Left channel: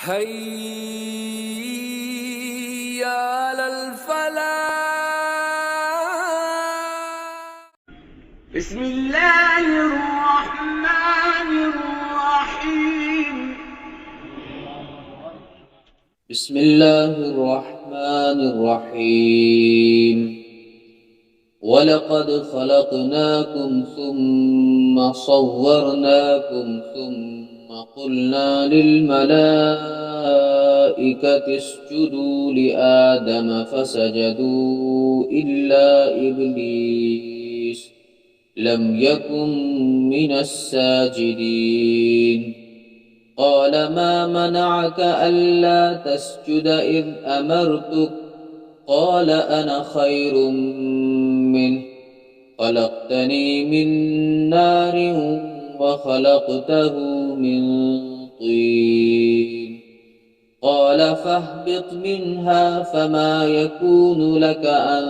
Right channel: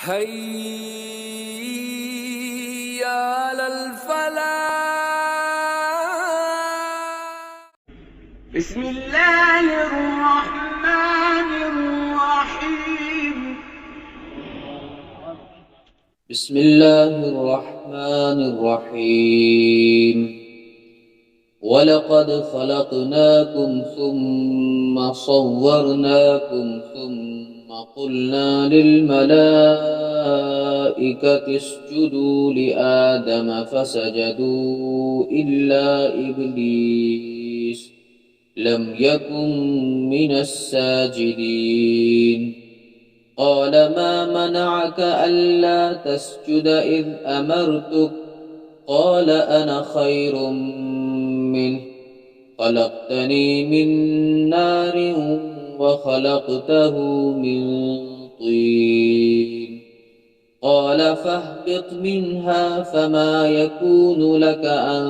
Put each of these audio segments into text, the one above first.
حي على الفلاح. بسم الله الرحمن الرحيم. بسم الله الرحمن الرحيم. ولقد خلقناكم ثم صورناكم ثم قلنا للملائكة اسجدوا لآدم فسجدوا إلا إبليس لم يكن من الساجدين. قال ما منعك ألا تسجد إذ أمرتك؟ قال أنا خير منه خلقتني من نار وخلقته من طين. قال فاهبط منها فما يكون لك أن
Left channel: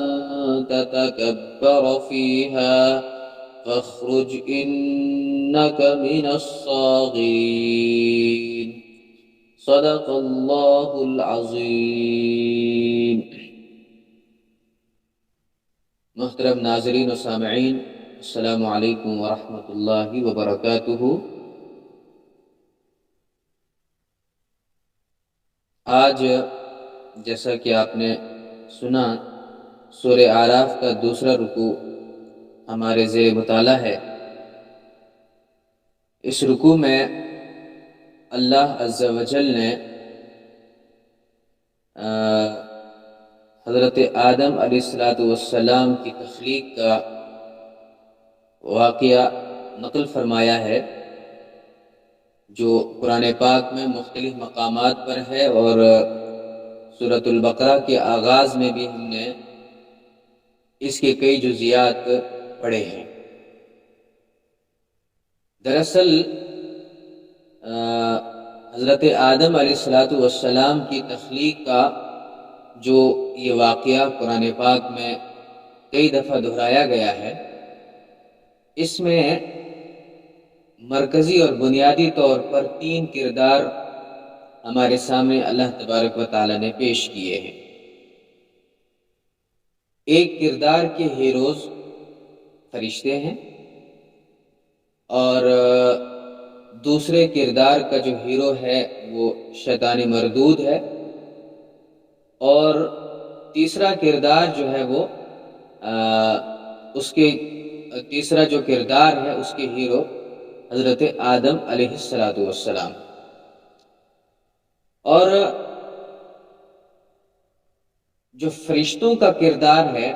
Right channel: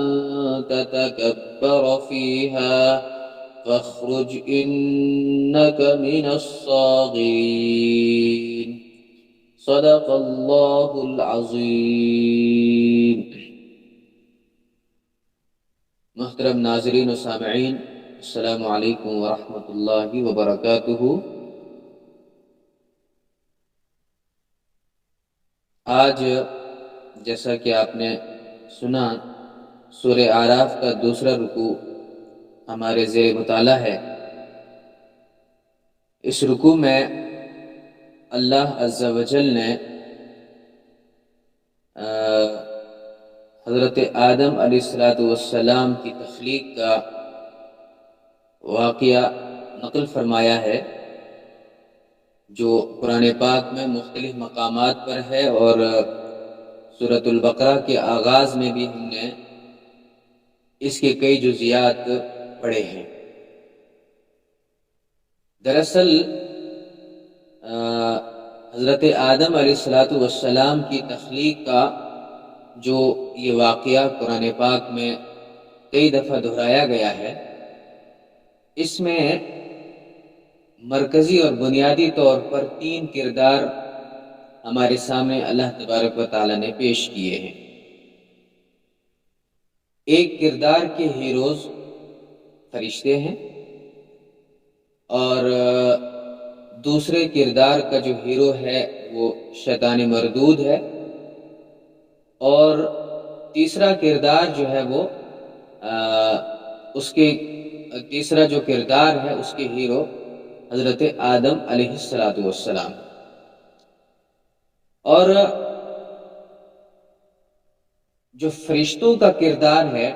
تتكبر فيها فاخرج إنك من الصاغرين. صدق اللہ العظیم. محترم ناظرین و سامعین، السلام علیکم ورحمۃ اللہ وبرکاتہ. آج جیسا کہ آپ نے سنا، سورہ اعراف کا دوسرا رکوع ہمارے زیر مطالعہ ہے. اس رکوع میں اللہ عز و جل نے حضرت آدم علیہ السلام کی تخلیق کا واقعہ نقل فرمایا ہے، جو قرآن پاک میں مختلف مقامات پر ہے، اور سورۃ البقرہ کے آغاز میں بھی ہم نے اس کے کئی جزیات پڑھے ہیں. دراصل حضرت آدم علیہ السلام کی تخلیق کا جو یہ واقعہ قرآن پاک میں کئی دفعہ دہرایا گیا ہے، اس میں مرکزی اور بنیادی طور پر 3 کردار ہمارے سامنے اللہ تبارک و تعالی نے پیش کیے ہیں. ایک کردار کے ہیروز فرشتے ہیں، اور دوسرے کردار کا جو ہیرو ہے وہ شیطان مردود ہے، اور تیسرا کردار جو ہے وہ تیسرا جو کردار ہے اس کے ہیرو حضرت آدم علیہ السلام. اور جو فرشتوں کا کردار ہے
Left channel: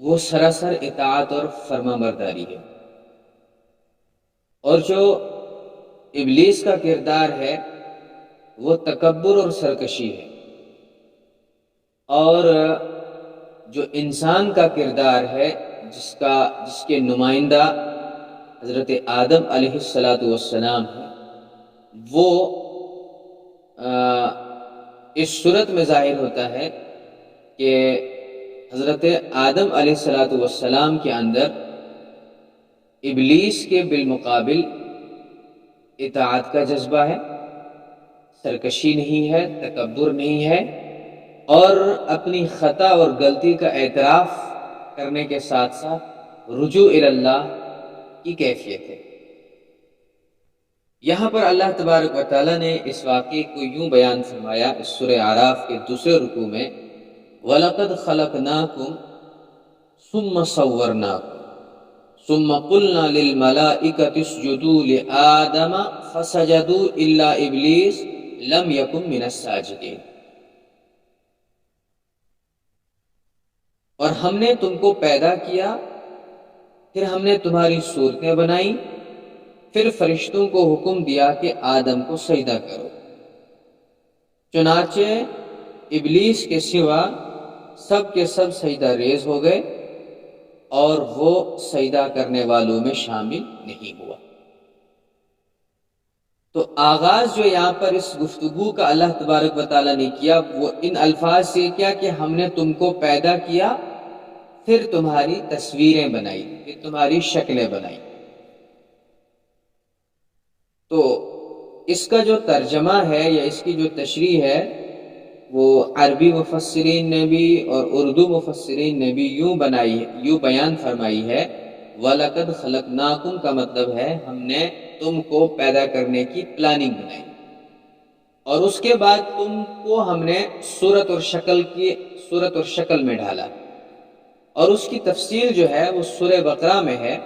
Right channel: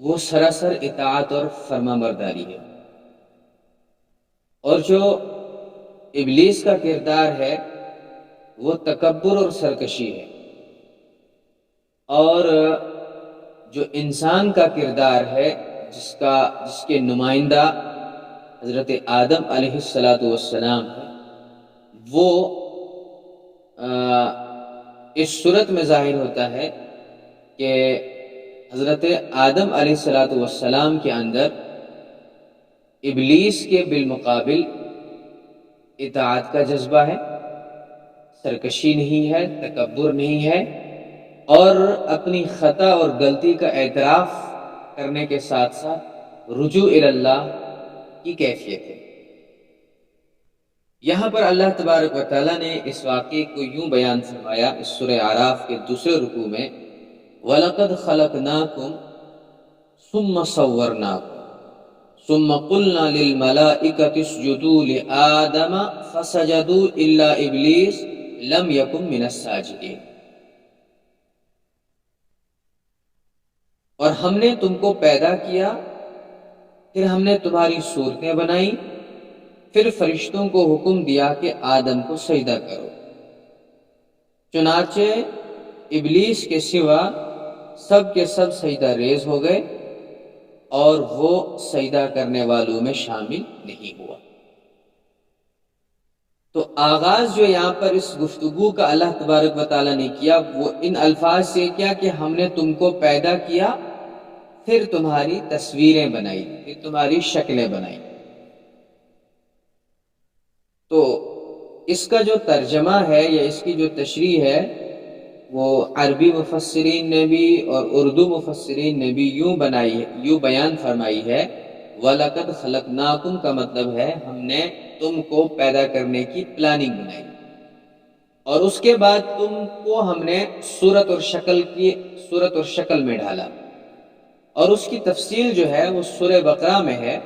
وہ سراسر اطاعت اور فرما برداری ہے، اور جو ابلیس کا کردار ہے وہ تکبر اور سرکشی ہے، اور جو انسان کا کردار ہے جس کے نمائندہ حضرت آدم علیہ السلام ہے، وہ اس صورت میں ظاہر ہوتا ہے کہ حضرت آدم علیہ السلام کے اندر ابلیس کے بالمقابل اطاعت کا جذبہ ہے، سرکشی نہیں ہے، تکبر نہیں ہے، اور اپنی خطا اور غلطی کا اعتراف کرنے کے ساتھ ساتھ رجوع اللہ کی کیفیت ہے. یہاں پر اللہ تبارک و تعالیٰ نے اس واقعے کو یوں بیان فرمایا اس سورہ اعراف کے دوسرے رکوع میں، وَلَقَدْ خَلَقْنَاكُمْ ثُمَّ صَوَّرْنَاكُمْ ثُمَّ قُلْنَا لِلْمَلَائِكَةِ اسْجُدُوا لِآدَمَ فَسَجَدُوا إِلَّا إِبْلِيسَ لَمْ يَكُنْ مِنَ السَّاجِدِينَ. اور ہم نے تم کو پیدا کیا، پھر ہم نے تمہاری صورتیں بنائیں، پھر فرشتوں کو حکم دیا کہ آدم کو سجدہ کرو، چنانچہ ابلیس کے سوا سب کے سب سجدہ ریز ہو گئے، اور وہ سجدہ کرنے والوں میں شامل نہیں ہوا. تو آغاز جو یہاں پر اس گفتگو کا اللہ تبارک و تعالیٰ نے کیا وہ ان الفاظ سے کیا کہ ہم نے تم کو پیدا کیا، پھر تمہاری تصویریں بنائی، پھر تمہاری شکلیں بنائی. تو اس کا جو ترجمہ ہے یا اس کی جو تشریح ہے وہ عربی مفسرین نے بھی اور اردو مفسرین نے بھی یوں بیان فرمائی ہے، وَلَقَدْ خَلَقْنَاكُمْ کا مطلب ہے ہم نے تم کو پیدا کرنے کی پلاننگ بنائی، اور اس کے بعد تم کو ہم نے صورت اور شکل میں ڈھالا، اور اس کی تفصیل جو ہے وہ سورہ بقرہ میں ہے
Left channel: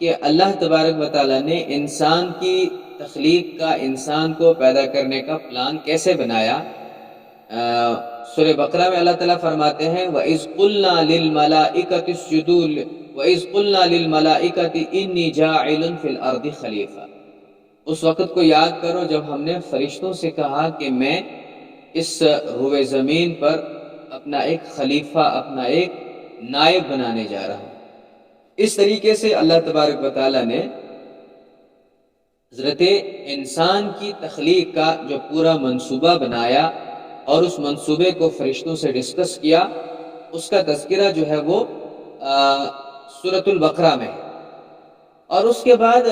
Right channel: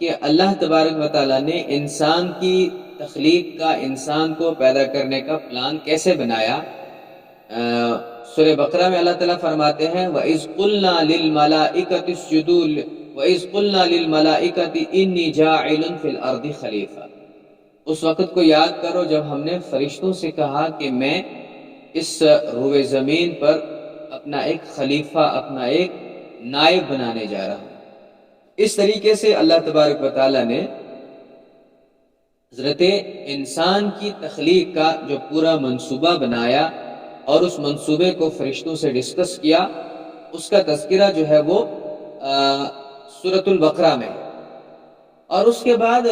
کہ اللہ تبارک و تعالیٰ نے انسان کی تخلیق کا، انسان کو پیدا کرنے کا پلان کیسے بنایا۔ سورہ بقرہ میں اللہ تعالیٰ فرماتے ہیں وَإِذْ قُلْنَا لِلْمَلَائِكَةِ اسْجُدُوا وَإِذْ قُلْنَا لِلْمَلَائِكَةِ إِنِّي جَاعِلٌ فِي الْأَرْضِ خَلِيفَةً، اس وقت کو یاد کرو جب ہم نے فرشتوں سے کہا کہ میں اس روئے زمین پر اپنا ایک خلیفہ، اپنا ایک نائب بنانے جا رہا ہوں۔ اس طریقے سے اللہ تبارک و تعالیٰ نے حضرت انسان کی تخلیق کا جو پورا منصوبہ بنایا اور اس منصوبے کو فرشتوں سے ڈسکس کیا، اس کا تذکرہ جو ہے وہ سورۃ البقرہ میں ہے۔ اور اس کے بعد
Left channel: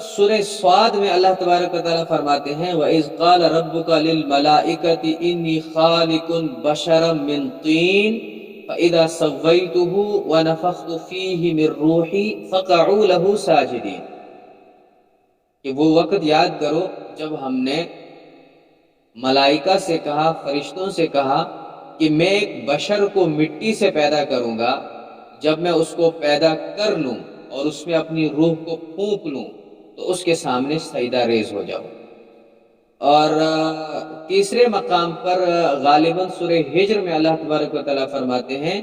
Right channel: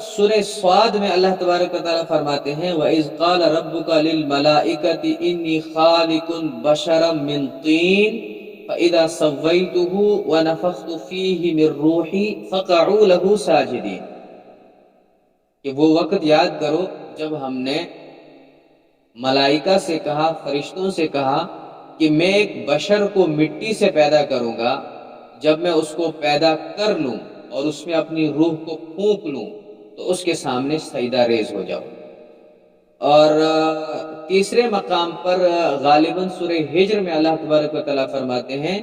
سورہ صاد میں اللہ تبارک و تعالیٰ فرماتے ہیں وَإِذْ قَالَ رَبُّكَ لِلْمَلَائِكَةِ إِنِّي خَالِقٌ بَشَرًا مِّن طِينٍ فَإِذَا سَوَّيْتُهُ وَنَفَخْتُ فِيهِ مِن رُّوحِي فَقَعُوا لَهُ سَاجِدِينَ، کہ وہ وقت یاد کرو جب ہم نے ملائکہ سے کہا، فرشتوں سے کہا کہ میں ایک بشر کو مٹی سے پیدا کروں گا، جب میں اس کو پیدا کر لوں اور اس میں اپنی روح کو پھونک لوں تو اس کے سامنے سجدہ ریز ہو جاؤ۔ اور تیسرے مقام پر غالباً سورہ ہجر میں اللہ تبارک و تعالیٰ فرماتے ہیں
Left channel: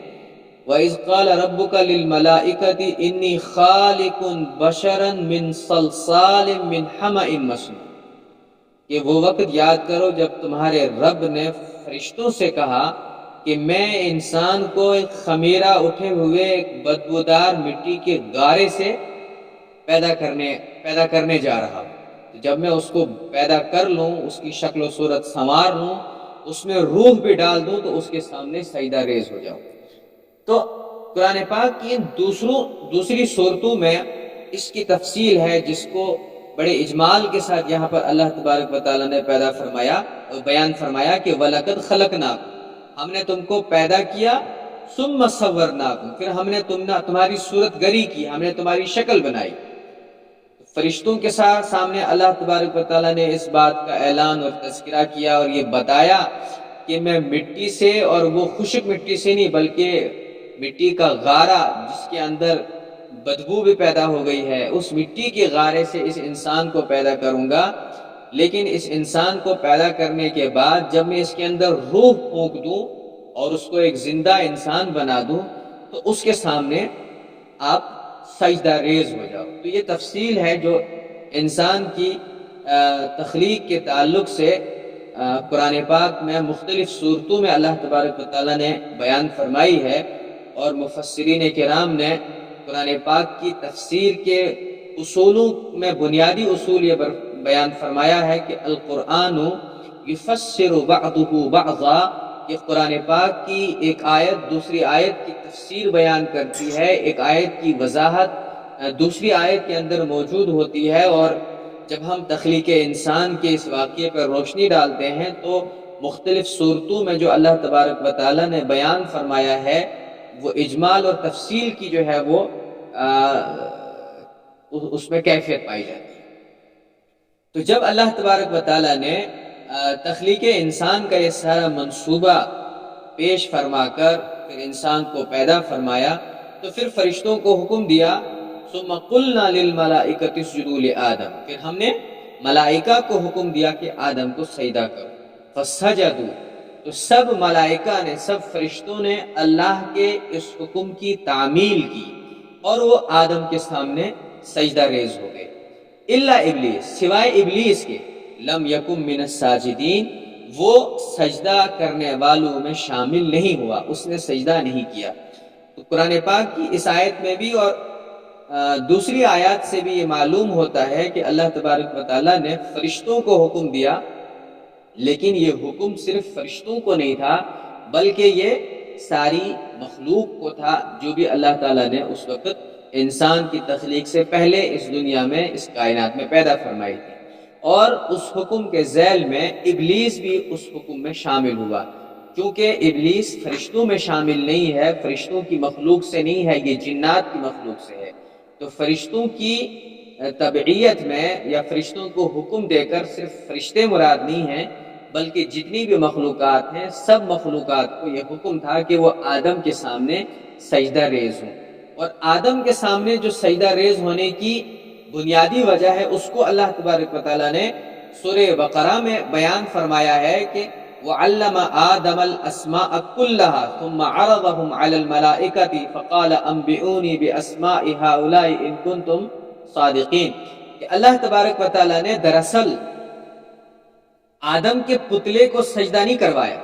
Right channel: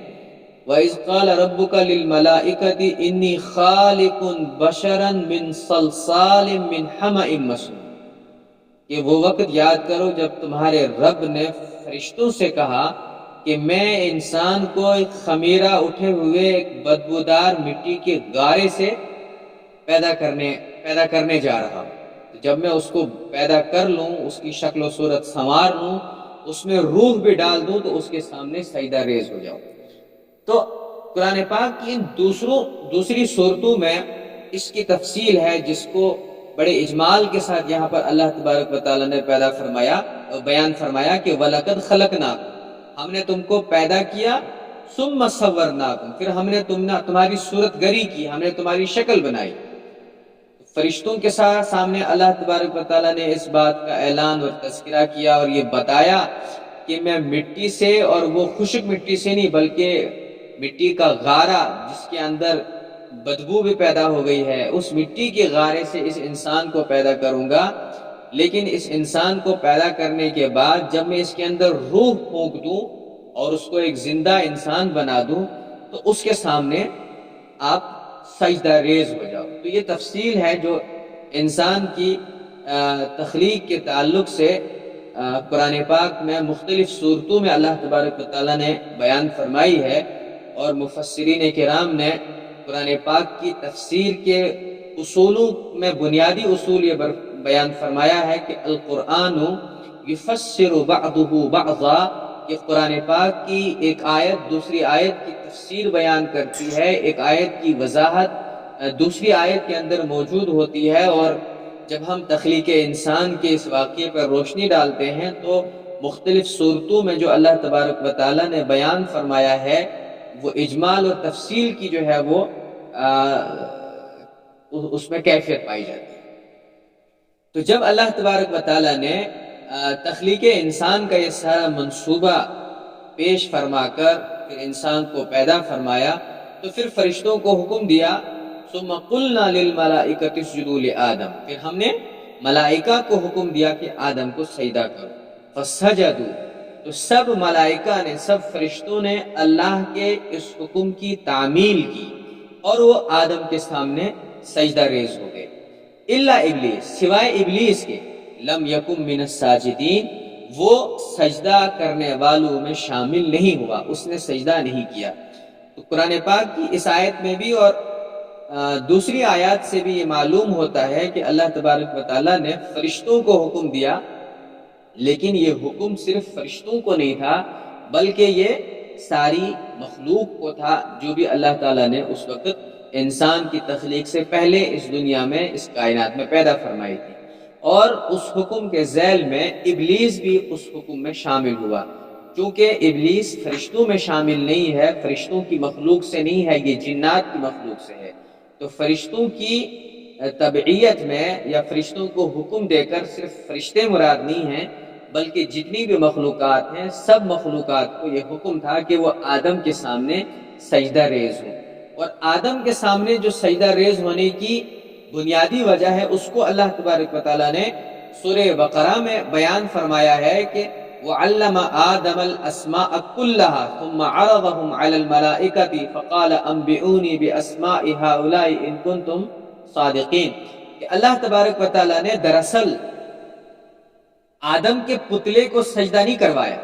وَإِذْ قَالَ رَبُّكَ لِلْمَلَائِكَةِ إِنِّي خَالِقٌ بَشَرًا مِّن صَلْصَالٍ مِّنْ حَمَإٍ مَّسْنُونٍ، کہ وہ وقت یاد کرو جب تمہارے رب نے فرشتوں سے کہا کہ میں انسان کو ایک خمیرہ اٹھے ہوئے ایک بدبودار مٹی کے گارے سے پیدا کرنے جا رہا ہوں، جب میں اس کو پیدا کر لوں، اس کی شکل و صورت سنوار لوں، اس میں روح بھی ڈال دوں تو اس کے سامنے سجدہ ریز ہو جاؤں۔ تو قرآن پاک کی ان دوسری صورتوں میں اس کی تفصیل ہے، جس کو بڑے اجمال کے ساتھ یہاں پر اللہ تبارک و تعالیٰ نے بیان فرمایا کہ وَلَقَدْ خَلَقْنَاكُمْ، ہم نے تم کو پیدا کیا، ثُمَّ صَوَّرْنَاكُمْ، پھر ہم نے تمہاری صورت گری کی، ہم نے تمہاری شکل بنائی۔ فرشتوں کے سامنے اللہ تبارک و تعالیٰ نے اس بات کا اعلان اور تذکرہ کیا اور یہ بتایا کہ میں مٹی سے، اور وہ خشک مٹی سے نہیں بلکہ مٹی کا غارہ جس کے اندر بدبو بھی پیدا ہو گئی ہے، اس مٹی کے غارے سے اس انسان کو پیدا کروں گا، لیکن اس انسان کو پیدا کرنے کے بعد جب میں اس کے اندر روح پھونک دوں اور اس کو ایک زندہ انسان بنا دوں تو اس کے سامنے آپ سجدہ ریز ہو جاؤ۔ تو یہ تفصیل ہے جو انسان کی تخلیق کے تعلق سے قرآن پاک میں مختلف صورتوں میں اللہ تبارک و تعالیٰ نے بیان فرمائی ہے، اور مفسرین کرام نے قرآن پاک کی تفسیر کے اصولوں میں بنیادی اصول یہ بیان فرمایا ہے کہ القرآن یفسر بعضہ بعضا، کہ قرآن پاک کی ایک آیت دوسری آیت کی تفسیر بیان کرتی ہے، ایک آیت کی وضاحت دوسری آیت کے اندر موجود ہوتی ہے، اور جب ہم تخلیق انسان کے اس واقعے پر روشنی ڈالتے ہیں تو مختلف صورتوں میں جو اللہ تبارک و تعالیٰ نے بیان فرمایا ہے وہ اجمال اور تفصیل کی جو ہے وہ اس میں کیفیت پائی جاتی ہے۔ تو جب اللہ تبارک و تعالیٰ نے تخلیق انسان کا یہ سارا منصوبہ پیش فرما کر پھر انسان کو پیدا فرمایا تو پھر فرشتوں کو حکم دیا ثم قلنا للملائکۃ اسجدوا لآدم، پھر ہم نے ملائکہ کو حکم دیا کہ آدم کو سجدہ کرو، فسجدوا، تو سب ملائکہ نے، سب فرشتوں نے اللہ کے اس حکم کی تعمیل کی اور وہ آدم کے سامنے سجدہ ریز ہو گئے، الا ابلیس، سوائے ابلیس کے، لم یکن من الساجدین، وہ سجدہ کرنے والوں میں شامل نہیں ہوا، اس نے سجدہ نہیں کیا۔ تو قرآن پاک کی اس آیت میں بھی اور دوسری آیات سے بھی یہ معلوم ہوتا ہے کہ اللہ تبارک و تعالیٰ نے فرشتوں کو حکم دیا، لیکن یہ حکم صرف فرشتوں کو نہیں تھا بلکہ یہ ساری مخلوق کو تھا جو بھی اللہ تعالیٰ نے اس وقت انسان کی تخلیق سے پہلے اس دنیا میں، اس کائنات میں پیدا فرمائی تھی۔ اور اس حکم کے ذیل میں ابلیس بھی اس حکم میں شامل ہوا، کیونکہ ابلیس فرشتوں میں شامل نہیں ہے، فرشتوں کی مخلوق سے نہیں ہے، یہ جنات کی مخلوق سے ہے۔ تو فرشتوں کی تبعیت میں یا فرشتوں کو حکم دے کر صرف فرشتے مراد نہیں ہیں، بلکہ جتنی بھی مخلوقات ہیں سب مخلوقات کو یہ حکم تھا کہ وہ آدم کے سامنے سجدہ ریز ہوں، اور آدم کے سامنے جو سجدہ ریز ہونے کی بنیادی وجہ ہے اس کو اللہ تبارک و تعالیٰ نے سورہ بقرہ میں بیان فرمایا ہے کہ وَعَلَّمَ آدَمَ الْأَسْمَاءَ كُلَّهَا ثُمَّ عَرَضَهُمْ عَلَى الْمَلَائِكَةِ فَقَالَ أَنْبِئُونِي بِأَسْمَاءِ هَؤُلَاءِ إِن كُنتُمْ صَادِقِينَ، کہ اللہ تبارک و تعالیٰ نے دراصل آدم کے پتلے کو سجدہ نہیں کروایا،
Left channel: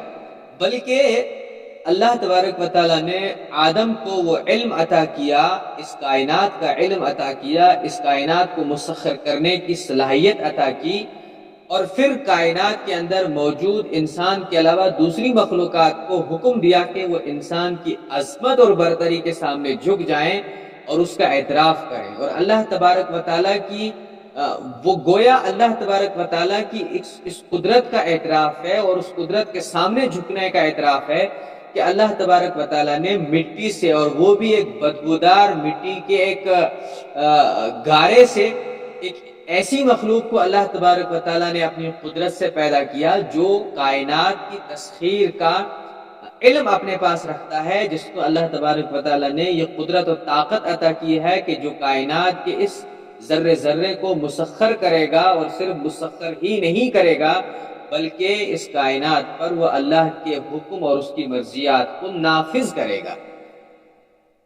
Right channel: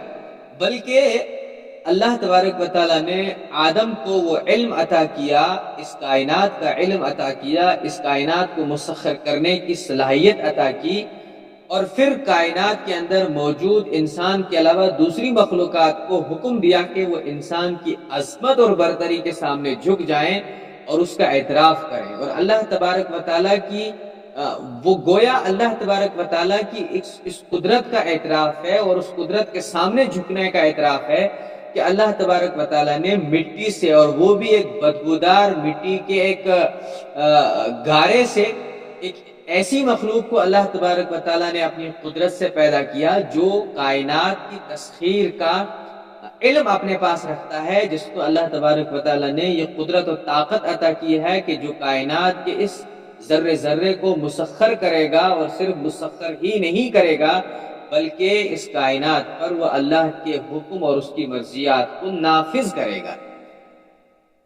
بلکہ اللہ تبارک و تعالیٰ نے آدم کو وہ علم عطا کیا، اس کائنات کا علم عطا کیا، اس کائنات کو مسخر کرنے کی صلاحیت عطا کی، اور پھر کائنات کے اندر موجود انسان کے علاوہ دوسری مخلوقات کو حکم دیا کہ وہ انسان کی عظمت اور برتری کے سامنے جھک جائیں اور اس کا اعتراف کریں۔ اور اللہ تبارک و تعالیٰ کی وہ گویا اللہ تبارک و تعالیٰ کی اس قدرت کا اعتراف ہے اور اس قدرت کے سامنے جھکنے کا اعتراف ہے کہ اللہ تبارک و تعالیٰ نے مٹی سے، اور وہ بھی ایک بدبودار مٹی کے ایک گارے سے، ایک ایسی مخلوق کو اللہ تبارک و تعالیٰ نے اپنی قدرت سے پیدا کیا جو کائنات کی تسخیر کا علم اپنے پاس رکھتا ہے، جس کو اللہ تبارک و تعالیٰ نے یہ قدرت و طاقت عطا کی ہے کہ جو کائنات کے اس ذرے ذرے کو مسخر کرے گا، اور صرف مسخر ہی نہیں کرے گا بلکہ اس کائنات پر وہ اللہ کے حکم اور اس کی مرضیات کو نافذ کرے گا۔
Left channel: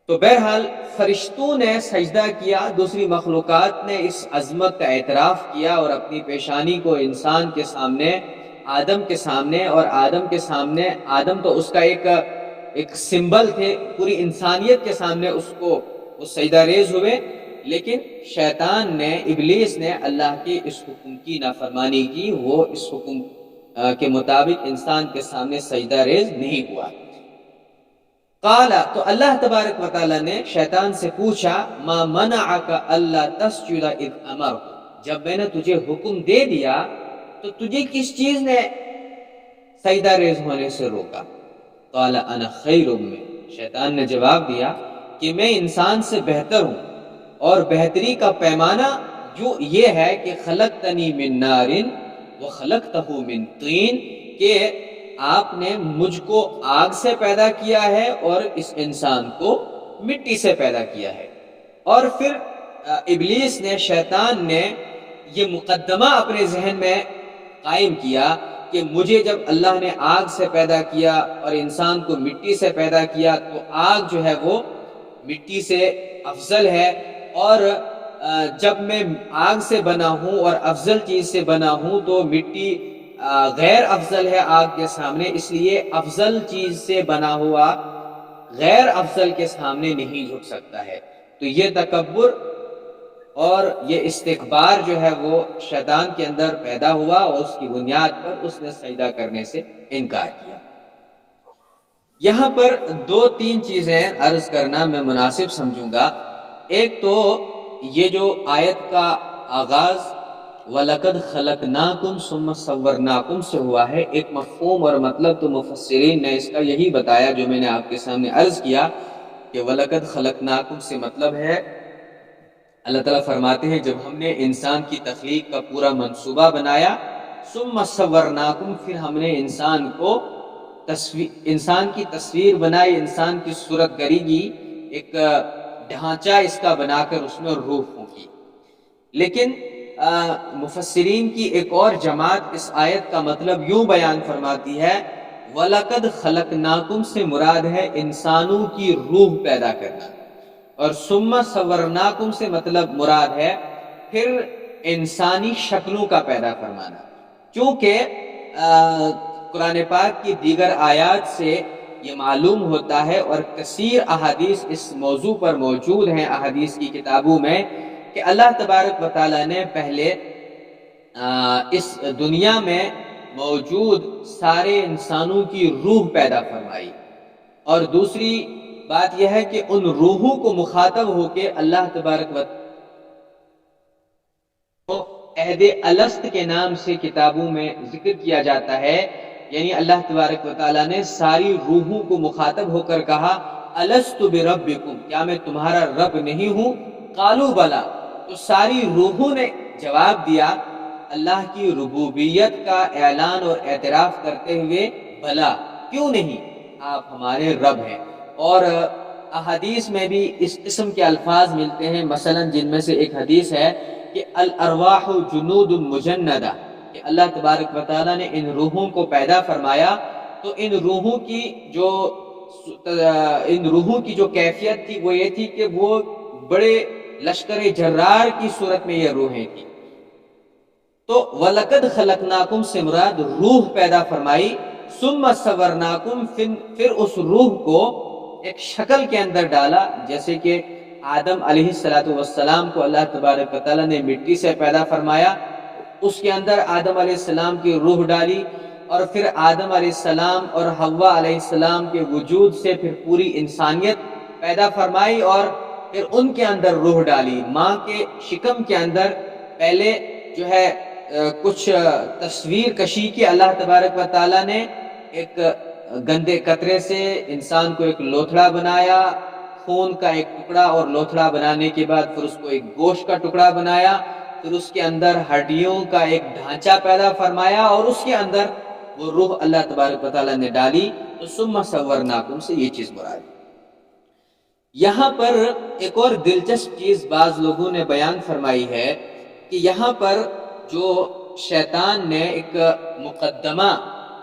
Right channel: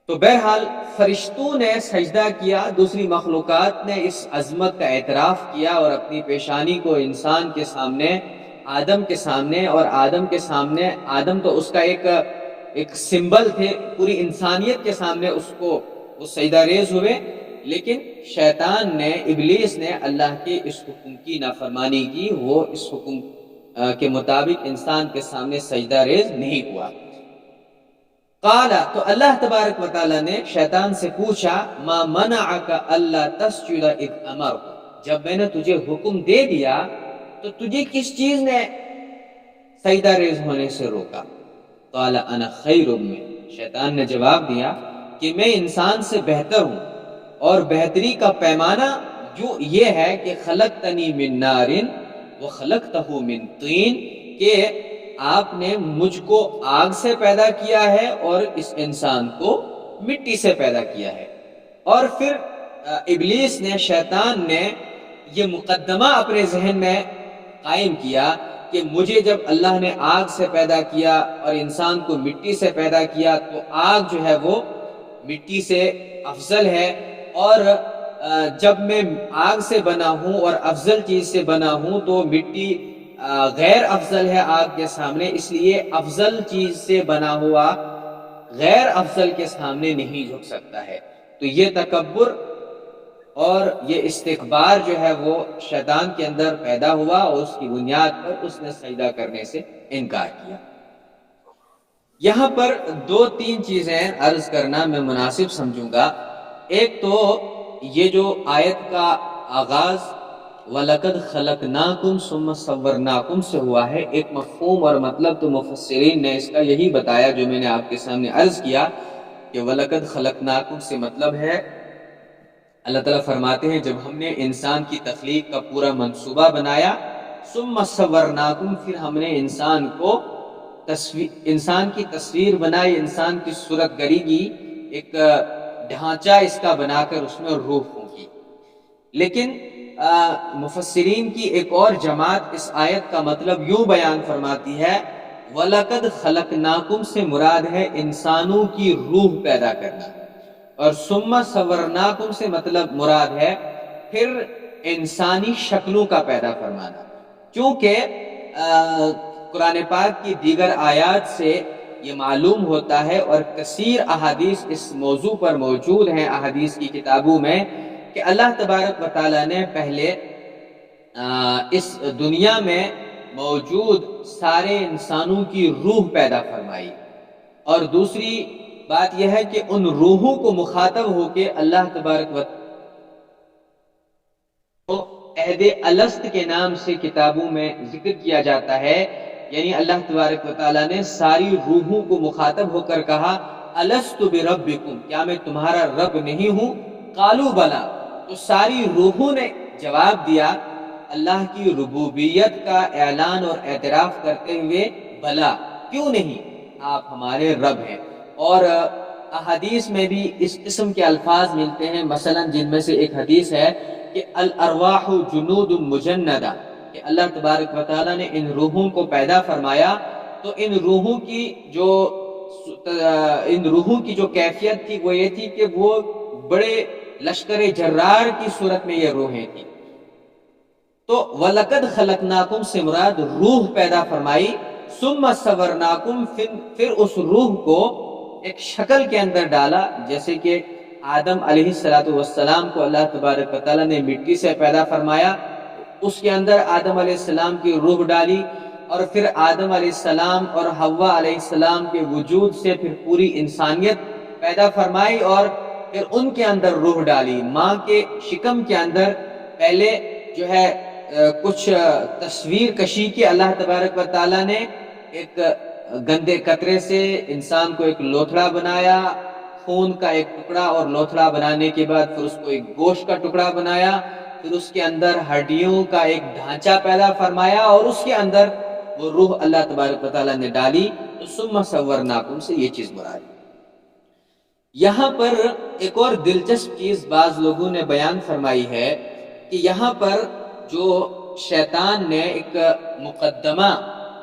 تو بہرحال فرشتوں نے سجدہ کیا، دوسری مخلوقات نے اس عظمت کا اعتراف کیا اور اپنی پیشانی کو انسان کے سامنے، آدم کے سامنے، اور آدم کے سامنے، آدم تو اس کا ایک سمبل تھے، پوری انسانیت کے سامنے اس کو وہ سجدہ ریز ہوئے، لیکن شیطان نے، ابلیس نے اللہ کے اس حکم کی نافرمانی کی، وہ اس حکم کے مطابق انسان کے سامنے سجدہ ریز نہیں ہوا۔ قال، تو اللہ تبارک و تعالیٰ نے شیطان سے پوچھا، ما منعک الا تسجد اذ امرت، جب میں نے تجھے حکم دے دیا تو تجھے کس چیز نے سجدہ ریز ہونے سے روکا؟ قال انا خیر من، شیطان نے جواب دیا کہ میں انسان سے بہتر ہوں، اور بہتری کا پیمانہ جو یہ ہے کہ خلقتنی من نار وخلقتہ من طین، کہ آپ نے مجھ کو آگ سے پیدا کیا ہے اور اس انسان کو مٹی سے پیدا کیا ہے۔ اور پھر ابلیس نے، شیطان نے یہ مقدمہ اپنے ذہن میں قائم کیا کہ مجھے جب اللہ نے آگ سے پیدا کیا اور انسان کو مٹی سے پیدا کیا تو آگ جو ہے وہ مٹی سے افضل ہے، اور جب میں آگ سے بنا ہوں اور افضل چیز سے بنا ہوں تو مٹی غیر افضل ہے آگ کے سامنے، اس لیے افضل چیز سے بنا ہوا غیر افضل کے سامنے نہیں جھک سکتا ہے۔ تو یہ تکبر اور یہ استکبار جو ہے وہ شیطان کے اندر پیدا ہوا، اور اس کی بنیاد پر اس نے سجدہ کرنے سے انکار کیا۔ یہاں پر دو تین چیزیں عرض کرنا میں مناسب سمجھوں گا۔ ایک تو یہ جو آیت کا آغاز وَلَقَدْ خَلَقْنَاكُمْ ثُمَّ صَوَّرْنَاكُمْ سے ہوا ہے، ایک مفہوم اور مطلب تو مفسرین نے اس کا یہی بتایا جو میں نے آپ کے سامنے عرض کیا کہ وَلَقَدْ خَلَقْنَاكُمْ سے مطلب ہے، اللہ تعالیٰ فرماتے ہیں جب ہم نے انسان کی تخلیق کا پورا منصوبہ بنایا، ثُمَّ صَوَّرْنَاكُمْ، پھر ہم نے انسان کی تصویر بنائی، انسان کی صورت گری کی، ایک ڈھانچہ اس کا بنا کر اس میں روح پھونکی۔ لیکن مفسرین کی ایک اور جماعت اس آیت کا مطلب یوں بیان فرماتی ہے، وَلَقَدْ خَلَقْنَاكُمْ سے مراد ہے انسانوں کی روح پیدا کرنا، اور ثُمَّ صَوَّرْنَاكُمْ سے مطلب مراد ہے پھر انسانی شکلوں کا پیدا فرمانا، کیونکہ قرآن پاک کی دیگر آیات سے یہ معلوم ہوتا ہے، اور کثیر احادیث اس موضوع پر موجود ہیں احادیث کی کتابوں میں، کہ اللہ تبارک و تعالیٰ نے پہلے اس دنیا میں موجود سارے انسانوں کی روح پیدا فرمائی، اور دوسری بات یہ ہے کہ ان روحوں کو مخاطب ہو کے اللہ تبارک و تعالیٰ عہد الست کے نام سے کتابوں میں ذکر کیا جاتا ہے، یعنی اللہ تبارک و تعالیٰ نے ساری روحوں کو مخاطب ہو کر کہا الست بربکم، کیا میں تمہارا رب نہیں ہوں؟ قالوا بلا، تو ساری روحوں نے جواب دیا اللہ کی ربوبیت کا اعلان اور اعتراف کرتے ہوئے، بلا، کیوں نہیں، آپ ہمارے رب ہیں۔ اور احادیث میں بھی اس قسم کے الفاظ ملتے ہیں، مثلا جن میں سے ایک حدیث ہے کہ الارواح جنود مجندہ، کہ اللہ تبارک و تعالیٰ نے ان روحوں کو پیدا فرمایا تو ان روحوں کی جو کیفیت تھی وہ یہ تھی کہ وہ بڑے لشکر جرار کی صورت میں یہ روحیں تھیں۔ تو وَلَقَدْ خَلَقْنَاكُمْ سے مراد روح پیدا فرمائی، ثُمَّ صَوَّرْنَاكُمْ، پھر اس روح کو ایک شکل کے اندر ڈالا، جیسے کہ آدم علیہ السلام کو اللہ تبارک و تعالیٰ نے مٹی سے پیدا فرمایا، اس کے اندر آدم علیہ السلام کی روح ڈالی، اور پھر آدم علیہ السلام اور حوا علیہ السلام کے وجود سے پھر پوری انسانیت پیدا فرمائی، اور پھر ان کے اندر روح ڈالی۔ ماں کے شکم کے اندر پہلے جو ہے کچھ تصویر کشی کی اللہ تبارک و تعالیٰ نے، ایک گندے قطرے سے انسان کو ایک لوتھڑا بنایا، خون کا ایک ٹکڑا، اور لوتھڑا بنانے کے بعد پھر اس کو ایک گوشت کا ٹکڑا بنایا، پھر اس کے اندر ہڈیوں کا ایک ڈھانچہ پیدا فرمایا، اور اس کے اندر وہ روح اللہ تبارک و تعالیٰ نے ڈالی، تو ثم صورناکم سے یہ چیز مراد۔ یہاں پر ایک اور دلچسپ چیز بعض لوگوں نے بیان فرمائی ہے کہ یہاں پر جو شیطان نے ایک مقدمہ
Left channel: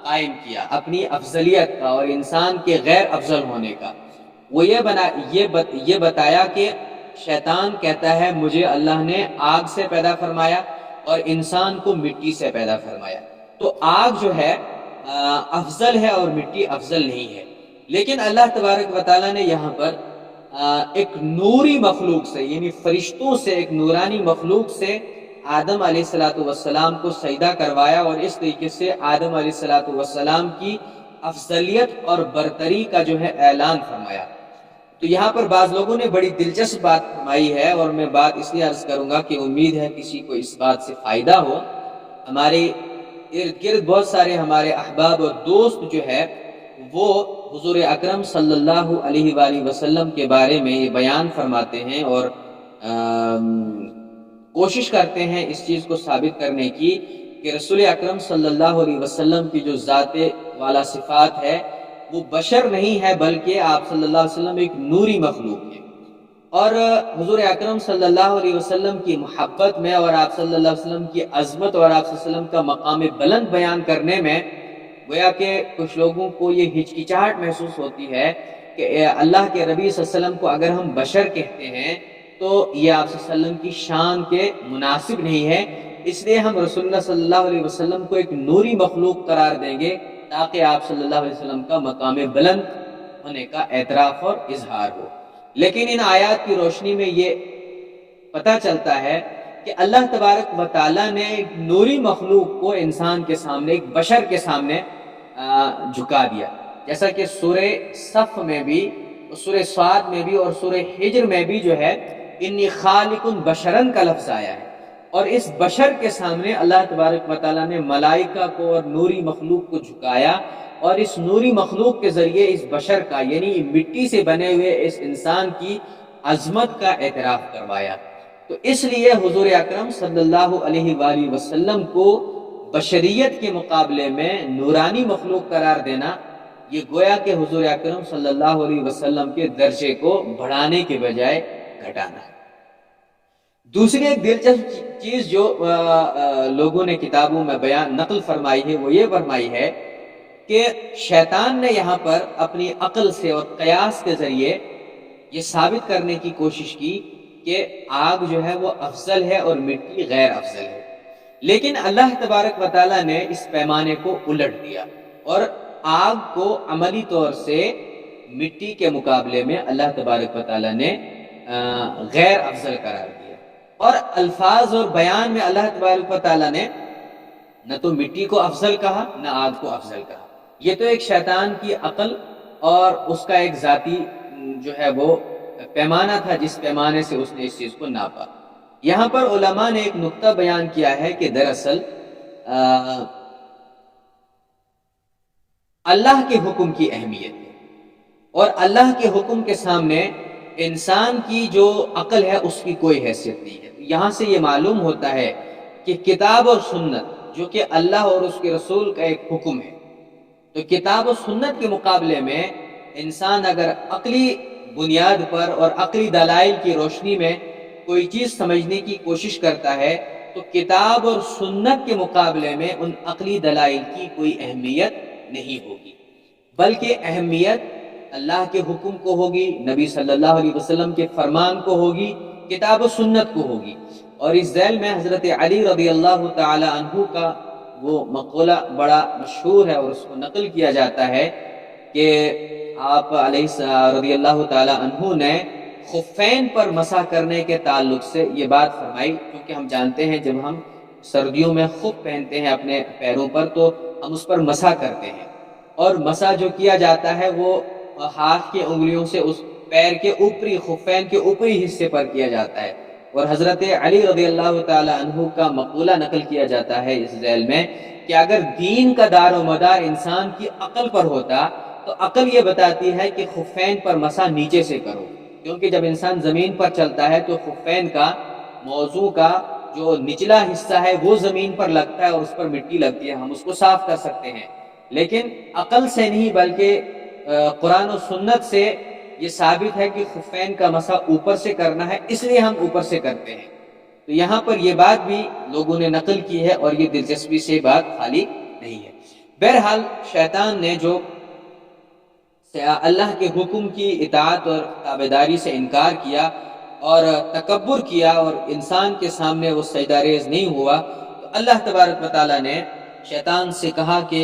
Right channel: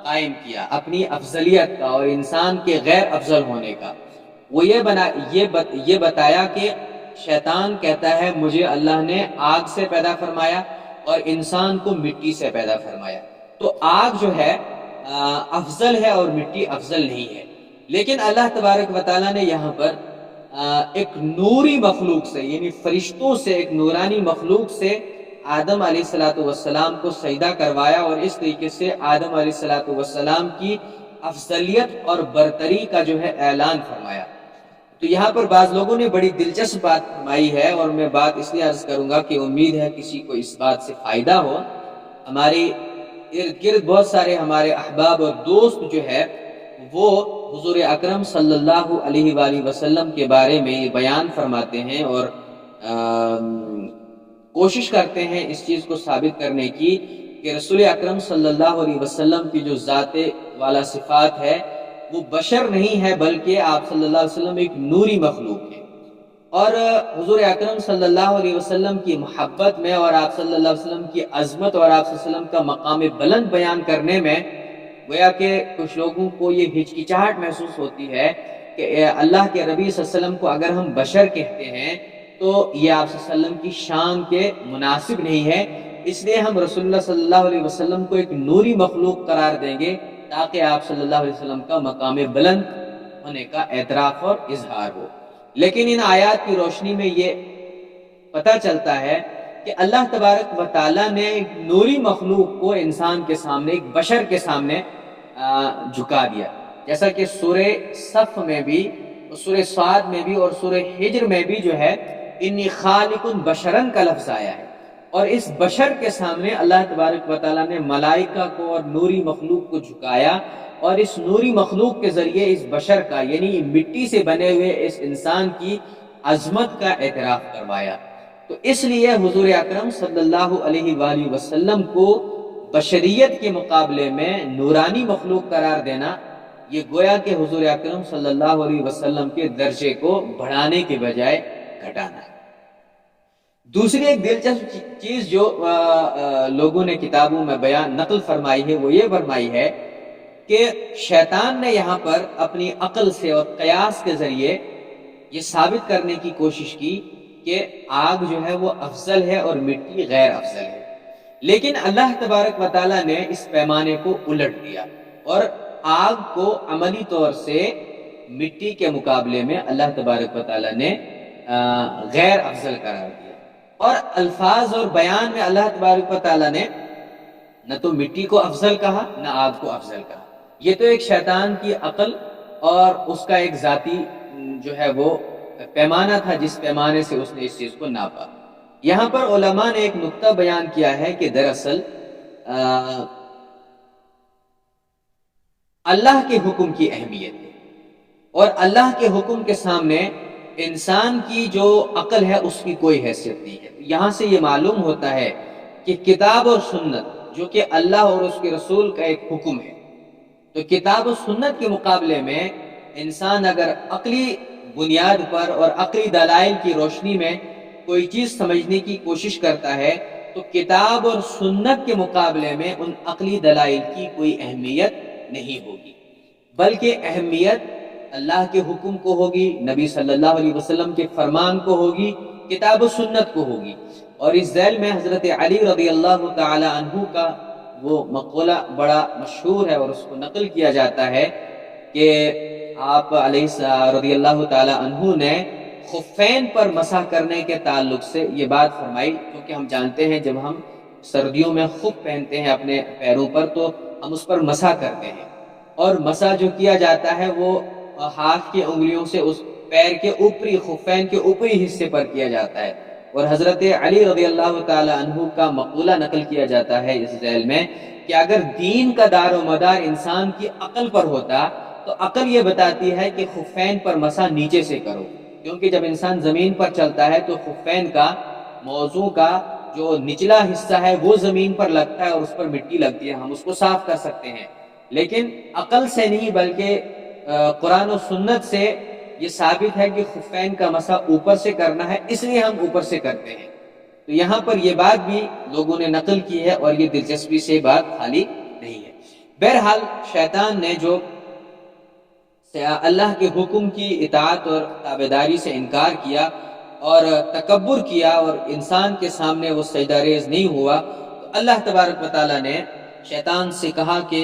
قائم کیا اپنی افضلیت کا اور انسان کے غیر افضل ہونے کا، وہ یہ بتایا کہ شیطان کہتا ہے مجھے اللہ نے آگ سے پیدا فرمایا اور انسان کو مٹی سے پیدا فرمایا، تو آگ جو ہے افضل ہے اور مٹی افضل نہیں ہے۔ لیکن اللہ تبارک و تعالیٰ نے یہاں پر ایک نوری مخلوق سے، یعنی فرشتوں سے، ایک نورانی مخلوق سے آدم علیہ السلام کو سجدہ کروایا، اور اس طریقے سے آدم علیہ السلام کی افضلیت اور برتری کا جو ہے اعلان فرمایا۔ تو یہاں پر بعض لوگوں نے بڑی دلچسپ بات فرمائی ہے، اور میں بات اس لیے عرض کروں گا کہ امید ہے کسی کو اس بات سے فائدہ ہو۔ ہمارے ارد گرد بہت سارے ہمارے احباب اور دوست جو ہے وہ حضور اکرم صلی اللہ علیہ وآلہ وسلم کے بارے میں یہ بیان فرماتے ہیں اور کوشش کرتے ہیں اس چیز کو ثابت کرنے کی کہ رسول اکرم صلی اللہ علیہ وسلم کی جو ذات والا صفات ہے وہ بشر نہیں ہے، بلکہ آپ صلی اللہ علیہ وسلم ایک نوری مخلوق ہے۔ اور حضور اکرم صلی اللہ علیہ وسلم کی محبت میں اور آپ صلی اللہ علیہ وسلم کی عظمت اور آپ صلی اللہ علیہ وسلم کا مقام بلند بیان کرنے میں گویا کہ کچھ لوگوں کو یہ ہچکچاہٹ محسوس ہوتی ہے کہ اللہ کے نبی صلی اللہ علیہ وسلم کو اگر ہم بشر کہتے ہیں تو یہ آپ صلی اللہ علیہ وسلم کی شان کے مناسب نہیں ہے، اس لیے ہم رسول اللہ صلی اللہ علیہ وسلم کو ایک نوری مخلوق قرار دیں گے تاکہ آپ صلی اللہ علیہ وسلم کا مقام بلند ہونے کا اعتراف اور اظہار ہو۔ لیکن ان آیات کی روشنی میں یہ پتہ چلتا ہے کہ اللہ تبارک و تعالیٰ نے ایک نوری مخلوق کو انسان کے سامنے، ایک بشر کے سامنے جھکا دیا، جیسا کہ سورہ صف میں بھی، سورہ صاد میں بھی اور سورہ حجر میں بھی جو ہے انی خالق بشرن کا لفظ آیا ہے، اور اس بشر کے سامنے اللہ تبارک و تعالیٰ نے ملائکہ کو اور نوری مخلوق کو جھکایا، اور اس نوری مخلوق کے ذریعے اس بشر کا، یعنی مٹی سے بنے ہوئے اس انسان کی عظمت کا اعتراف کروایا۔ تو اس لیے حضور اکرم صلی اللہ علیہ وآلہ وسلم کو بشریت کے مقابلے میں نورانی مخلوق قرار دینا، یہ گویا کہ حضور اکرم صلی اللہ علیہ وسلم کے درجے کو بڑھانے کے بجائے گھٹانا ہے۔ دوسری ایک دلچسپ چیز جو لوگوں نے کتابوں میں بیان نقل فرمائی ہے وہ یہ فرمائی ہے کہ شیطان نے یہاں پر اپنی عقل سے اور قیاس کے ذریعے یہ ثابت کرنے کی کوشش کی کہ آگ جو ہے وہ افضل ہے اور مٹی غیر افضل ہے، لیکن اللہ تبارک و تعالیٰ نے اس پیمانے کو الٹ دیا اور آگ کو عملی طور سے مٹی کے مقابلے میں اللہ تبارک و تعالیٰ نے غیر افضل قرار دیا، اور الفاظ اور بیان میں اللہ تبارک و تعالیٰ نے نہ تو مٹی کو افضل کہا نہ آگ کو افضل کہا۔ یہ تو ایک شیطان کی عقل اور اس کا ایک ذاتی جو ہے وہ پیمانہ تھا جس پیمانے سے اس نے اس چیز کو ناپا۔ یہاں پر علماء نے ایک نقطہ بیان کیا ہے کہ دراصل اللہ کے حکم کی اہمیت ہے، اور اللہ کے حکم کے سامنے انسان کی جو عقل ہے اس کی کوئی حیثیت نہیں ہے۔ یہاں سے یہ معلوم ہوتا ہے کہ کتاب اور سنت جو کہ اللہ اور اس کے رسول کا ایک حکم ہے، تو کتاب و سنت کے مقابلے میں انسان اگر عقلی بنیاد پر اور عقلی دلائل کی روشنی میں کوئی چیز سمجھنے کی کوشش کرتا ہے تو کتاب اور سنت کے مقابلے میں ان عقلی دلائل کی کوئی اہمیت نہیں ہوگی، بلکہ اہمیت اللہ کے حکم کو ہوگی، نبی صلی اللہ علیہ وسلم کے فرمان کو ہوگی، کتاب و سنت کو ہوگی۔ اور اس ذیل میں حضرت علی رضی اللہ تعالی عنہ کا وہ مقولہ بڑا مشہور ہے اور اس کو نقل کیا جاتا ہے کہ آپ علیہ رضی اللہ تعالی عنہ نے خفین پر مسح کرنے کے تعلق سے یہ بات فرمائی، کیونکہ ہم جانتے ہیں جب ہم سردیوں میں خف پہنتے ہیں اپنے پیروں پر تو ہم اس پر مسح کرتے ہیں، اور مسح جو کیا جاتا ہے وہ ہاتھ کی انگلیوں سے اس پیر کے اوپری خفین کے اوپری حصے پر کیا جاتا ہے۔ اور حضرت علی رضی اللہ تعالی عنہ کا مقولہ نقل کیا جاتا ہے اس ذیل میں کہ اگر دین کا دار و مدار انسان کی عقل پر ہوتا تو عقل یہ بتاتی ہے کہ خفین پر مسح نیچے سے کرو، کیونکہ جب انسان زمین پر چلتا ہے تو خفین کا موضوع کا جو نچلا حصہ ہے وہ زمین پر لگتا ہے اور اس پر مٹی لگتی ہے، ہم اس کو صاف کر سکتے ہیں، لیکن عقل سے نہیں بلکہ قرآن و سنت سے یہ ثابت ہے کہ خفین کا مسح اوپر سے کرنا ہے، اس لیے ہم اوپر سے کرتے ہیں۔ تو یہاں پر یہ بات بھی لوگوں نے نقل کی ہے اور یہ دلچسپی سے بات خالی نہیں ہے۔ بہرحال شیطان نے جو اللہ کے حکم کی اطاعت اور تابعداری سے انکار کیا اور تکبر کیا اور انسان کے سامنے وہ سجدہ ریز نہیں ہوا، تو اللہ تبارک و تعالیٰ نے شیطان سے کہا کہ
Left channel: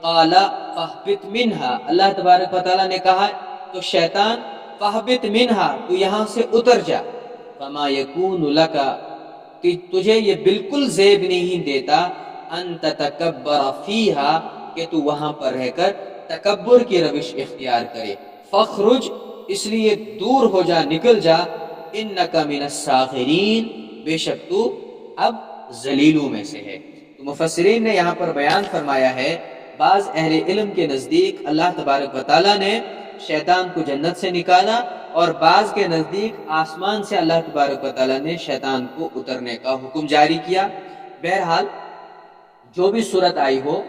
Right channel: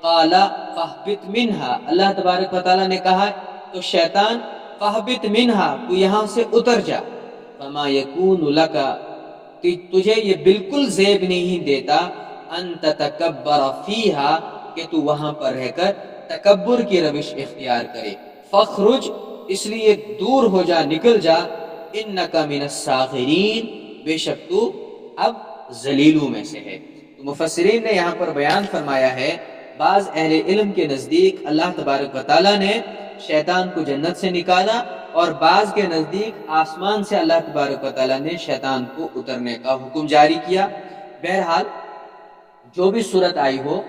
قال فاہبط منہا، اللہ تبارک و تعالیٰ نے کہا تو شیطان فاہبط منہا، تو یہاں سے اتر جا، فما یکون لک، تجھے یہ بالکل زیب نہیں دیتا، ان تتکبر فیہا، کہ تو وہاں پر رہ کر تکبر کی روش اختیار کرے، فخرج، اس لیے دور ہو جا، نکل جا، انک من الساغرین، بے شک تو اب ذلیلوں میں سے ہے۔ تو مفسرین نے یہاں پر بیان فرمایا ہے بعض اہل علم کے نزدیک اللہ تبارک و تعالیٰ نے شیطان کو جنت سے نکالا، اور بعض کے نزدیک آسمان سے اللہ تبارک و تعالیٰ نے شیطان کو اترنے کا حکم جاری کیا۔ بہرحال جو بھی صورت آئی ہو،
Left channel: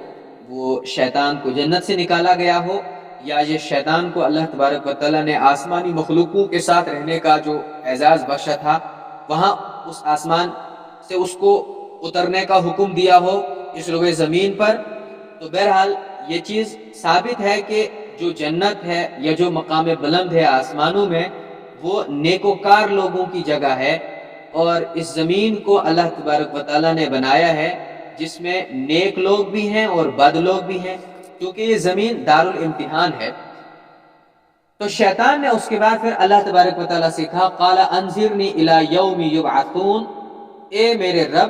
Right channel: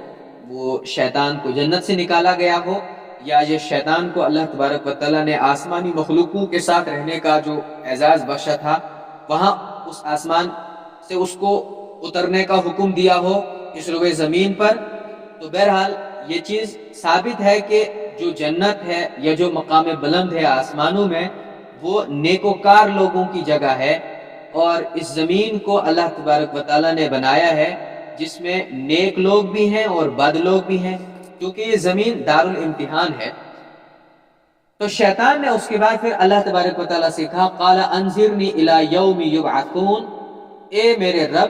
وہ شیطان کو جنت سے نکالا گیا ہو یا یہ شیطان کو اللہ تبارک و تعالیٰ نے آسمانی مخلوقوں کے ساتھ رہنے کا جو اعزاز بخشا تھا وہاں اس آسمان سے اس کو اترنے کا حکم دیا ہو اس روئے زمین پر، تو بہرحال یہ چیز ثابت ہے کہ جو جنت ہے یا جو مقام بلند ہے آسمانوں میں وہ نیکوکار لوگوں کی جگہ ہے، اور اس زمین کو اللہ تبارک و تعالیٰ نے بنایا ہے جس میں نیک لوگ بھی ہیں اور بد لوگ بھی ہیں، کیونکہ یہ زمین دار الامتحان ہے۔ تو شیطان نے اس کے بعد پھر اللہ تبارک و تعالیٰ سے کہا قال انظرنی الی یوم یبعثون، اے میرے رب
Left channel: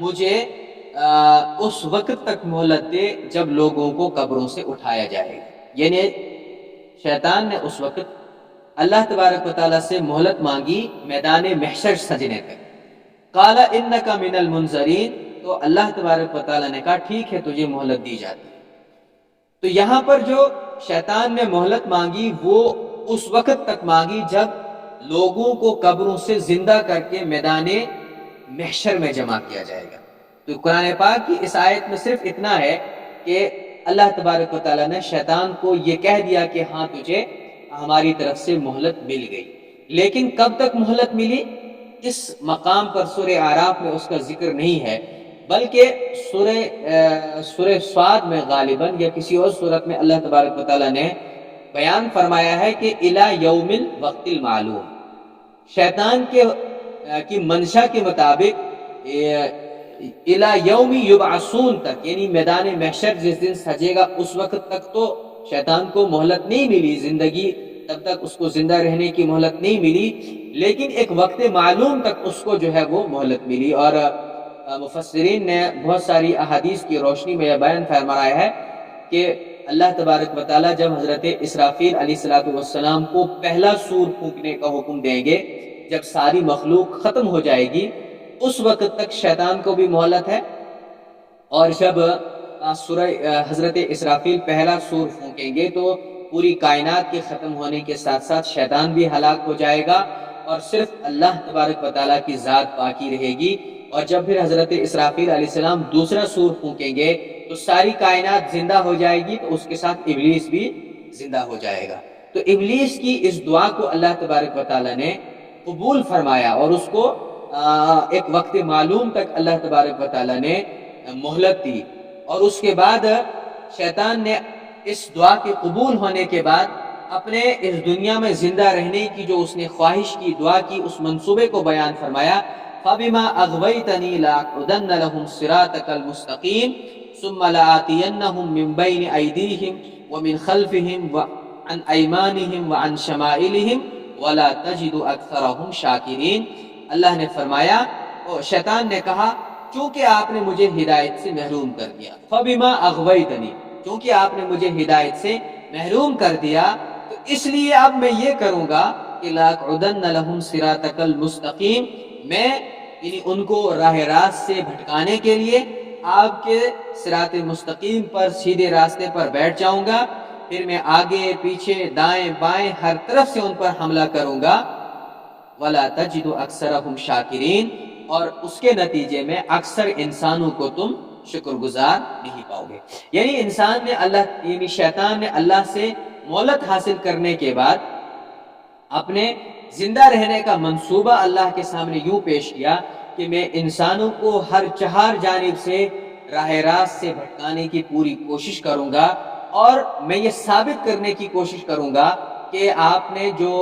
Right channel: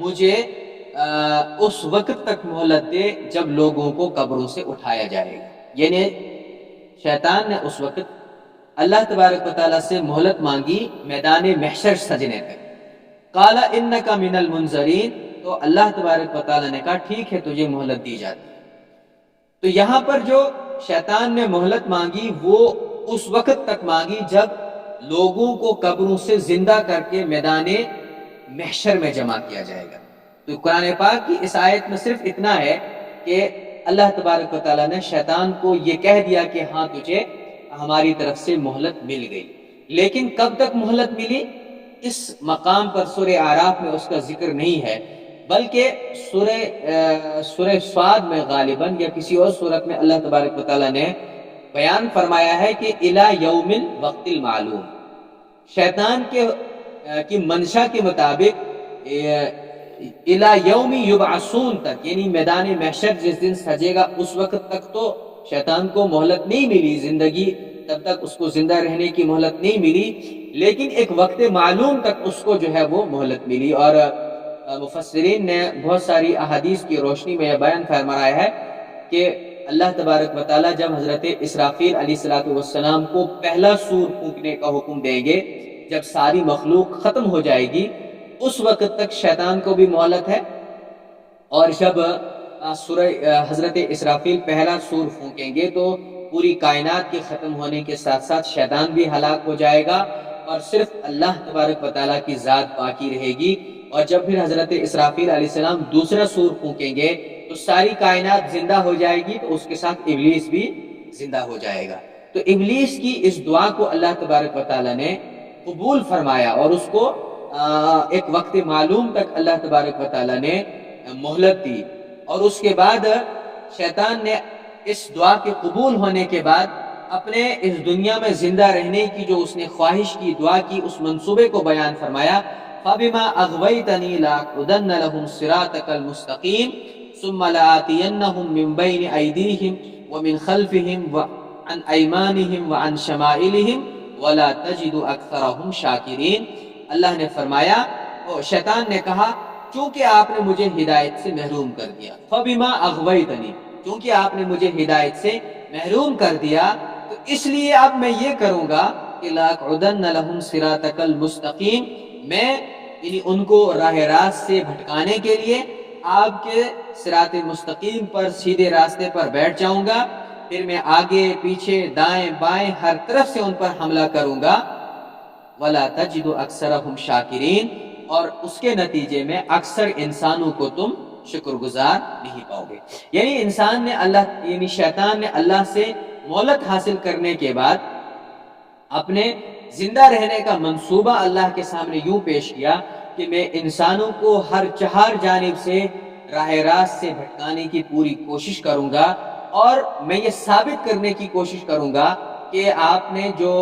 مجھے اس وقت تک مہلت دے جب لوگوں کو قبروں سے اٹھایا جائے گا، یعنی شیطان نے اس وقت اللہ تبارک و تعالیٰ سے مہلت مانگی میدان محشر سجنے تک۔ قال انک من المنظرین، تو اللہ تبارک و تعالیٰ نے کہا ٹھیک ہے تجھے مہلت دی جاتی ہے۔ تو یہاں پر جو شیطان نے مہلت مانگی وہ اس وقت تک مانگی جب لوگوں کو قبروں سے زندہ کر کے میدان محشر میں جمع کیا جائے گا۔ تو قرآن پاک کی اس آیت میں صرف اتنا ہے کہ اللہ تبارک و تعالیٰ نے شیطان کو یہ کہہ دیا کہ ہاں تجھے ہماری طرف سے مہلت مل گئی، لیکن کب تک مہلت ملی اس مقام پر سورہ اعراف میں اس کا ذکر نہیں ہے، بلکہ سورہ صاد میں غالباً یا کسی اور صورت میں اللہ تبارک و تعالیٰ نے بیان فرمایا ہے کہ الی یوم الوقت المعلوم، شیطان کی منشا کے مطابق الی یوم یبعثون تک، یعنی میدان محشر جس دن سجے گا اس وقت تک تو شیطان کو مہلت نہیں ملی، زندگی تب تک اس کو زندہ رہنے کی مہلت نہیں ملی، لیکن ایک وقت معلوم تک اس کو جو ہے وہ مہلت ملی۔ اور مفسرین نے بہت ساری احادیث کی روشنی میں یہ بیان فرمایا ہے کہ اللہ تبارک و تعالیٰ جب حضرت اسرافیل علیہ السلام کو پہلا سور پھونکنے کا حکم دیں گے جب ساری مخلوق ختم ہو جائے گی اس وقت تک شیطان کو بھی مہلت ہے، اور جب سورہ حضرت اسرافیل پہلا سور پھونکیں گے تو پوری کائنات کے ختم ہونے کے ساتھ ساتھ شیطان بھی ہلاک ہو جائے گا اور صرف اللہ تبارک و تعالیٰ کی ذات باقی رہے گی۔ اور جب پھر حضرت اسرافیل علیہ السلام دوسرا سور پھونکیں گے تو ساری کائنات زندہ ہو جائے گی، تو اس کے ساتھ ابلیس بھی زندہ ہو جائے گا۔ تو ابلیس کی اس دعا کو اللہ تبارک و تعالیٰ نے قبول فرمایا اور اس کو ایک وقت معلوم تک اللہ تبارک و تعالیٰ نے مہلت دی، اور اس کے بعد شیطان نے اس دعا کے قبول ہونے کے بعد اپنے اس دنیا میں زندہ رہنے کی جو اس نے خواہش کی، دعا کی، اس منصوبے کو بیان فرمایا۔ فَبِمَا أَغْوَيْتَنِي لَأَقْعُدَنَّ لَهُمْ صِرَاطَكَ الْمُسْتَقِيمَ ثُمَّ لَآتِيَنَّهُمْ مِنْ بَيْنِ أَيْدِيهِمْ وَمِنْ خَلْفِهِمْ وَعَنْ أَيْمَانِهِمْ وَعَنْ شَمَائِلِهِمْ وَلَا تَجِدُ أَكْثَرَهُمْ شَاكِرِينَ۔ اللہ نے فرمایا، شیطان نے کہا چونکہ آپ نے مجھے ہدایت سے محروم کر دیا، فَبِمَا أَغْوَيْتَنِي، چونکہ آپ نے مجھے ہدایت سے محروم کر دیا تو اس لیے اب میں یہ کروں گا کہ لَأَقْعُدَنَّ لَهُمْ صِرَاطَكَ الْمُسْتَقِيمَ، میں یعنی ان کو راہ راست سے بھٹکانے کے لیے آپ کے صراط مستقیم پر، سیدھے راستے پر بیٹھ جاؤں گا، پھر میں آگے پیچھے دائیں بائیں ہر طرف سے ان پر حملہ کروں گا۔ وَلَا تَجِدُ أَكْثَرَهُمْ شَاكِرِينَ، اور اس کے نتیجے میں اکثر انسانوں کو تم شکر گزار نہیں پاؤ گے۔ یعنی شیطان نے اللہ سے مہلت حاصل کرنے کے بعد اپنے زندہ رہنے کا منصوبہ اللہ کے سامنے یوں پیش کیا کہ میں انسانوں کو ہر چہار جانب سے راہ راست سے بھٹکانے کی پوری کوشش کروں گا، اور میں یہ ثابت کرنے کی کوشش کروں گا کہ آپ نے جو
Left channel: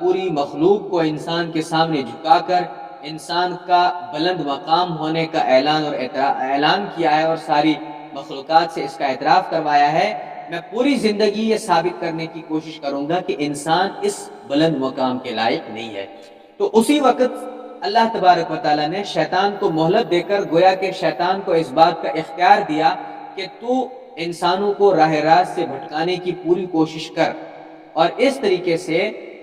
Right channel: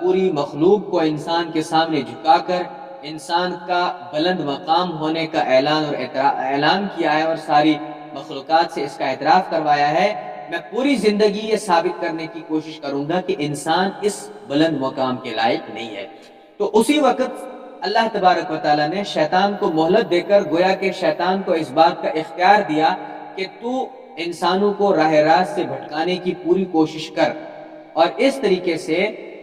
پوری مخلوق کو انسان کے سامنے جھکا کر انسان کا بلند مقام ہونے کا اعلان کیا ہے اور ساری مخلوقات سے اس کا اعتراف کروایا ہے، میں پوری زندگی یہ ثابت کرنے کی کوشش کروں گا کہ انسان اس بلند مقام کے لائق نہیں ہے۔ تو اسی وقت اللہ تبارک و تعالیٰ نے شیطان کو مہلت دے کر گویا کہ شیطان کو اس بات کا اختیار دیا کہ تو انسانوں کو راہ راست سے بھٹکانے کی پوری کوشش کر، اور اس طریقے سے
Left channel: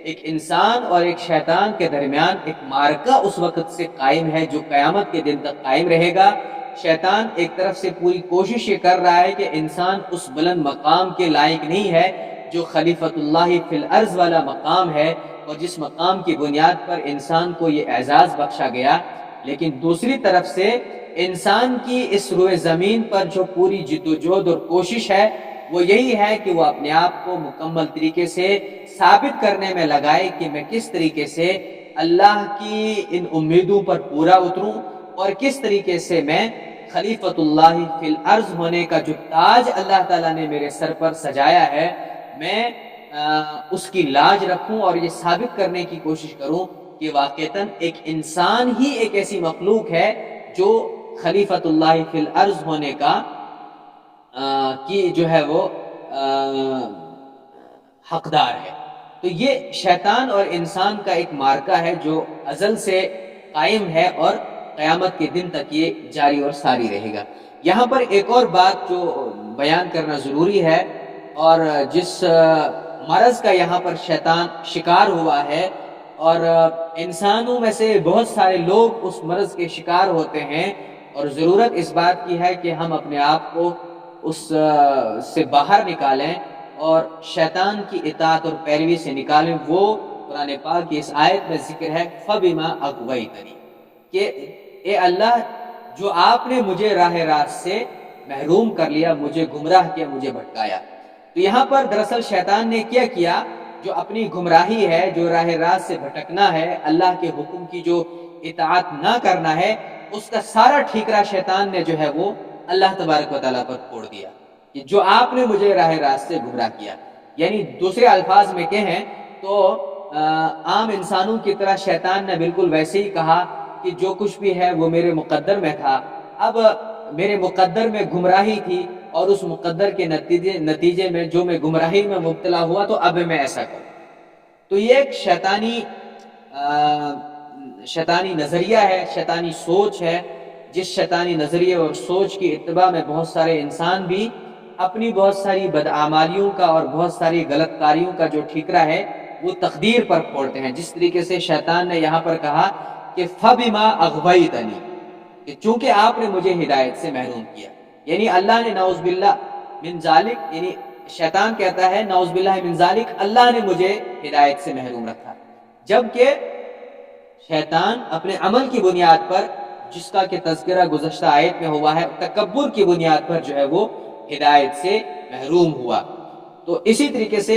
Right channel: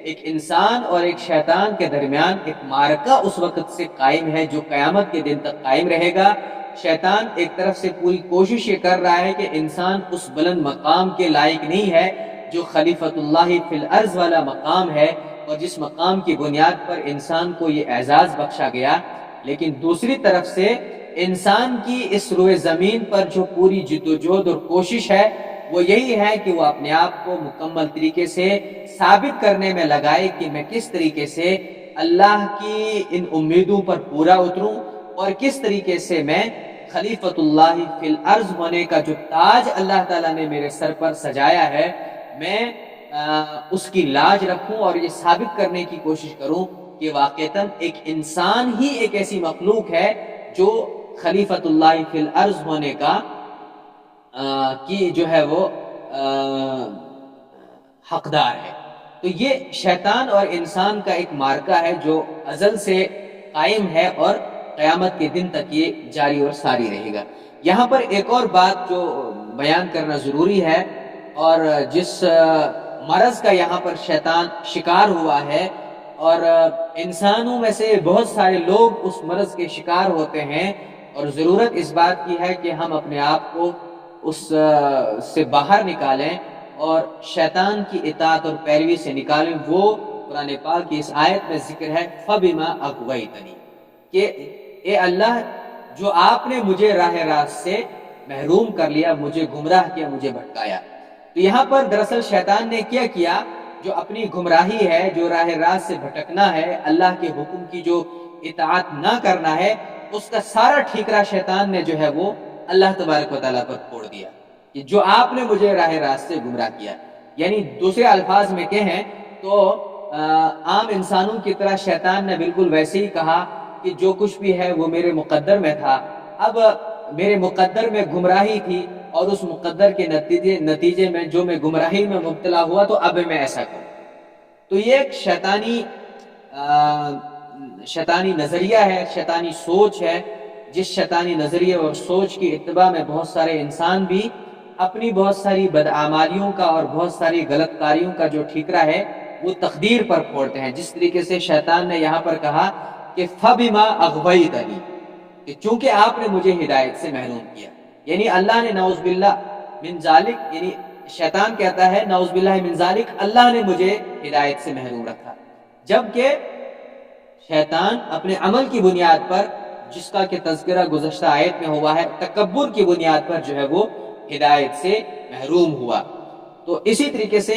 ایک انسان اور ایک شیطان کے درمیان ایک معرکہ اس وقت سے قائم ہے جو قیامت کے دن تک قائم رہے گا۔ شیطان ایک طرف سے پوری کوشش یہ کر رہا ہے کہ انسان اس بلند مقام کے لائق نہیں ہے جو خلیفۃ اللہ فی الارض والا مقام ہے، اور جس مقام کی بنیاد پر انسان کو یہ اعزاز بخشا گیا، لیکن دوسری طرف سے انسان کی اس روئے زمین پر جو پوری جد و جہد اور کوشش ہے وہ یہی ہے کہ وہ اپنے آپ کو مکمل طریقے سے ثابت کرنے میں لگائے کہ میں کس طریقے سے اللہ کی ان امیدوں پر پورا اتروں، اور کس طریقے سے میں خلیفۃ اللہ فی الارض ہونے کا جو تاج اللہ تعالیٰ نے میرے سر پر سجایا ہے میں اس کی لاج رکھوں، اور یہ ثابت کرنے کی کوشش کروں کہ واقعتاً ایک انسان ہی ایک ایسی مخلوق ہے جو خلیفۃ اللہ فی الارض ہونے کا کی جو ہے وہ حقدار ہے۔ تو یہ شیطان اور انسان کا ایک معرکہ ہے جو ازل سے قائم ہے اور قیامت کے دن تک یہ جاری اور ساری رہے گا۔ یہاں پر ایک اور بات جو بیان کرنا ضروری ہے، اور جس مرض کا یہاں پر شیطان شکار ہوا ہے، اور انسانوں میں سے بہت سارے لوگ اس مرض کے شکار ہوتے ہیں، اور ضرورت اس بات کی ہے کہ ہم اپنے آپ کو اس سے باہر نکالیں اور شیطان کی اطاعت اور پیروی سے نکالیں۔ وہ قرآن پاک کی اس آیت میں ذکر ہے فَبِمَا أَغْوَيْتَنِي، کہ اے اللہ جو آپ نے مجھے راہ راست سے محروم کر لیا، مجھے گمراہ کیا، مجھے بھٹکایا۔ تو یہاں پر دراصل شیطان نے کیا جو اپنی گمراہی ہے، جو راہ راست سے بھٹکنا ہے، اللہ کے حکم کی جو اطاعت نہ کرنا ہے، اس کا سارا ٹھیکرا شیطان نے جو ہے وہ اللہ تبارک و تعالیٰ پر پھوڑ دیا کہ جو آپ نے مجھے راہ راست سے گمراہ کیا۔ یعنی دوسرے الفاظ میں کہیں تو عام انسانوں کی طرح شیطان نے بالکل ویسے ہی کہا کہ جو کچھ بھی ہے وہ میرے مقدر میں تھا، اب میرے مقدر میں گمراہی تھی، اور اس مقدر کے نتیجے میں جو میں گمراہی میں مبتلا ہوا تو اب میں ایسا کروں۔ تو یہ ایک شیطانی نظریہ ہے، شیطانی سوچ ہے، جس شیطانی نظریے اور سوچ کی اتباع میں بہت سارے انسان بھی اپنی بہت ساری بدعمالیوں کا اور بہت ساری غلط کاریوں کا جو ٹھیکرا ہے وہ تقدیر پر پھوڑتے ہیں. جس طریقے سے شیطان نے یہاں پر کہا کہ فَبِمَا أَغْوَيْتَنِي، کہ چونکہ آپ نے مجھے ہدایت سے محروم کیا. یعنی اللہ نے نعوذ باللہ من ذالک، یعنی شیطان کہتا ہے نعوذ باللہ من ذالک، اللہ نے مجھے ہدایت سے محروم رکھا. جبکہ شیطان اپنے عمل کی بنیاد پر، جس کا کہ تذکرہ گزشتہ آیت میں ہوا ہے، تکبر کی بنیاد پر جو ہے وہ ہدایت سے محروم ہوا. تو اسی طریقے سے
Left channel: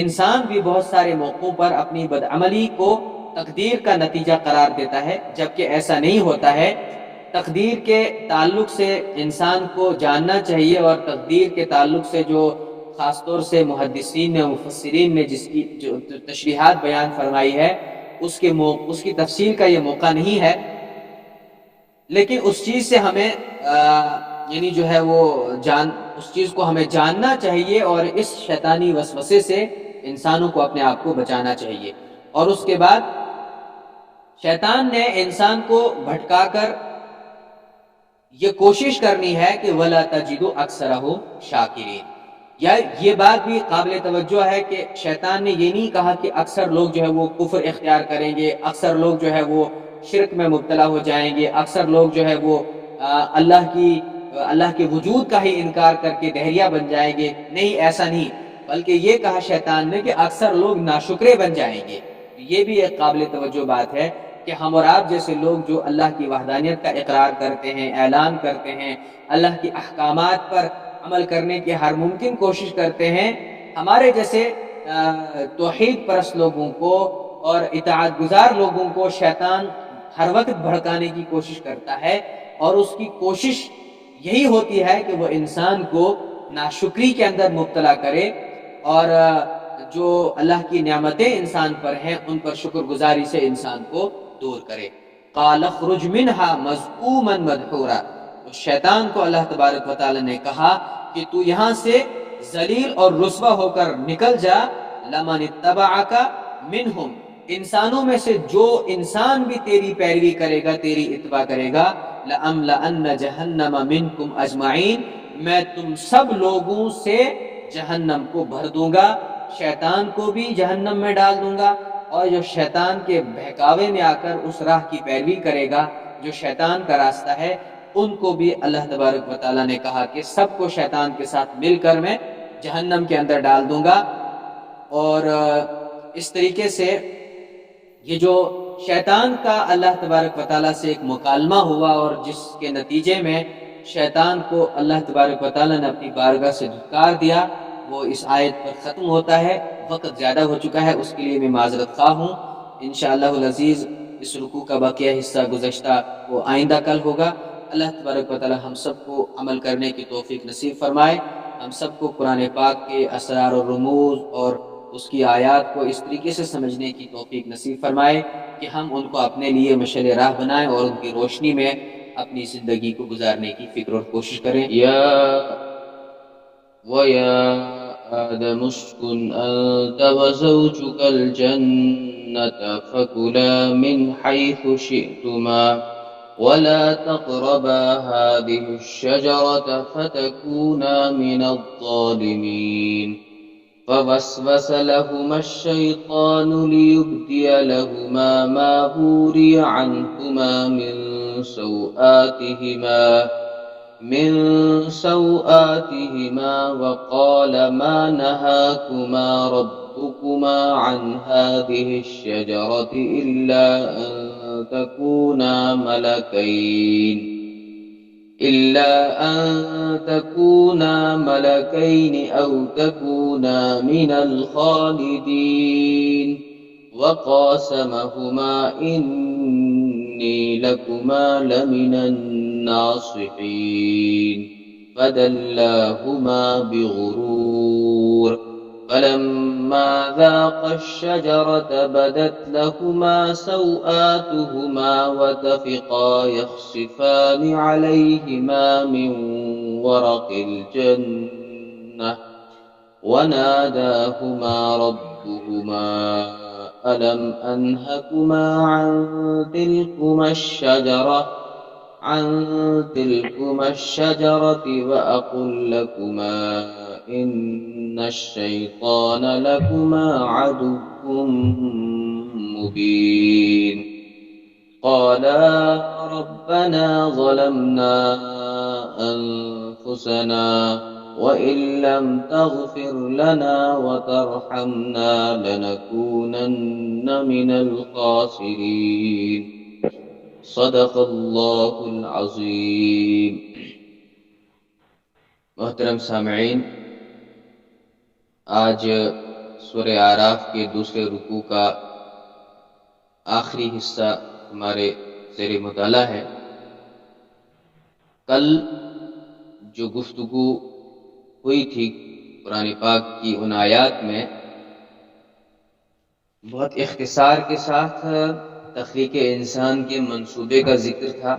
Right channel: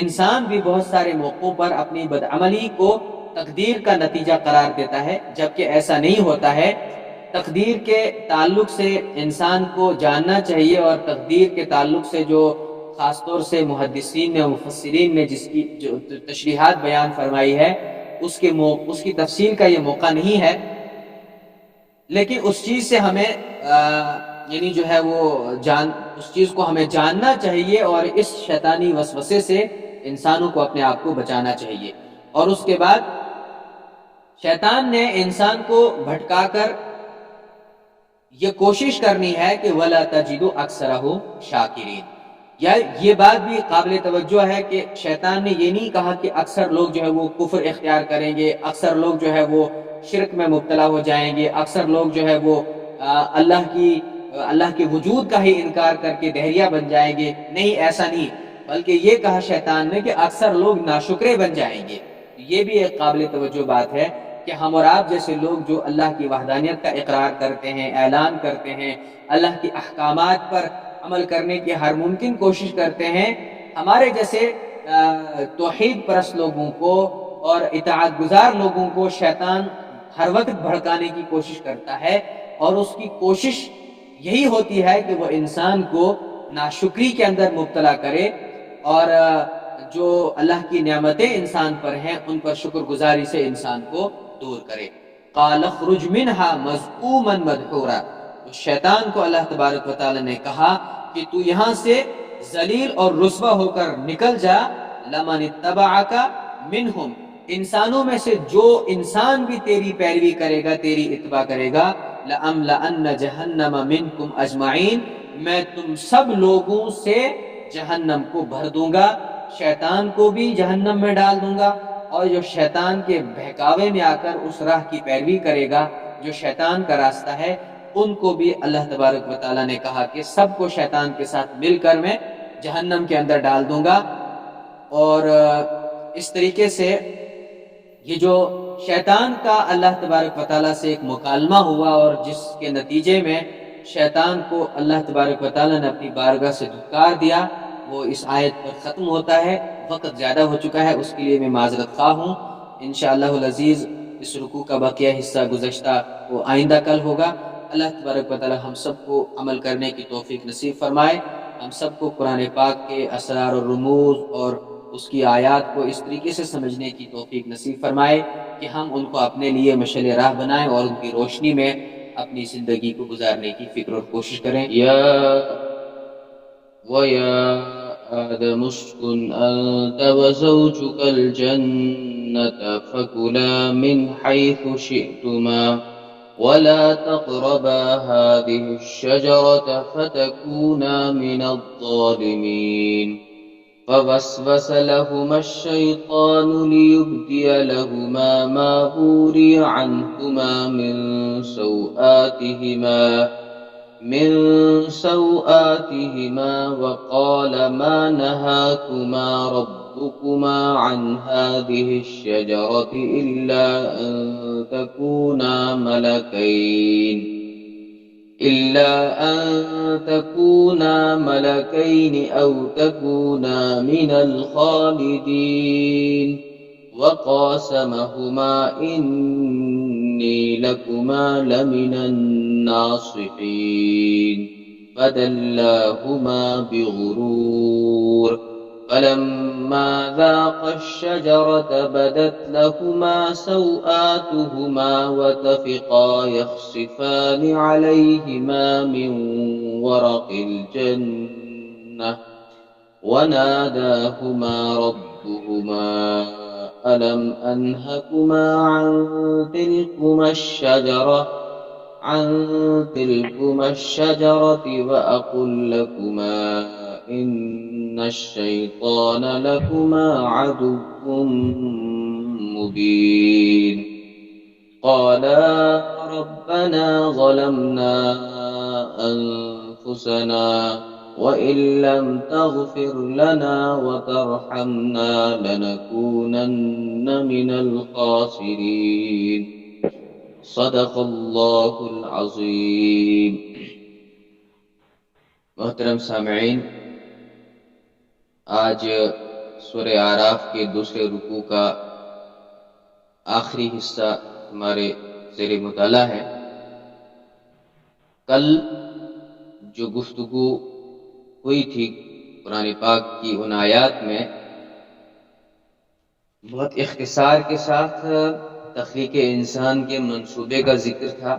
انسان بھی بہت سارے موقعوں پر اپنی بدعملی کو تقدیر کا نتیجہ قرار دیتا ہے، جبکہ ایسا نہیں ہوتا ہے. تقدیر کے تعلق سے انسان کو جاننا چاہیے، اور تقدیر کے تعلق سے جو خاص طور سے محدثین نے، مفسرین نے جس کی جو تشریحات بیان فرمائی ہے، اس کی تفصیل کا یہ موقع نہیں ہے. لیکن اس چیز سے ہمیں یعنی جو ہے وہ اس چیز کو ہمیں جاننا چاہیے، اور اس شیطانی وسوسے سے انسانوں کو اپنے آپ کو بچانا چاہیے. اور اس کے بعد شیطان نے انسان کو بھٹکا کر یہ کوشش کرنی ہے کہ وَلَا تَجِدُ أَكْثَرَهُمْ شَاكِرِينَ. یا یہ بات بھی قابل توجہ ہے کہ شیطان نے یہ نہیں کہا کہ اکثر لوگ جو ہے وہ کفر اختیار کریں گے، اکثر لوگ جو ہے وہ شرک میں مبتلا ہو جائیں گے، اکثر لوگ جو ہے وہ اللہ کے وجود کا ہی انکار کر کے دہریہ بن جائیں گے. نہیں، ایسا نہیں، بلکہ یہ کہا شیطان نے کہ اکثر لوگ ناشکرے بن جائیں گے. یہ بھی ایک قابل توجہ بات ہے کہ ہم اور آپ جیسے لوگ جو اللہ کی وحدانیت کا اقرار کرتے ہیں، اعلان کرتے ہیں، اللہ کے احکامات پر عمل کرنے کی ہر ممکن کوشش کرتے ہیں، ہمارے جیسے توحید پرست لوگوں کو اور اطاعت گزار لوگوں کو شیطان ہر وقت بھڑکانے کی کوشش کرتا ہے. اور اس کی کوشش یہی ہوتی ہے کہ وہ انسان کو ناشکری کے اندر مبتلا کرے، اور جو اللہ کی نعمتیں انسان پر ہیں ان پر شکر گزاری سے انسان کو دور کرے. قَالَ اخْرُجْ مِنْهَا مَذْءُومًا مَدْحُورًا. تو شیطان کو اللہ تبارک و تعالی نے کہا کہ تو یہاں سے ذلیل اور رسوا ہو کر نکل جا. لَمَنِ اتَّبَعَكَ مِنْهُمْ، انسانوں میں سے جو انسان بھی تیری پیروی کرے گا، تیری اتباع کرے گا، لَأَمْلَأَنَّ جَهَنَّمَ مِنْكُمْ أَجْمَعِينَ، میں تم سب لوگوں سے جہنم کو بھر دوں گا. شیطان کو بھی جہنم میں ڈال دوں گا، اور جو شیطان کے بہکاوے میں آ کر اس راہ کی پیروی کرے گا جو شیطان کا راستہ ہے، ان کو بھی اللہ تبارک و تعالیٰ نے کہا کہ سب کو شیطان کے ساتھ مل کر میں جہنم کے اندر ڈال دوں گا. اور اس طریقے سے یہ جو شیطان کا اللہ تبارک و تعالیٰ سے ایک مکالمہ ہوا، اور جس کے نتیجے میں شیطان کو اللہ تبارک و تعالیٰ نے اپنی بارگاہ سے دھتکار دیا، وہ اس آیت پر ختم ہوتا ہے. وقت زیادہ ہو چکا ہے، اس کے لیے میں معذرت خواہ ہوں. انشاءاللہ العزیز اس رکوع کا بقیہ حصہ گزشتہ وہ آئندہ کل ہوگا. اللہ تبارک و تعالی ہم سب کو عمل کرنے کی توفیق نصیب فرمائے. ہم سب کو قرآن پاک کے اسرار و رموز اور اس کی آیات کو اس طریقے سے سمجھنے کی توفیق نصیب فرمائے کہ ہم ان کو اپنے لیے مشعل راہ بنائیں اور ان کی روشنی میں اپنی زندگی کو گزارنے کی فکر اور کوشش کریں. وَيَا آدَمُ اسْكُنْ أَنْتَ وَزَوْجُكَ الْجَنَّةَ فَكُلَا مِنْ حَيْثُ شِئْتُمَا وَلَا تَقْرَبَا هَٰذِهِ الشَّجَرَةَ فَتَكُونَا مِنَ الظَّالِمِينَ. فَوَسْوَسَ لَهُمَا الشَّيْطَانُ لِيُبْدِيَ لَهُمَا مَا وُورِيَ عَنْهُمَا من سوآتهما وقال ما نهاكما ربكما عن هذه الشجرة إلا أن تكونا ملكين أو تكونا من الخالدين. وقاسمهما إني لكما لمن الناصحين. فدلاهما بغرور. فلما ذاقا الشجرة بدت لهما سوآتهما وطفقا يخصفان عليهما من ورق الجنة وناداهما ربهما ألم أنهكما عن عن تلكما الشجرة وأقل لكما إن الشيطان لكما عدو مبين قالا ربنا ظلمنا أنفسنا وإن لم تغفر لنا وترحمنا لنكونن من الخاسرين صدق اللہ العظیم۔ محترم سامعین، آج سورہ اعراف کے دوسرے رکوع کا آخری حصہ ہمارے زیر مطالعہ ہے۔ کل جو گفتگو ہوئی تھی قرآن پاک کی ان آیات میں بہت اختصار کے ساتھ تخلیق انسان کے منصوبے کا ذکر تھا،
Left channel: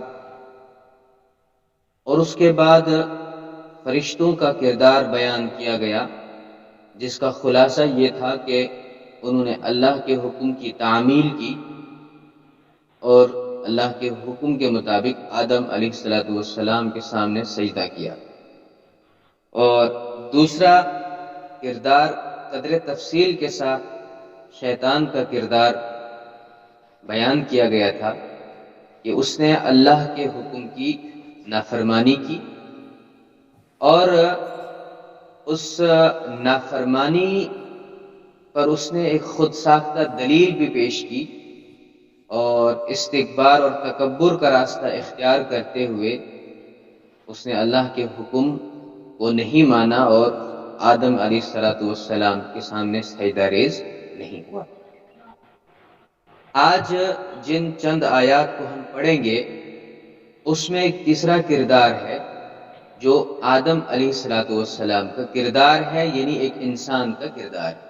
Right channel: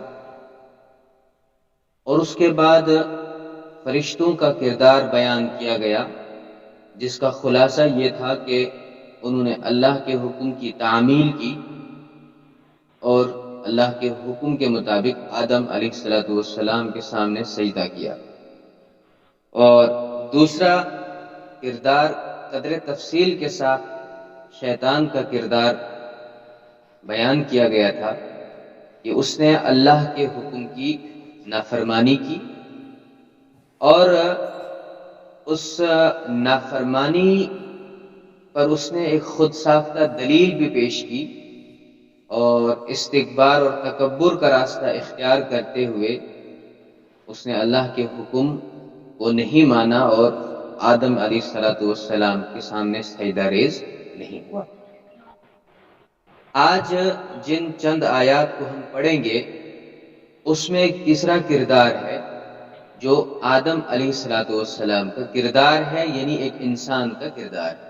اور اس کے بعد فرشتوں کا کردار بیان کیا گیا، جس کا خلاصہ یہ تھا کہ انہوں نے اللہ کے حکم کی تعمیل کی اور اللہ کے حکم کے مطابق آدم علیہ السلام کے سامنے سجدہ کیا۔ اور دوسرا کردار قدر تفصیل کے ساتھ شیطان کا کردار بیان کیا گیا تھا کہ اس نے اللہ کے حکم کی نافرمانی کی، اور اس نافرمانی پر اس نے ایک خود ساختہ دلیل بھی پیش کی، اور استکبار اور تکبر کا راستہ اختیار کرتے ہوئے اس نے اللہ کے حکم کو نہیں مانا اور آدم علیہ السلام کے سامنے سجدہ ریز نہیں ہوا۔ آج جن چند آیات کو ہم پڑھیں گے اس میں ایک تیسرا کردار ہے جو آدم علیہ السلام کا کردار ہے، یعنی ایک انسان کا کردار ہے۔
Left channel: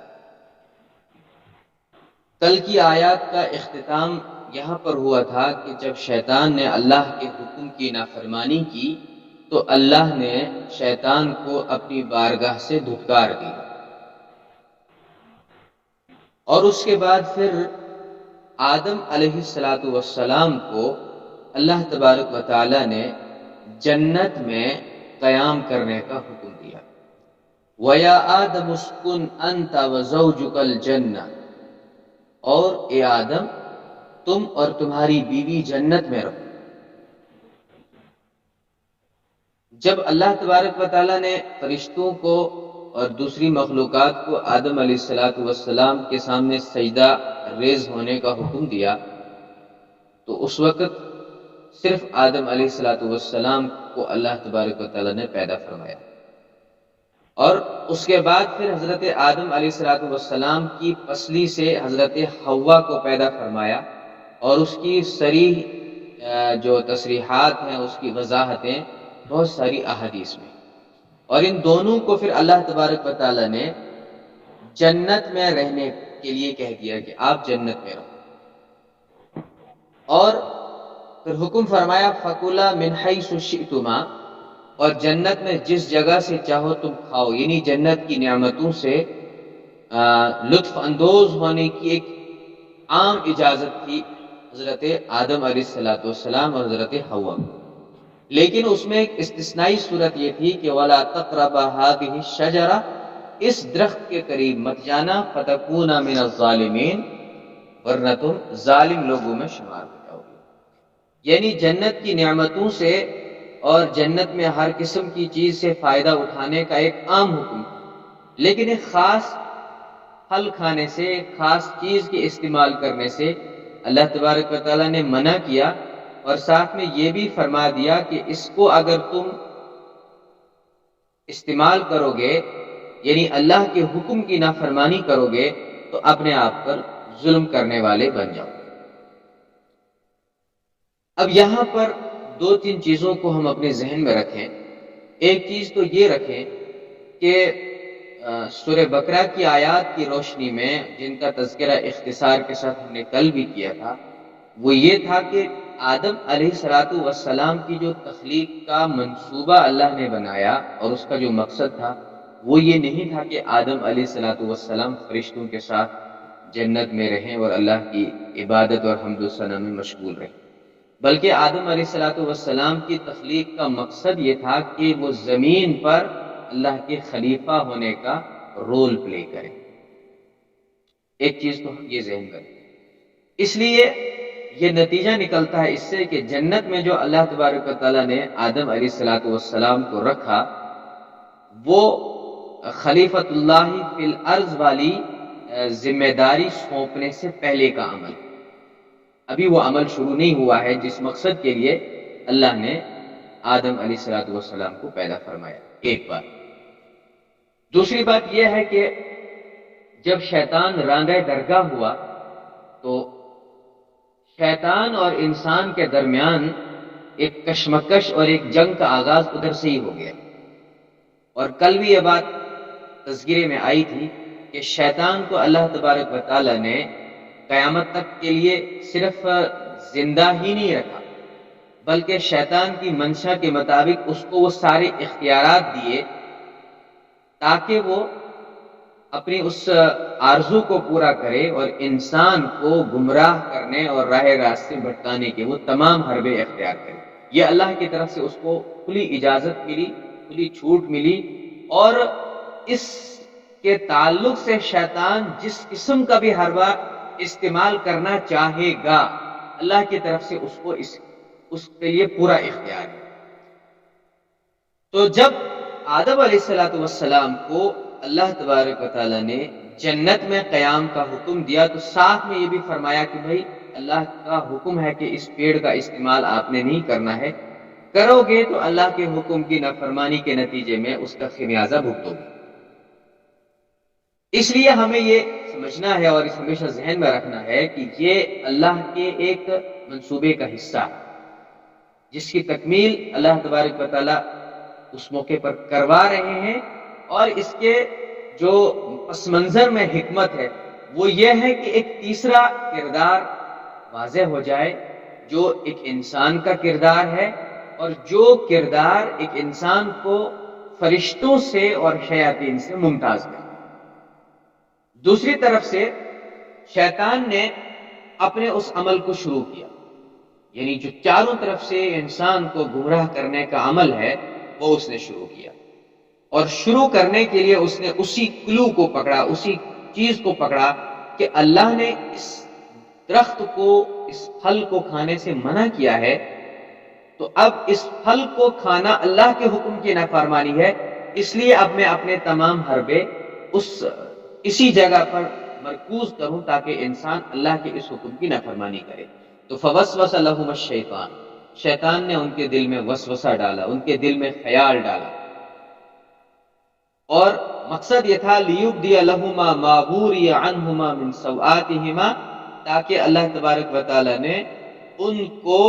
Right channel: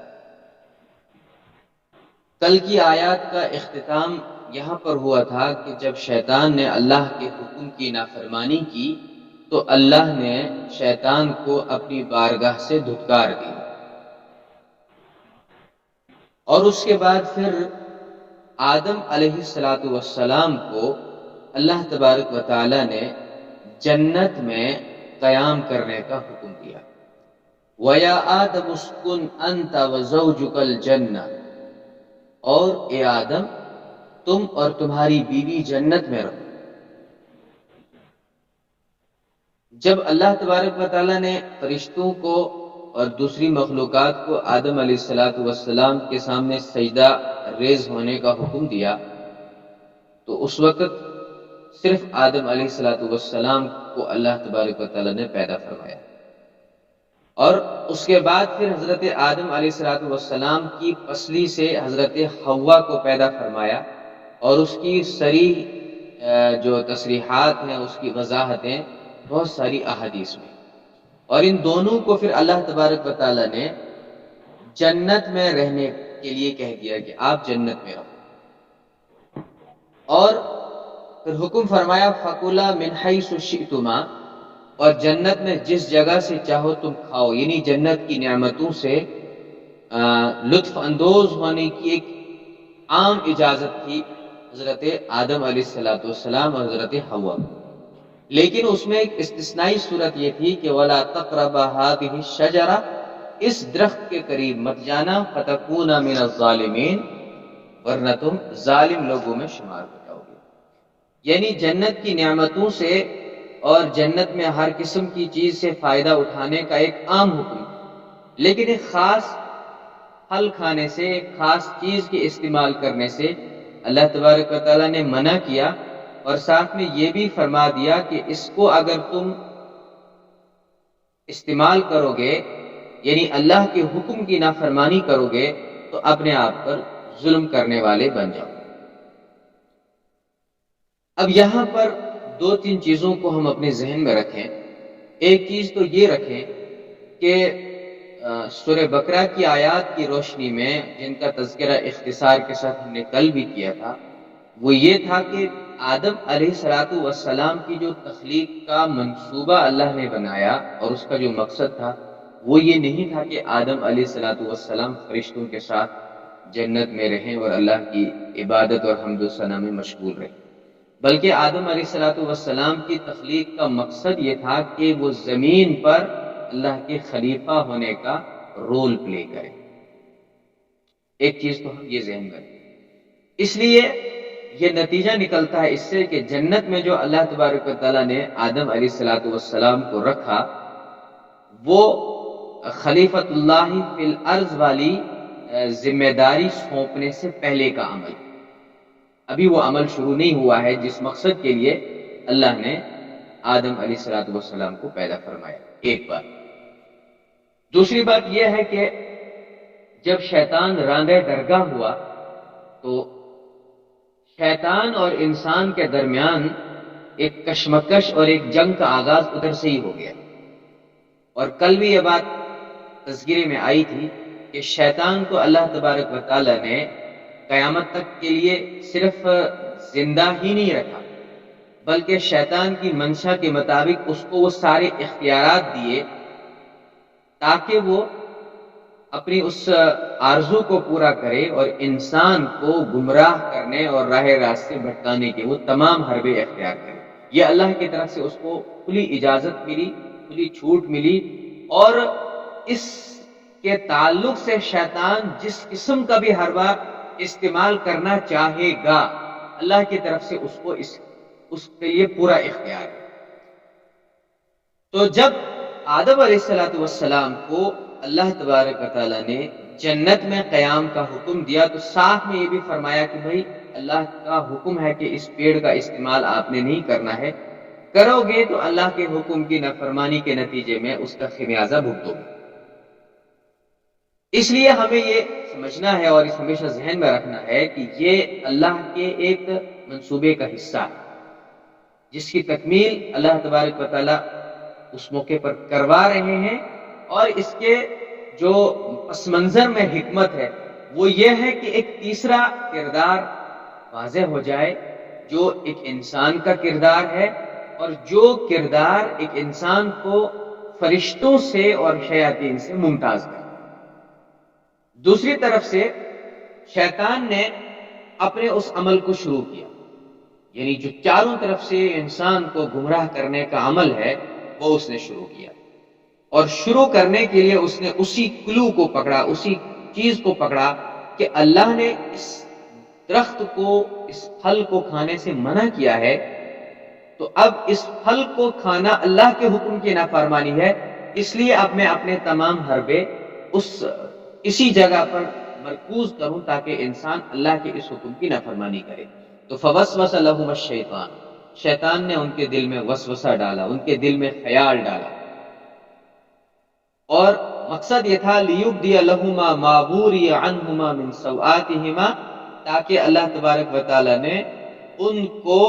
کل کی آیات کا اختتام یہاں پر ہوا تھا کہ جب شیطان نے اللہ کے حکم کی نافرمانی کی تو اللہ نے شیطان کو اپنی بارگاہ سے دھتکار دی، اور اس کے بعد پھر آدم علیہ السلام کو اللہ تبارک و تعالی نے جنت میں قیام کرنے کا حکم دیا۔ وَيَا آدَمُ اسْكُنْ أَنْتَ وَزَوْجُكَ الْجَنَّةَ، اور اے آدم تم اور تمہاری بیوی جنت میں رہو۔ جب اللہ تبارک و تعالی نے فرشتوں کو اور دوسری مخلوقات کو آدم علیہ السلام کے سامنے سجدہ ریز ہونے کا حکم دیا تو اس وقت صرف آدم علیہ السلام کو اللہ تبارک و تعالی نے پیدا فرمایا، اور اس کے بعد پھر حضرت آدم علیہ السلام کی پسلی سے حضرت حوا کو پیدا فرمایا، اور اس کی صریح جو تصریحات ہیں، اس کی وضاحتیں بہت ساری احادیث میں، اور ان دونوں کو پھر اللہ تبارک و تعالی نے جنت میں رہنے کے لیے کہہ دیا کہ آپ جنت میں رہو، اور پھر حکم فرمایا فَكُلَا مِنْ حَيْثُ شِئْتُمَا، اور جنت میں جس جگہ سے چاہو تم کھاؤ، یعنی جنت کی نعمتوں سے لطف اندوز ہونے کی ایک عام اجازت تھی حضرت آدم علیہ السلام اور حضرت حوا کو، لیکن اس میں ایک استثنائی صورت یہ تھی کہ وَلَا تَقْرَبَا هَٰذِهِ الشَّجَرَةَ، اس درخت کے قریب مت جانا، فَتَكُونَ مِنَ الظَّالِمِينَ، ورنہ تم ظالم لوگوں میں شمار ہو جاؤ گے۔ یعنی جنت کی نعمتوں سے اور جنت میں ہر قسم کی چیز سے فائدہ اٹھانے کا ایک عام حکم، لیکن ایک خاص پھل کھانے سے، ایک خاص چیز کے استعمال کرنے سے اللہ تبارک و تعالیٰ نے منع کیا، اور ساتھ میں یہ بھی فرما دیا کہ اس کو اگر تم استعمال کرو گے، یعنی اللہ کے حکم کی نافرمانی کرو گے، تو اپنے آپ پر ظلم کرنے والے بن جاؤ۔ اب یہاں پر دو تین چیزوں کو ہم اپنے ذہن میں رکھیں۔ ایک چیز تو یہ رکھیں کہ سورہ بقرہ کی آیات کی روشنی میں جن کا تذکرہ اختصار کے ساتھ ہم نے کل بھی کیا تھا، وہ یہ تھا کہ آدم علیہ السلام کی جو تخلیق کا منصوبہ اللہ نے بنایا اور اس کا جو مقصد تھا وہ یہ نہیں تھا کہ آدم علیہ السلام فرشتوں کے ساتھ جنت میں رہیں اور اللہ کی عبادت اور حمد و ثنا میں مشغول رہیں، بلکہ آدم علیہ السلام کی تخلیق کا مقصد یہ تھا کہ وہ زمین پر اللہ کے خلیفہ ہونے کا رول پلے کرے. ایک چیز تو ہم یہ ذہن میں رکھیں. اس لیے یہ نتیجہ نکلتا ہے اس سے کہ جنت میں جو اللہ تبارک و تعالیٰ نے آدم علیہ السلام کو رکھا، وہ خلیفۃ اللہ فی الارض والی ذمہ داری سونپنے سے پہلے کا عمل. ابھی وہ عمل شروع نہیں ہوا ہے جس مقصد کے لیے اللہ نے آدم علیہ السلام کو پیدا فرمایا. ایک بات. دوسری بات یہ ہے کہ جب شیطان رانگہ درگاہ ہوا تو شیطان اور انسان کے درمیان ایک کشمکش اور ایک جنگ کا آغاز ادھر سے ہی ہو گیا. اور کل بھی یہ بات تذکرے میں آئی تھی کہ شیطان کو اللہ تبارک و تعالی نے قیامت تک کے لیے صرف زندہ ہی نہیں رکھا، بلکہ شیطان کی منشا کے مطابق اس کو وہ سارے اختیارات دیے تاکہ وہ اپنی اس آرزو کو پورا کرے اور انسان کو گمراہ کرنے اور راہ راست سے بھٹکانے کے وہ تمام حربے اختیار کرے. یہ اللہ کی طرف سے اس کو کھلی اجازت ملی، کھلی چھوٹ ملی، اور اس کے تعلق سے شیطان جس قسم کا بھی حربہ استعمال کرنا چاہے گا اللہ کی طرف سے اس کے لیے پورا اختیار ہے. تو جب آدم علیہ السلام کو اللہ تبارک و تعالیٰ نے جنت میں قیام کا حکم دیا تو ساتھ میں یہ بھی فرمایا کہ بھائی اللہ کا حکم ہے کہ اس پیڑ کا استعمال آپ نے نہیں کرنا ہے، کرو گے تو اللہ کے حکم کی نافرمانی کے نتیجے میں اس کا خمیازہ بھگتو گے. اس لیے ہمیں یہ سمجھنا ہے اور اس ہمیشہ ذہن میں رکھنا ہے کہ یہ اللہ کے ایک منصوبے کا حصہ ہے جس کی تکمیل اللہ تبارک و تعالیٰ اس موقع پر کروا رہے ہیں. اور اس کے جو پس منظر میں حکمت ہے وہ یہ ہے کہ ایک تیسرا کردار واضح ہو جائے جو ایک انسان کا کردار ہے، اور جو کردار ایک انسان کو فرشتوں سے اور شیاطین سے ممتاز کرے. دوسری طرف سے شیطان نے اپنے اس عمل کو شروع کیا، یعنی جو چاروں طرف سے انسان کو گمراہ کرنے کا عمل ہے وہ اس نے شروع کیا. اور شروع کرنے کے لیے اس نے اسی کلو کو پکڑا، اسی چیز کو پکڑا کہ اللہ نے اس درخت کو، اس پھل کو کھانے سے منع کیا ہے، تو اب اس پھل کو کھانا اللہ کے حکم کی نافرمانی ہے، اس لیے اب میں اپنے تمام حربے اسی جگہ پر مرکوز کروں تاکہ انسان اللہ کے اس حکم کی نافرمانی کرے. تو فوسوس لہم الشیطان، شیطان نے ان کے دل میں وسوسہ ڈالا، ان کے دل میں خیال ڈالا، اور مقصد یہ تھا لیبدی لہما ما بوری عنہما من سوآتہما، تاکہ اللہ تبارک و تعالی نے ان کو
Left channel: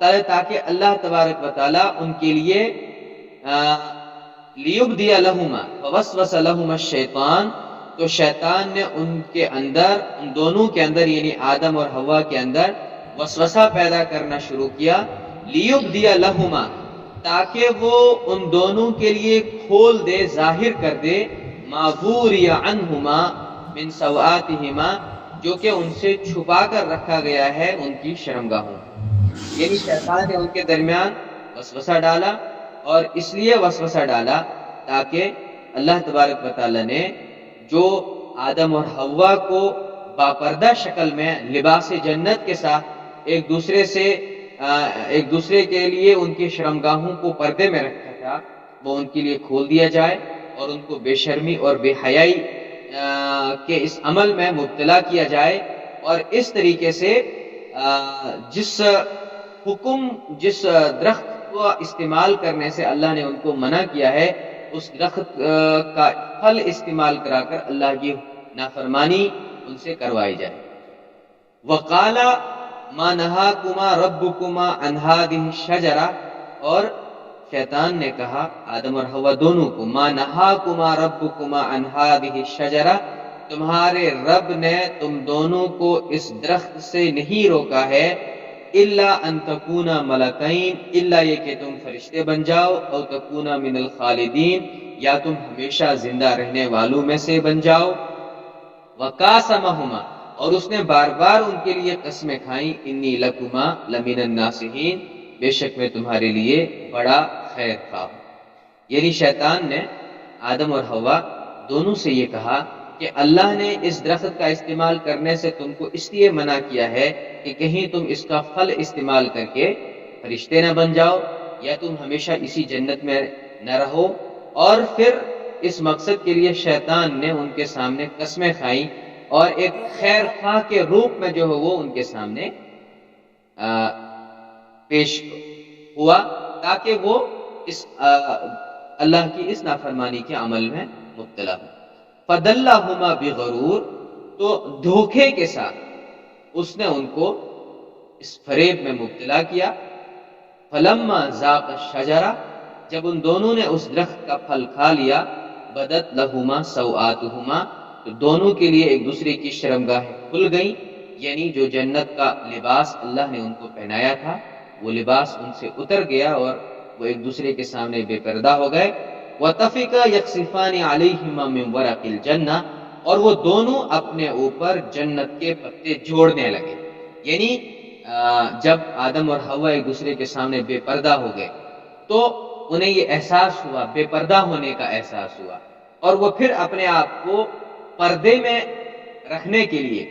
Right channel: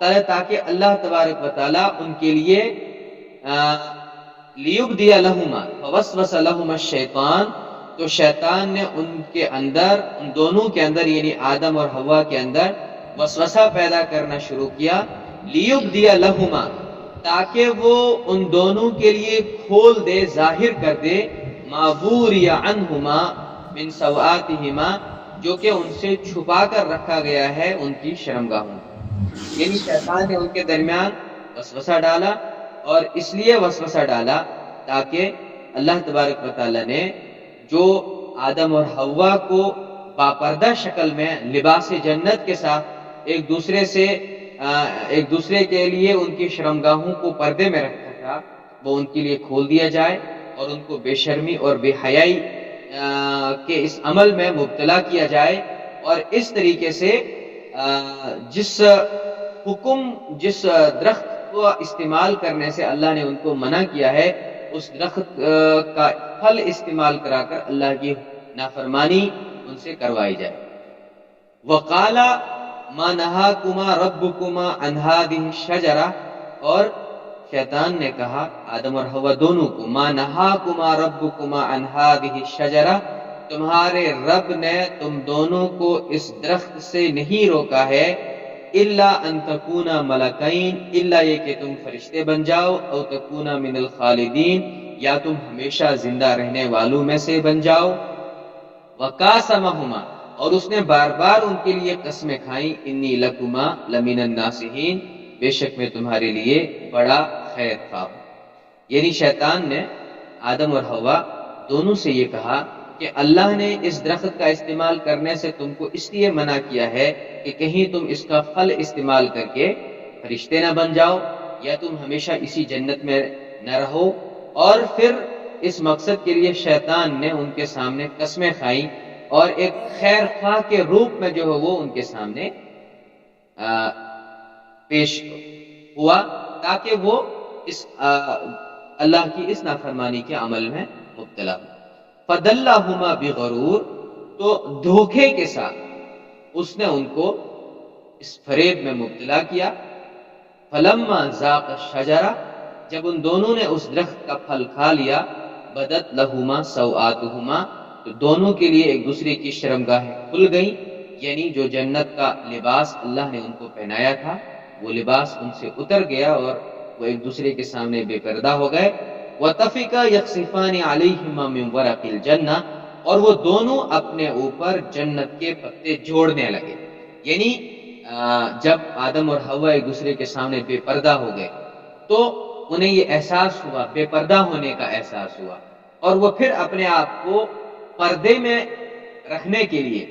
تاکہ اللہ تبارک و تعالی ان کے لیے لیبدی لہما فوسوس لہما الشیطان، تو شیطان نے ان کے اندر، ان دونوں کے اندر یعنی آدم اور حوا کے اندر وسوسہ پیدا کرنا شروع کیا. لیبدی لہما، تاکہ وہ ان دونوں کے لیے کھول دے، ظاہر کر دے، ما بوری عنہما من سوآتہما، جو کہ ان سے چھپا کر رکھا گیا ہے ان کی شرمگاہوں. یعنی شیطان نے ان کے درمیان وسوسہ ڈالا، اور اس لیے وسوسہ ڈالا تاکہ اللہ تبارک و تعالی نے جو آدم اور حوا کو باپردہ شکل میں لباس جنت کے ساتھ ایک دوسرے کے لیے ان کی شرمگاہوں کو پردے میں رکھا تھا، وہ ان کے لیے کھول دیا جائے اور ان کو بے شرمی اور بے حیائی کے اس عمل میں مبتلا کیا جائے. اور اس طریقے سے جس درخت کو استعمال کرنے سے اللہ نے ان کو منع کیا ہے، اس درخت کا پھل استعمال کرا کر اللہ کی نافرمانی ان سے کروائی جائے. وقالا ما نہاکما ربکما عن ہذہ الشجرہ، اور شیطان نے کہا آدم اور حوا دونوں کو، ما نہاکما ربکما عن ہذہ الشجرہ، تمہارے رب نے تم دونوں کو اس درخت سے نہیں روکا ہے، الا ان تکونا ملکین، الا یہ کہ تم فرشتے بن جاؤ، او تکونا من الخالدین، یا تم ہمیشہ زندہ رہنے والوں میں سے بن جاؤ. وقاسمہما، اور اس نے بار بار ان کے لیے قسمیں کھائیں، انی لکما لمن الناصحین، بے شک میں تمہارے لیے بڑا خیر خواہ ہوں۔ یعنی شیطان نے آدم اور حوا دونوں سے یہ کہا کہ اللہ نے اس درخت کا استعمال کرنے سے تم کو اس لیے منع کیا ہے کہ کہیں تم اس کا پھل استعمال کر کے فرشتے نہ بن جاؤ، یا تم ہمیشہ اسی جنت میں نہ رہو۔ اور پھر اس مقصد کے لیے شیطان نے ان کے سامنے قسمیں کھائیں، اور ایک خیر خواہ کے روپ میں جو ہے وہ ان کے سامنے پیش ہوا، تاکہ وہ اس اللہ کی اس نافرمانی کے عمل میں مبتلا ہو۔ فَدَلَّهُمَا بِغَرُورٍ، تو دھوکے کے ساتھ اس نے ان کو اس فریب میں مبتلا کیا۔ فَلَمَّا ذَاقَ الشَّجَرَةَ، جب ان دونوں نے اس درخت کا پھل کھا لیا، بَدَتْ لَهُمَا سَوْآتُهُمَا، تو دونوں کے لیے ایک دوسرے کی شرمگاہیں کھل گئیں، یعنی جو جنت کا لباس اللہ نے ان کو پہنایا تھا وہ لباس ان سے اتر گیا اور وہ ایک دوسرے کے سامنے بے پردہ ہو گئے۔ وَطَفِقَا يَخْصِفَانِ عَلَيْهِمَا مِنْ وَرَقِ الْجَنَّةِ، اور وہ دونوں اپنے اوپر جنت کے پتے جوڑنے لگے۔ یعنی جب آدم اور حوا ایک دوسرے کے سامنے بے پردہ ہو گئے تو انہیں یہ احساس ہوا، بے پردہ ہونے کا احساس ہوا، اور وہ پھر اپنے آپ کو پردے میں رکھنے کے لیے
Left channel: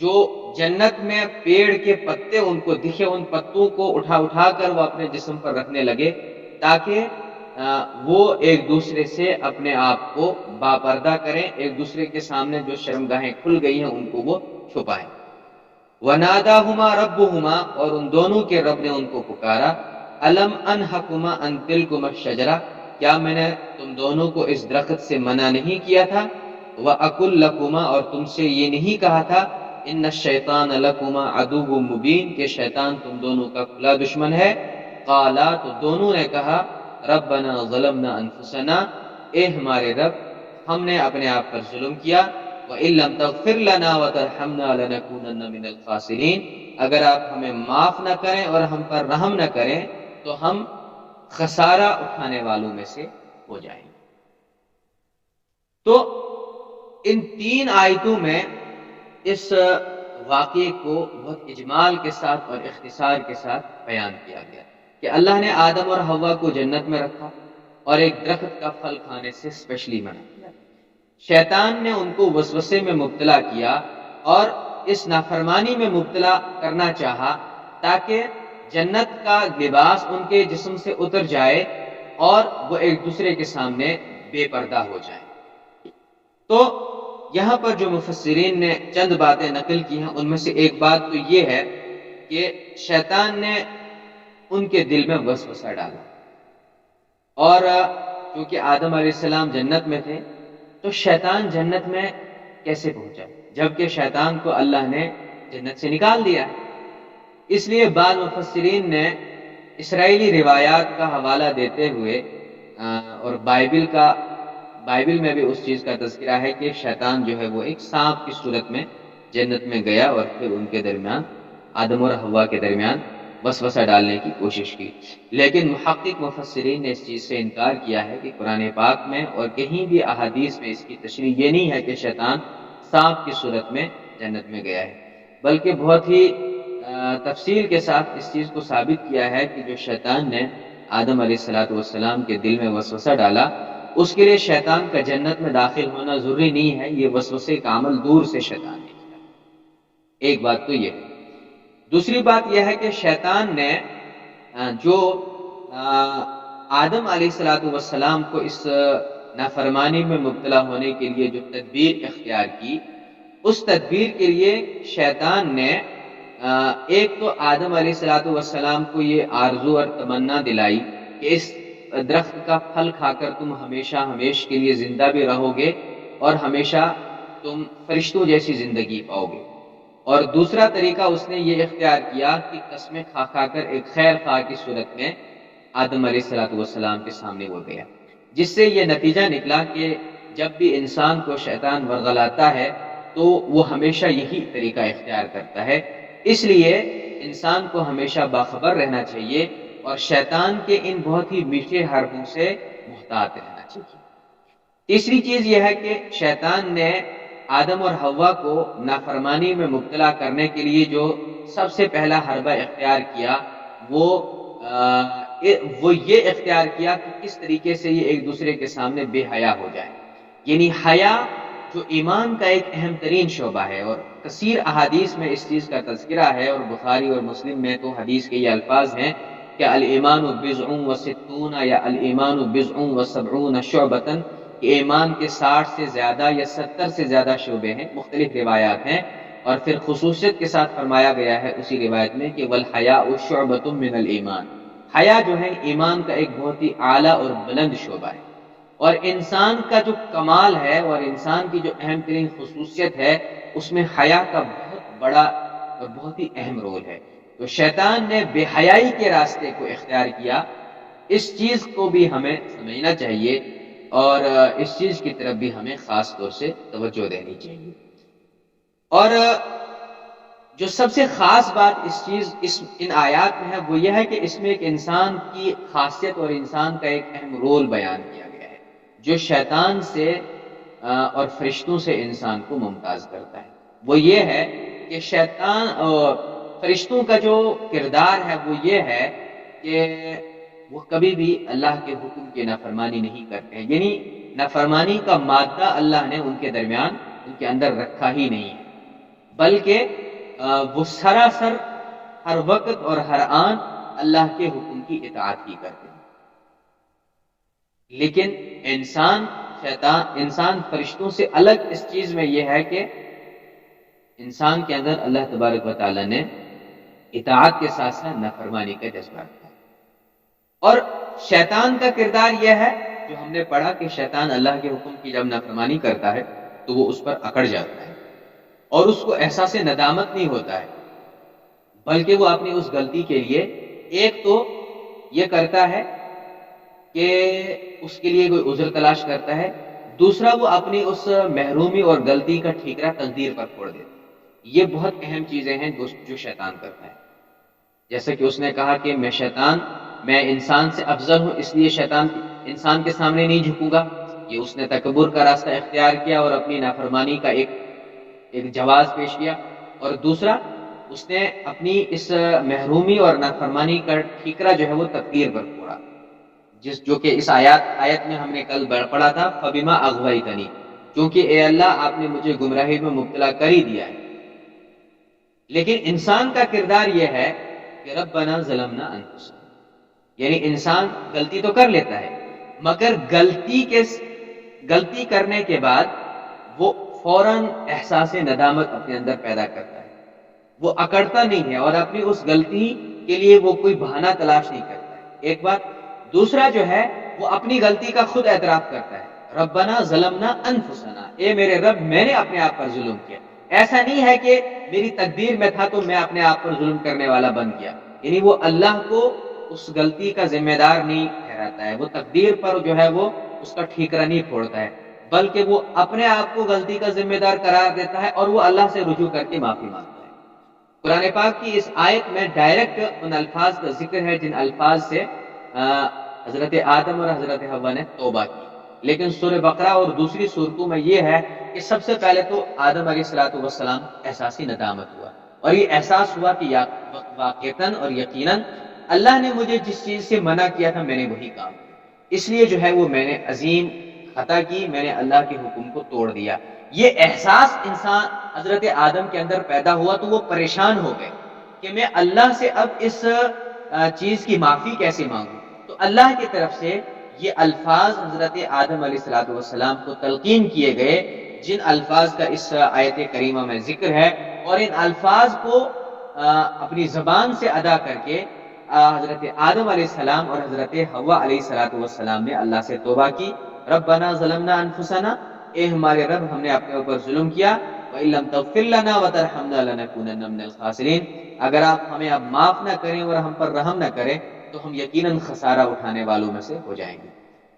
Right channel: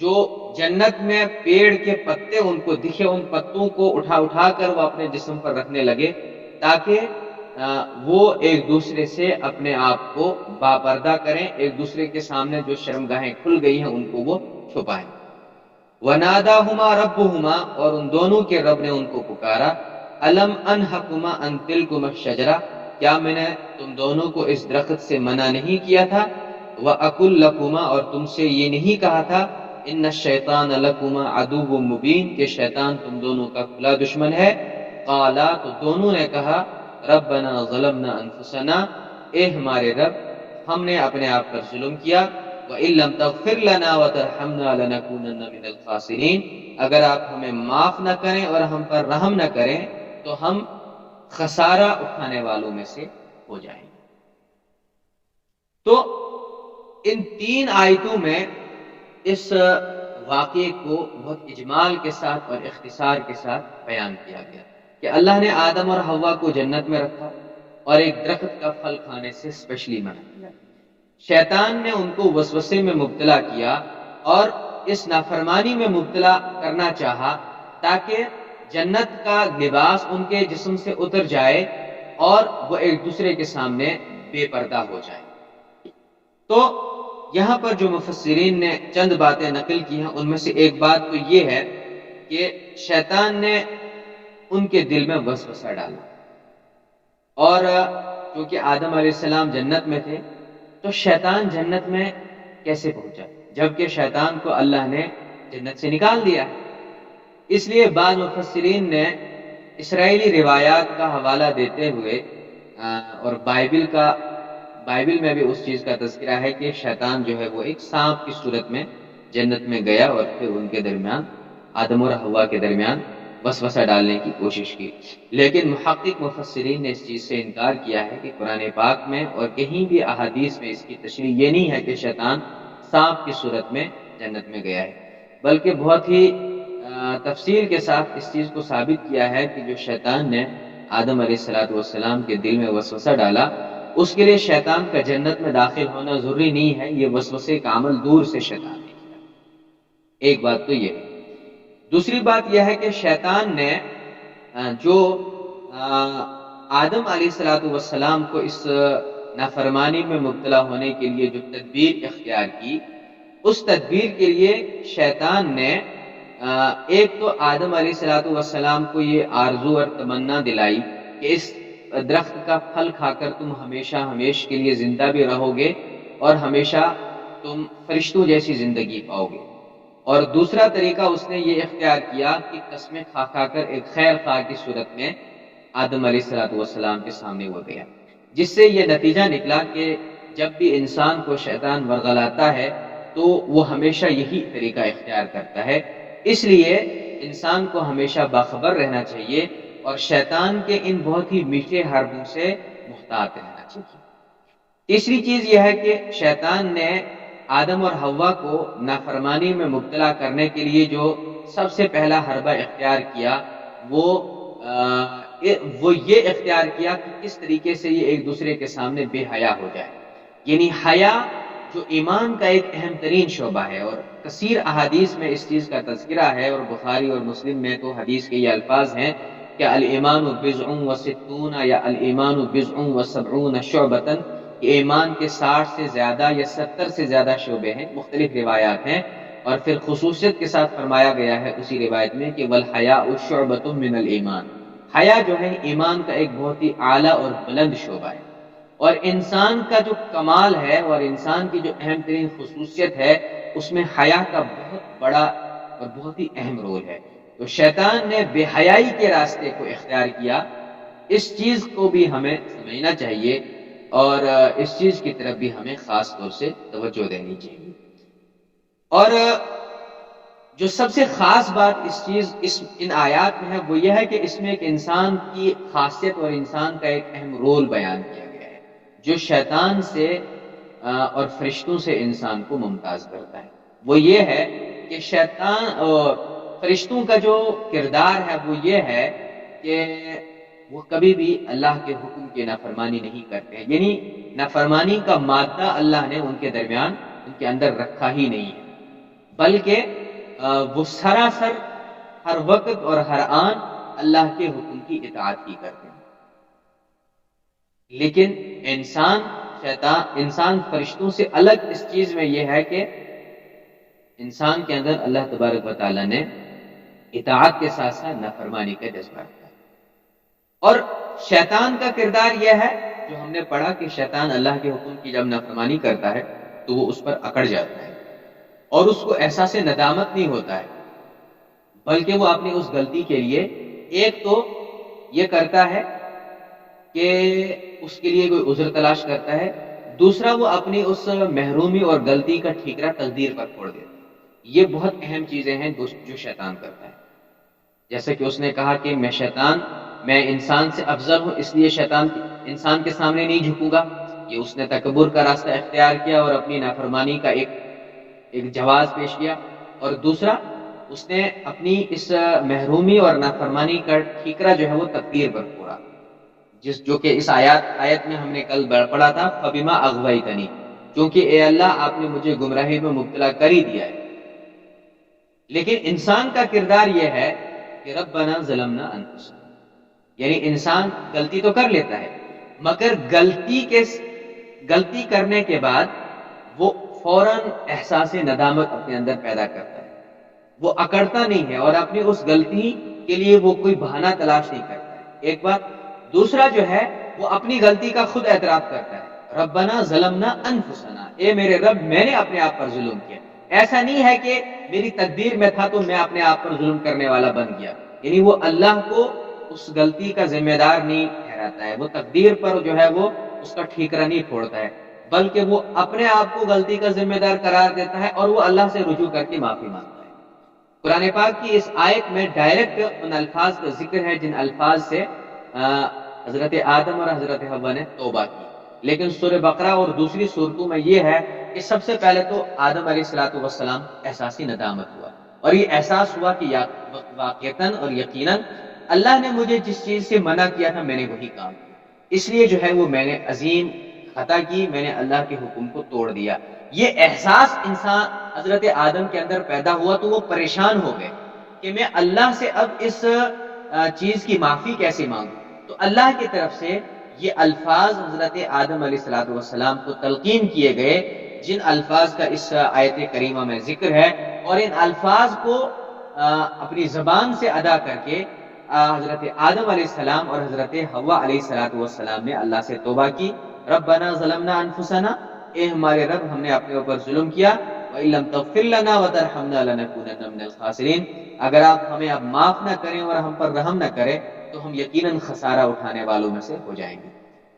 جو جنت میں پیڑ کے پتے ان کو دکھے، ان پتوں کو اٹھا اٹھا کر وہ اپنے جسم پر رکھنے لگے، تاکہ وہ ایک دوسرے سے اپنے آپ کو باپردہ کریں، ایک دوسرے کے سامنے جو شرمگاہیں کھل گئی ہیں ان کو وہ چھپائیں۔ وَنَادَاهُمَا رَبُّهُمَا، اور ان دونوں کے رب نے ان کو پکارا، أَلَمْ أَنْهَكُمَا أَنْ تِلْكُمَا الشَّجَرَةَ، کیا میں نے تم دونوں کو اس درخت سے منع نہیں کیا تھا؟ وَأَقُلْ لَكُمَا، اور تم سے یہ نہیں کہا تھا، إِنَّ الشَّيْطَانَ لَكُمَا عَدُوٌّ مُبِينٌ، کہ شیطان تم دونوں کا کھلا دشمن ہے؟ قَالَا، تو دونوں نے کہا، رَبَّنَا ظَلَمْنَا أَنفُسَنَا، اے ہمارے رب ہم نے اپنے آپ پر ظلم کیا، وَإِن لَّمْ تَغْفِرْ لَنَا وَتَرْحَمْنَا لَنَكُونَنَّ مِنَ الْخَاسِرِينَ، اگر آپ ہمیں معاف نہ کریں اور ہم پر رحم نہ کریں تو ہم خسارہ اٹھانے والوں میں سے ہو جائیں گے۔ تو ان 3 آیتوں میں اس واقعے کو بہت اجمال کے ساتھ اور اختصار کے ساتھ بیان کیا گیا کہ اللہ نے آدم اور حوا کو جنت میں رکھا اور ایک درخت کا پھل کھانے سے اسپیشلی منع کیا۔ شیطان نے ان کو وسوسے میں مبتلا کیا اور اس نافرمانی میں مبتلا کرنا چاہا تاکہ جنت کا لباس ان کے جسم سے اتر جائے اور وہ ایک دوسرے کے سامنے بے پردہ ہو جائے۔ تو یہاں پر جو مفسرین نے چند باتیں نقل کی ہیں ان میں سے ایک بات تو یہ ہے کہ شیطان نے ان کے دل میں وسوسہ ڈالا، اور چونکہ آدم علیہ السلام جنت میں تھے تو شیطان جنت میں کیسے پہنچا جبکہ شیطان کو اللہ نے جنت سے نکال دیا ہے۔ اس لیے بعض مفسرین نے اسرائیلی روایات کا حوالہ دیتے ہوئے اور بائبل میں بھی اس چیز کا تذکرہ ہے کہ شیطان جو ہے وہ ایک سانپ کی صورت میں جنت میں گیا اور پھر ان کے درمیان، آدم اور حوا کے درمیان وسوسہ ڈالنے کی کوشش کی۔ لیکن محقق مفسرین نے اس چیز سے انکار کیا ہے کہ قرآن پاک میں اور کہیں بھی احادیث میں اس کی تشریح یہ نہیں ہے کہ شیطان سانپ کی صورت میں جنت میں گیا ہے، بلکہ بہت ہی تفصیل کے ساتھ اس چیز کو ثابت کیا ہے کہ جو شیطان نے آدم علیہ السلام کے دل میں وسوسہ ڈالا، اس کے لیے شیطان کا جنت میں داخل ہونا ضروری نہیں ہے، یہ وسوسے کا عمل دور سے شیطان نے کیا۔ ایک بات تو یہ ہے۔ دوسری بات یہ ہے کہ شیطان نے جو آدم علیہ السلام کو اس نافرمانی میں مبتلا ہونے کے لیے جو تدبیر اختیار کی، اس تدبیر کے لیے شیطان نے ایک تو آدم علیہ السلام کو یہ آرزو اور تمنا دلائی کہ اس درخت کا پھل کھا کر تم ہمیشہ کے لیے زندہ بھی رہو گے اور ہمیشہ تم فرشتوں جیسی زندگی پاؤ گے، اور دوسرا طریقہ اس نے یہ اختیار کیا کہ قسمیں کھا کر ایک خیر خواہ کی صورت میں آدم علیہ السلام کے سامنے وہ گیا، جس سے یہ نتیجہ نکلا کہ جب بھی انسان کو شیطان ورغلاتا ہے تو وہ ہمیشہ یہی طریقہ اختیار کرتا ہے۔ اس لیے انسان کو ہمیشہ باخبر رہنا چاہیے اور شیطان کے ان بہت ہی میٹھے حربوں سے محتاط رہنا چاہیے۔ تیسری چیز یہ ہے کہ شیطان نے آدم اور حوا کو نافرمانی میں مبتلا کرنے کے لیے جو سب سے پہلا حربہ اختیار کیا وہ یہ اختیار کیا کہ کس طریقے سے یہ ایک دوسرے کے سامنے بے حیا ہو جائے. یعنی حیا جو ایمان کا ایک اہم ترین شعبہ ہے، اور کثیر احادیث میں اس چیز کا تذکرہ ہے، اور بخاری اور مسلم میں تو حدیث کے یہ الفاظ ہیں کہ الایمان بضع و ستون یا الایمان بضع و سبعون شعبۃ، کہ ایمان کے 60 سے زیادہ یا 70 سے زیادہ شعبے ہیں، مختلف روایات ہیں. اور پھر خصوصیت کے ساتھ فرمایا گیا ہے اسی روایت میں کہ والحیاء شعبۃ من الایمان، حیا جو ہے ایمان کا ایک بہت ہی اعلیٰ اور بلند شعبہ ہے. اور انسان کا جو کمال ہے اور انسان کی جو اہم ترین خصوصیت ہے اس میں حیا کا بہت بڑا اور بہت ہی اہم رول ہے. تو شیطان نے بے حیائی کے راستے کو اختیار کیا. اس چیز کو بھی ہمیں سمجھنا چاہیے اور اس چیز کی طرف بھی ہمیں خاص طور سے توجہ دینی چاہیے. اور جو سب سے خاص بات ان آیات میں ہے وہ یہ ہے کہ اس میں ایک انسان کی خاصیت اور انسان کا ایک اہم رول بیان کیا گیا ہے جو شیطان سے اور فرشتوں سے انسان کو ممتاز کرتا ہے. وہ یہ ہے کہ شیطان اور فرشتوں کا جو کردار ہے وہ یہ ہے کہ وہ کبھی بھی اللہ کے حکم کی نافرمانی نہیں کرتے ہیں. یعنی نافرمانی کا مادہ اللہ نے ان کے درمیان ان کے اندر رکھا ہی نہیں ہے، بلکہ وہ سراسر ہر وقت اور ہر آن اللہ کے حکم کی اطاعت ہی کرتے ہیں. لیکن انسان فرشتوں سے الگ اس چیز میں یہ ہے کہ انسان کے اندر اللہ تبارک و تعالیٰ نے اطاعت کے ساتھ ساتھ نافرمانی کا جذبہ رکھا ہے. اور شیطان کا کردار یہ ہے جو ہم نے پڑھا کہ شیطان اللہ کے حکم کی جب نافرمانی کرتا ہے تو وہ اس پر اکڑ جاتا ہے اور اس کو احساس ندامت نہیں ہوتا ہے، بلکہ وہ اپنی اس غلطی کے لیے ایک تو یہ کرتا ہے کہ اس کے لیے کوئی عذر تلاش کرتا ہے، دوسرا وہ اپنی اس محرومی اور غلطی کا ٹھیکرا تقدیر پر چھوڑ دیتا ہے. یہ بہت اہم چیزیں ہیں جو شیطان کرتا ہے. جیسا کہ اس نے کہا کہ میں انسان سے افضل ہوں اس لیے انسان کے سامنے نہیں جھکوں گا. یہ اس نے تکبر کا راستہ اختیار کیا اور اپنی نافرمانی کا ایک جواز پیش کیا. اور دوسرا اس نے اپنی اس محرومی اور نافرمانی کا ٹھیکرا جو ہے وہ تقدیر پر پھوڑا، جو کہ اس آیت میں ہم نے کل پڑھا تھا فبما اغویتنی، کیونکہ اے اللہ آپ نے مجھے گمراہی میں مبتلا کر ہی دیا ہے. لیکن انسان کا کردار یہ ہے کہ ربنا ظلمنا انفسنا، یعنی انسان غلطی تو کر لیتا ہے مگر غلطی کرنے کے بعد وہ فوراً احساس ندامت اپنے اندر پیدا کرتا ہے. وہ اکڑتا نہیں ہے اور اپنی اس غلطی کے لیے وہ کوئی بہانہ تلاش نہیں کرتا ہے. ایک بات. دوسرا جو ہے وہ اپنی غلطی کا خود اعتراف کرتا ہے، ربنا ظلمنا انفسنا، اے میرے رب میں نے اپنے آپ پر ظلم کیا. ایسا نہیں ہے کہ میری تقدیر میں تھا تو میں اپنے آپ پر ظلم کرنے والا بن گیا. یعنی وہ اللہ کو اس غلطی کا ذمہ دار نہیں ٹھہراتا ہے، وہ تقدیر پر جو ہے وہ اس کا ٹھیکرا نہیں پھوڑتا ہے، بلکہ وہ اپنے آپ کو غلطی کا ذمہ دار قرار دیتا ہے اور وہ اللہ سے رجوع کر کے معافی مانگتا ہے. قرآن پاک کی اس آیت میں ڈائریکٹ ان الفاظ کا ذکر ہے جن الفاظ سے حضرت آدم اور حضرت حوا نے توبہ کی. لیکن سورہ بقرہ اور دوسری صورتوں میں یہ ہے کہ سب سے پہلے تو آدم علیہ السلام احساسی ندامت ہوا اور یہ احساس ہوا کہ واقعتاً اور یقیناً اللہ نے مجھے جس چیز سے منع کیا تھا میں نے وہی کام کیا، اس لیے جو ہے وہ میں نے عظیم خطا کی، میں نے اللہ کے حکم کو توڑ دیا. یہ احساس انسان حضرت آدم کے اندر پیدا ہوا تو وہ پریشان ہو گئے کہ میں اللہ سے اب اس چیز کی معافی کیسے مانگوں. تو اللہ کی طرف سے یہ الفاظ حضرت آدم علیہ السلام کو تلقین کیے گئے جن الفاظ کا اس آیت کریمہ میں ذکر ہے، اور ان الفاظ کو اپنی زبان سے ادا کر کے حضرت آدم علیہ السلام اور حضرت حوا علیہ السلام نے اللہ سے توبہ کی. ربنا ظلمنا انفسنا، اے ہمارے رب ہم نے اپنے اوپر ظلم کیا، وَإِن لَّمْ تَغْفِرْ لَنَا وَتَرْحَمْنَا لَنَكُونَنَّ مِنَ الْخَاسِرِينَ، اگر آپ ہمیں اب معاف نہ کریں اور ہم پر رحم نہ کریں تو ہم یقیناً خسارہ اٹھانے والوں میں سے ہو جائیں گے.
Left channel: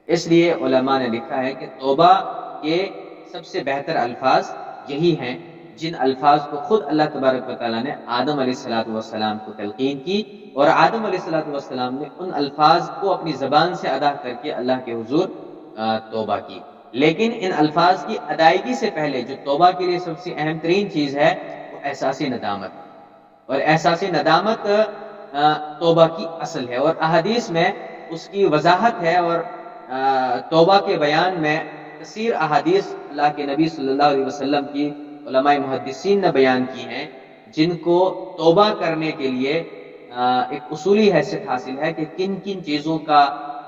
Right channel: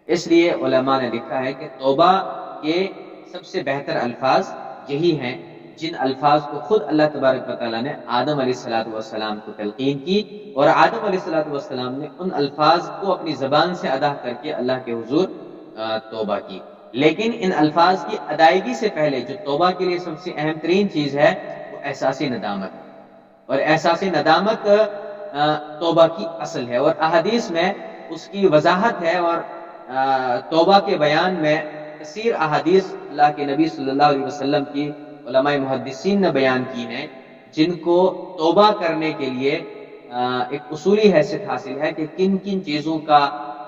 اس لیے علماء نے لکھا ہے کہ توبہ کے سب سے بہتر الفاظ یہی ہیں جن الفاظ کو خود اللہ تبارک و تعالیٰ نے آدم علیہ السلام کو تلقین کی، اور آدم علیہ السلام نے ان الفاظ کو اپنی زبان سے ادا کر کے اللہ کے حضور توبہ کی. لیکن ان الفاظ کی ادائیگی سے پہلے جو توبہ کے لیے سب سے اہم ترین چیز ہے وہ احساس ندامت، اور احساس ندامت توبہ کی اصل ہے، اور احادیث میں اس کی وضاحت ہے، اور توبہ کے بیان میں کثیر احادیث اللہ کے نبی صلی اللہ علیہ وسلم کی علماء محدثین نے بیان کی ہیں، جن کو توبہ کرنے کے لیے ایک اصولی حیثیت حاصل ہے کہ کن کن چیزوں کا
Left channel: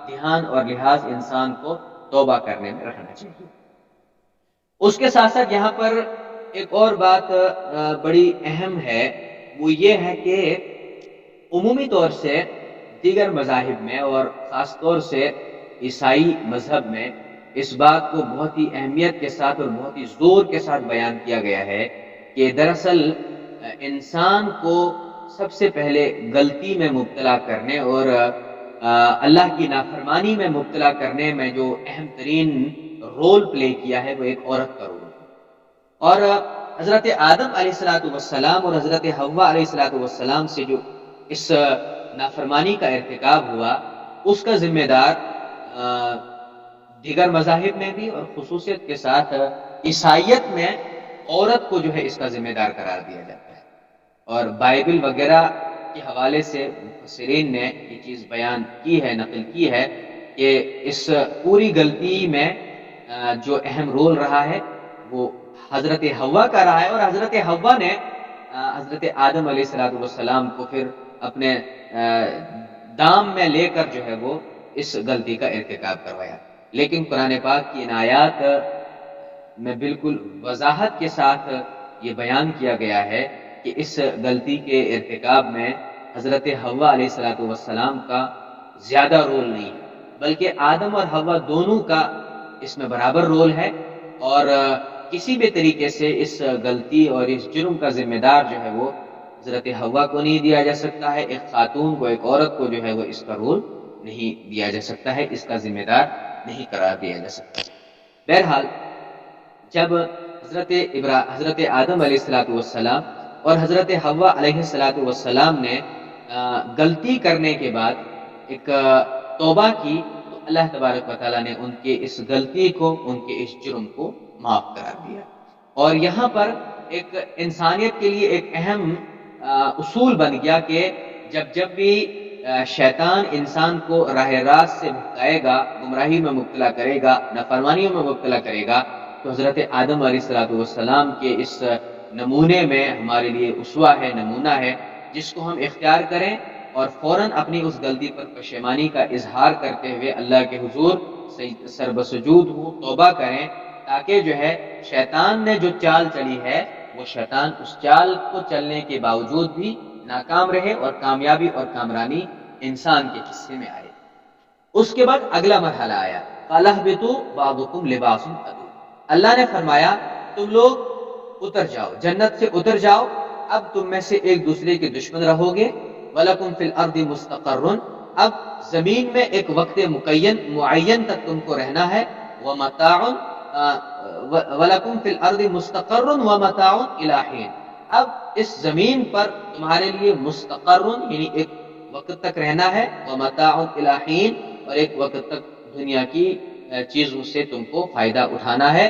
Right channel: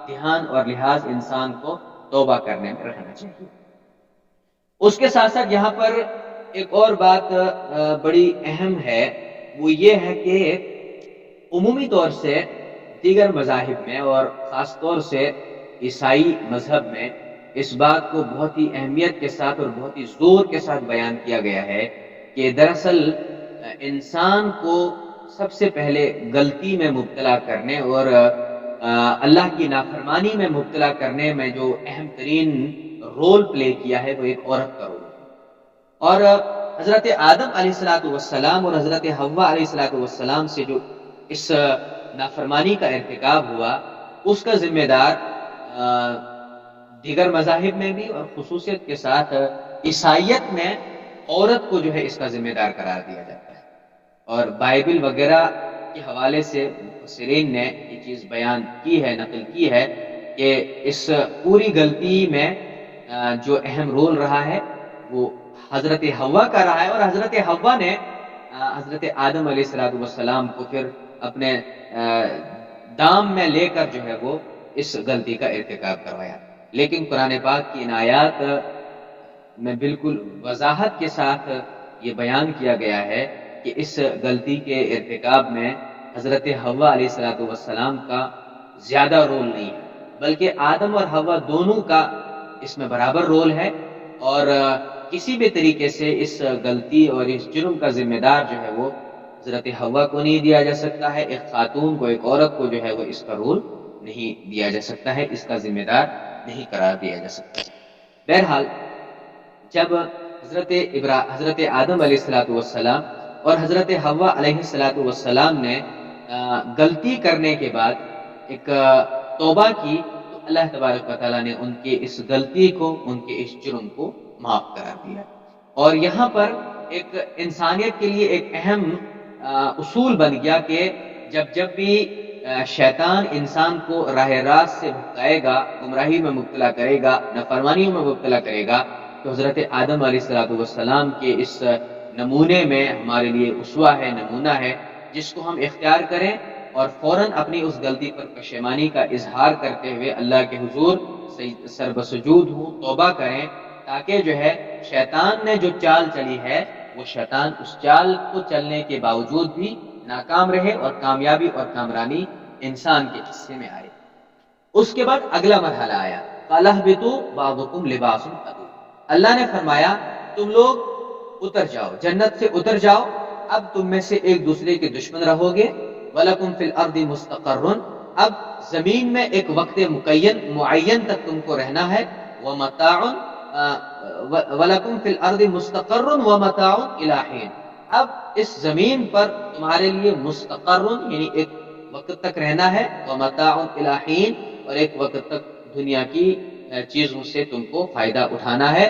دھیان اور لحاظ انسان کو توبہ کرنے میں رکھنا چاہیے۔ اس کے ساتھ ساتھ یہاں پر ایک اور بات بڑی اہم ہے، وہ یہ ہے کہ عمومی طور سے دیگر مذاہب میں اور خاص طور سے عیسائی مذہب میں اس بات کو بہت ہی اہمیت کے ساتھ اور بہت ہی زور کے ساتھ بیان کیا گیا ہے کہ دراصل انسان کو سب سے پہلے غلطی میں مبتلا کرنے اور اللہ کی نافرمانی میں مبتلا کرنے میں جو اہم ترین رول پلے کیا ہے وہ ایک عورت کا رول ہے، اور حضرت آدم علیہ السلام اور حضرت حوا علیہ السلام سے جو اس نافرمانی کا ارتکاب ہوا اس کا ذمہ دار دیگر مذاہب میں بھی اور خصوصیت کے ساتھ عیسائیت میں عورت کو جو ہے اس کا ذمہ دار قرار دیا جاتا ہے، اور بائبل وغیرہ کے حوالے سے مفسرین نے یہ چیز بیان کی ہے، نقل کی ہے کہ اس پوری غلطی میں جو اہم رول رہا ہے وہ حضرت حوا کا رہا ہے، اور حضرت حوا نے حضرت آدم علیہ السلام کو پھر اپنے دام میں لے کر جو ہے وہ اس غلطی کا ارتکاب کروایا۔ لیکن قرآن پاک کی ان آیات میں بالکل وضاحت کے ساتھ یہ بیان کیا گیا ہے کہ اس غلطی کے ارتکاب میں حضرت حوا علیہ السلام کا زیادہ رول نہیں ہے، بلکہ آدم اور حوا دونوں کا اس میں برابر رول ہے، اور کسی بھی طریقے سے اس غلطی اور اس جرم کا ذمہ دار جو ہے وہ حضرت حوا کو نہیں دیا جا سکتا ہے، ایک خاتون کو، ایک عورت کو جو ہے وہ اس کا رول نہیں دیا جا سکتا ہے، اس کا ذمہ دار نہیں قرار دیا جا سکتا۔ بہرحال جب حضرت آدم علیہ السلام اور حضرت حوا علیہ السلام نے غلطی کرنے کے بعد ایک توبہ کی تو اللہ تبارک و تعالیٰ نے ان کے اس غلطی کو، ان کے اس جرم کو معاف قرار دیا، اور یہاں پر ایک انسانیت کے لیے ایک اہم اصول بن گیا کہ جب بھی شیطان انسان کو راہ راست سے بھٹکائے گا، گمراہی میں مبتلا کرے گا، نافرمانیوں میں مبتلا کرے گا، تو حضرت آدم علیہ السلام کے اس نمونے میں ہمارے لیے اسوہ ہے، نمونہ ہے، جس کو ہم اختیار کریں اور فوراً اپنی اس غلطی پر پشیمانی کا اظہار کرتے ہوئے اللہ کے حضور سربسجود ہوں، توبہ کریں، تاکہ جو ہے شیطان نے جو چال چلی ہے وہ شیطان اس چال کو چلنے کے باوجود بھی ناکام رہے اور کامیابی اور کامرانی انسان کے حصے میں آئے۔ اس کے بعد اگلا مرحلہ آیا، قَالَ اهْبِطُوا بَعْضُكُمْ لِبَاسٌ عَدُوٌّ، اللہ نے فرمایا تم لوگ اتر جاؤ، جنت سے اتر جاؤ، اب تم میں سے ایک دوسرے کے دشمن رہو گے، وَلَكُمْ فِي الْأَرْضِ مُسْتَقَرٌّ، اب زمین میں ایک وقت معین تک تم کو رہنا ہے، وَمَتَاعٌ وَلَكُمْ فِي الْأَرْضِ مُسْتَقَرٌّ وَمَتَاعٌ إِلَىٰ حِينٍ، اب اس زمین پر تمہارے لیے مستقرن یعنی ایک وقت تک رہنا ہے، وَمَتَاعٌ إِلَىٰ حِينٍ، اور ایک وقت تک دنیا کی چیزوں سے تم کو فائدہ اٹھانا ہے۔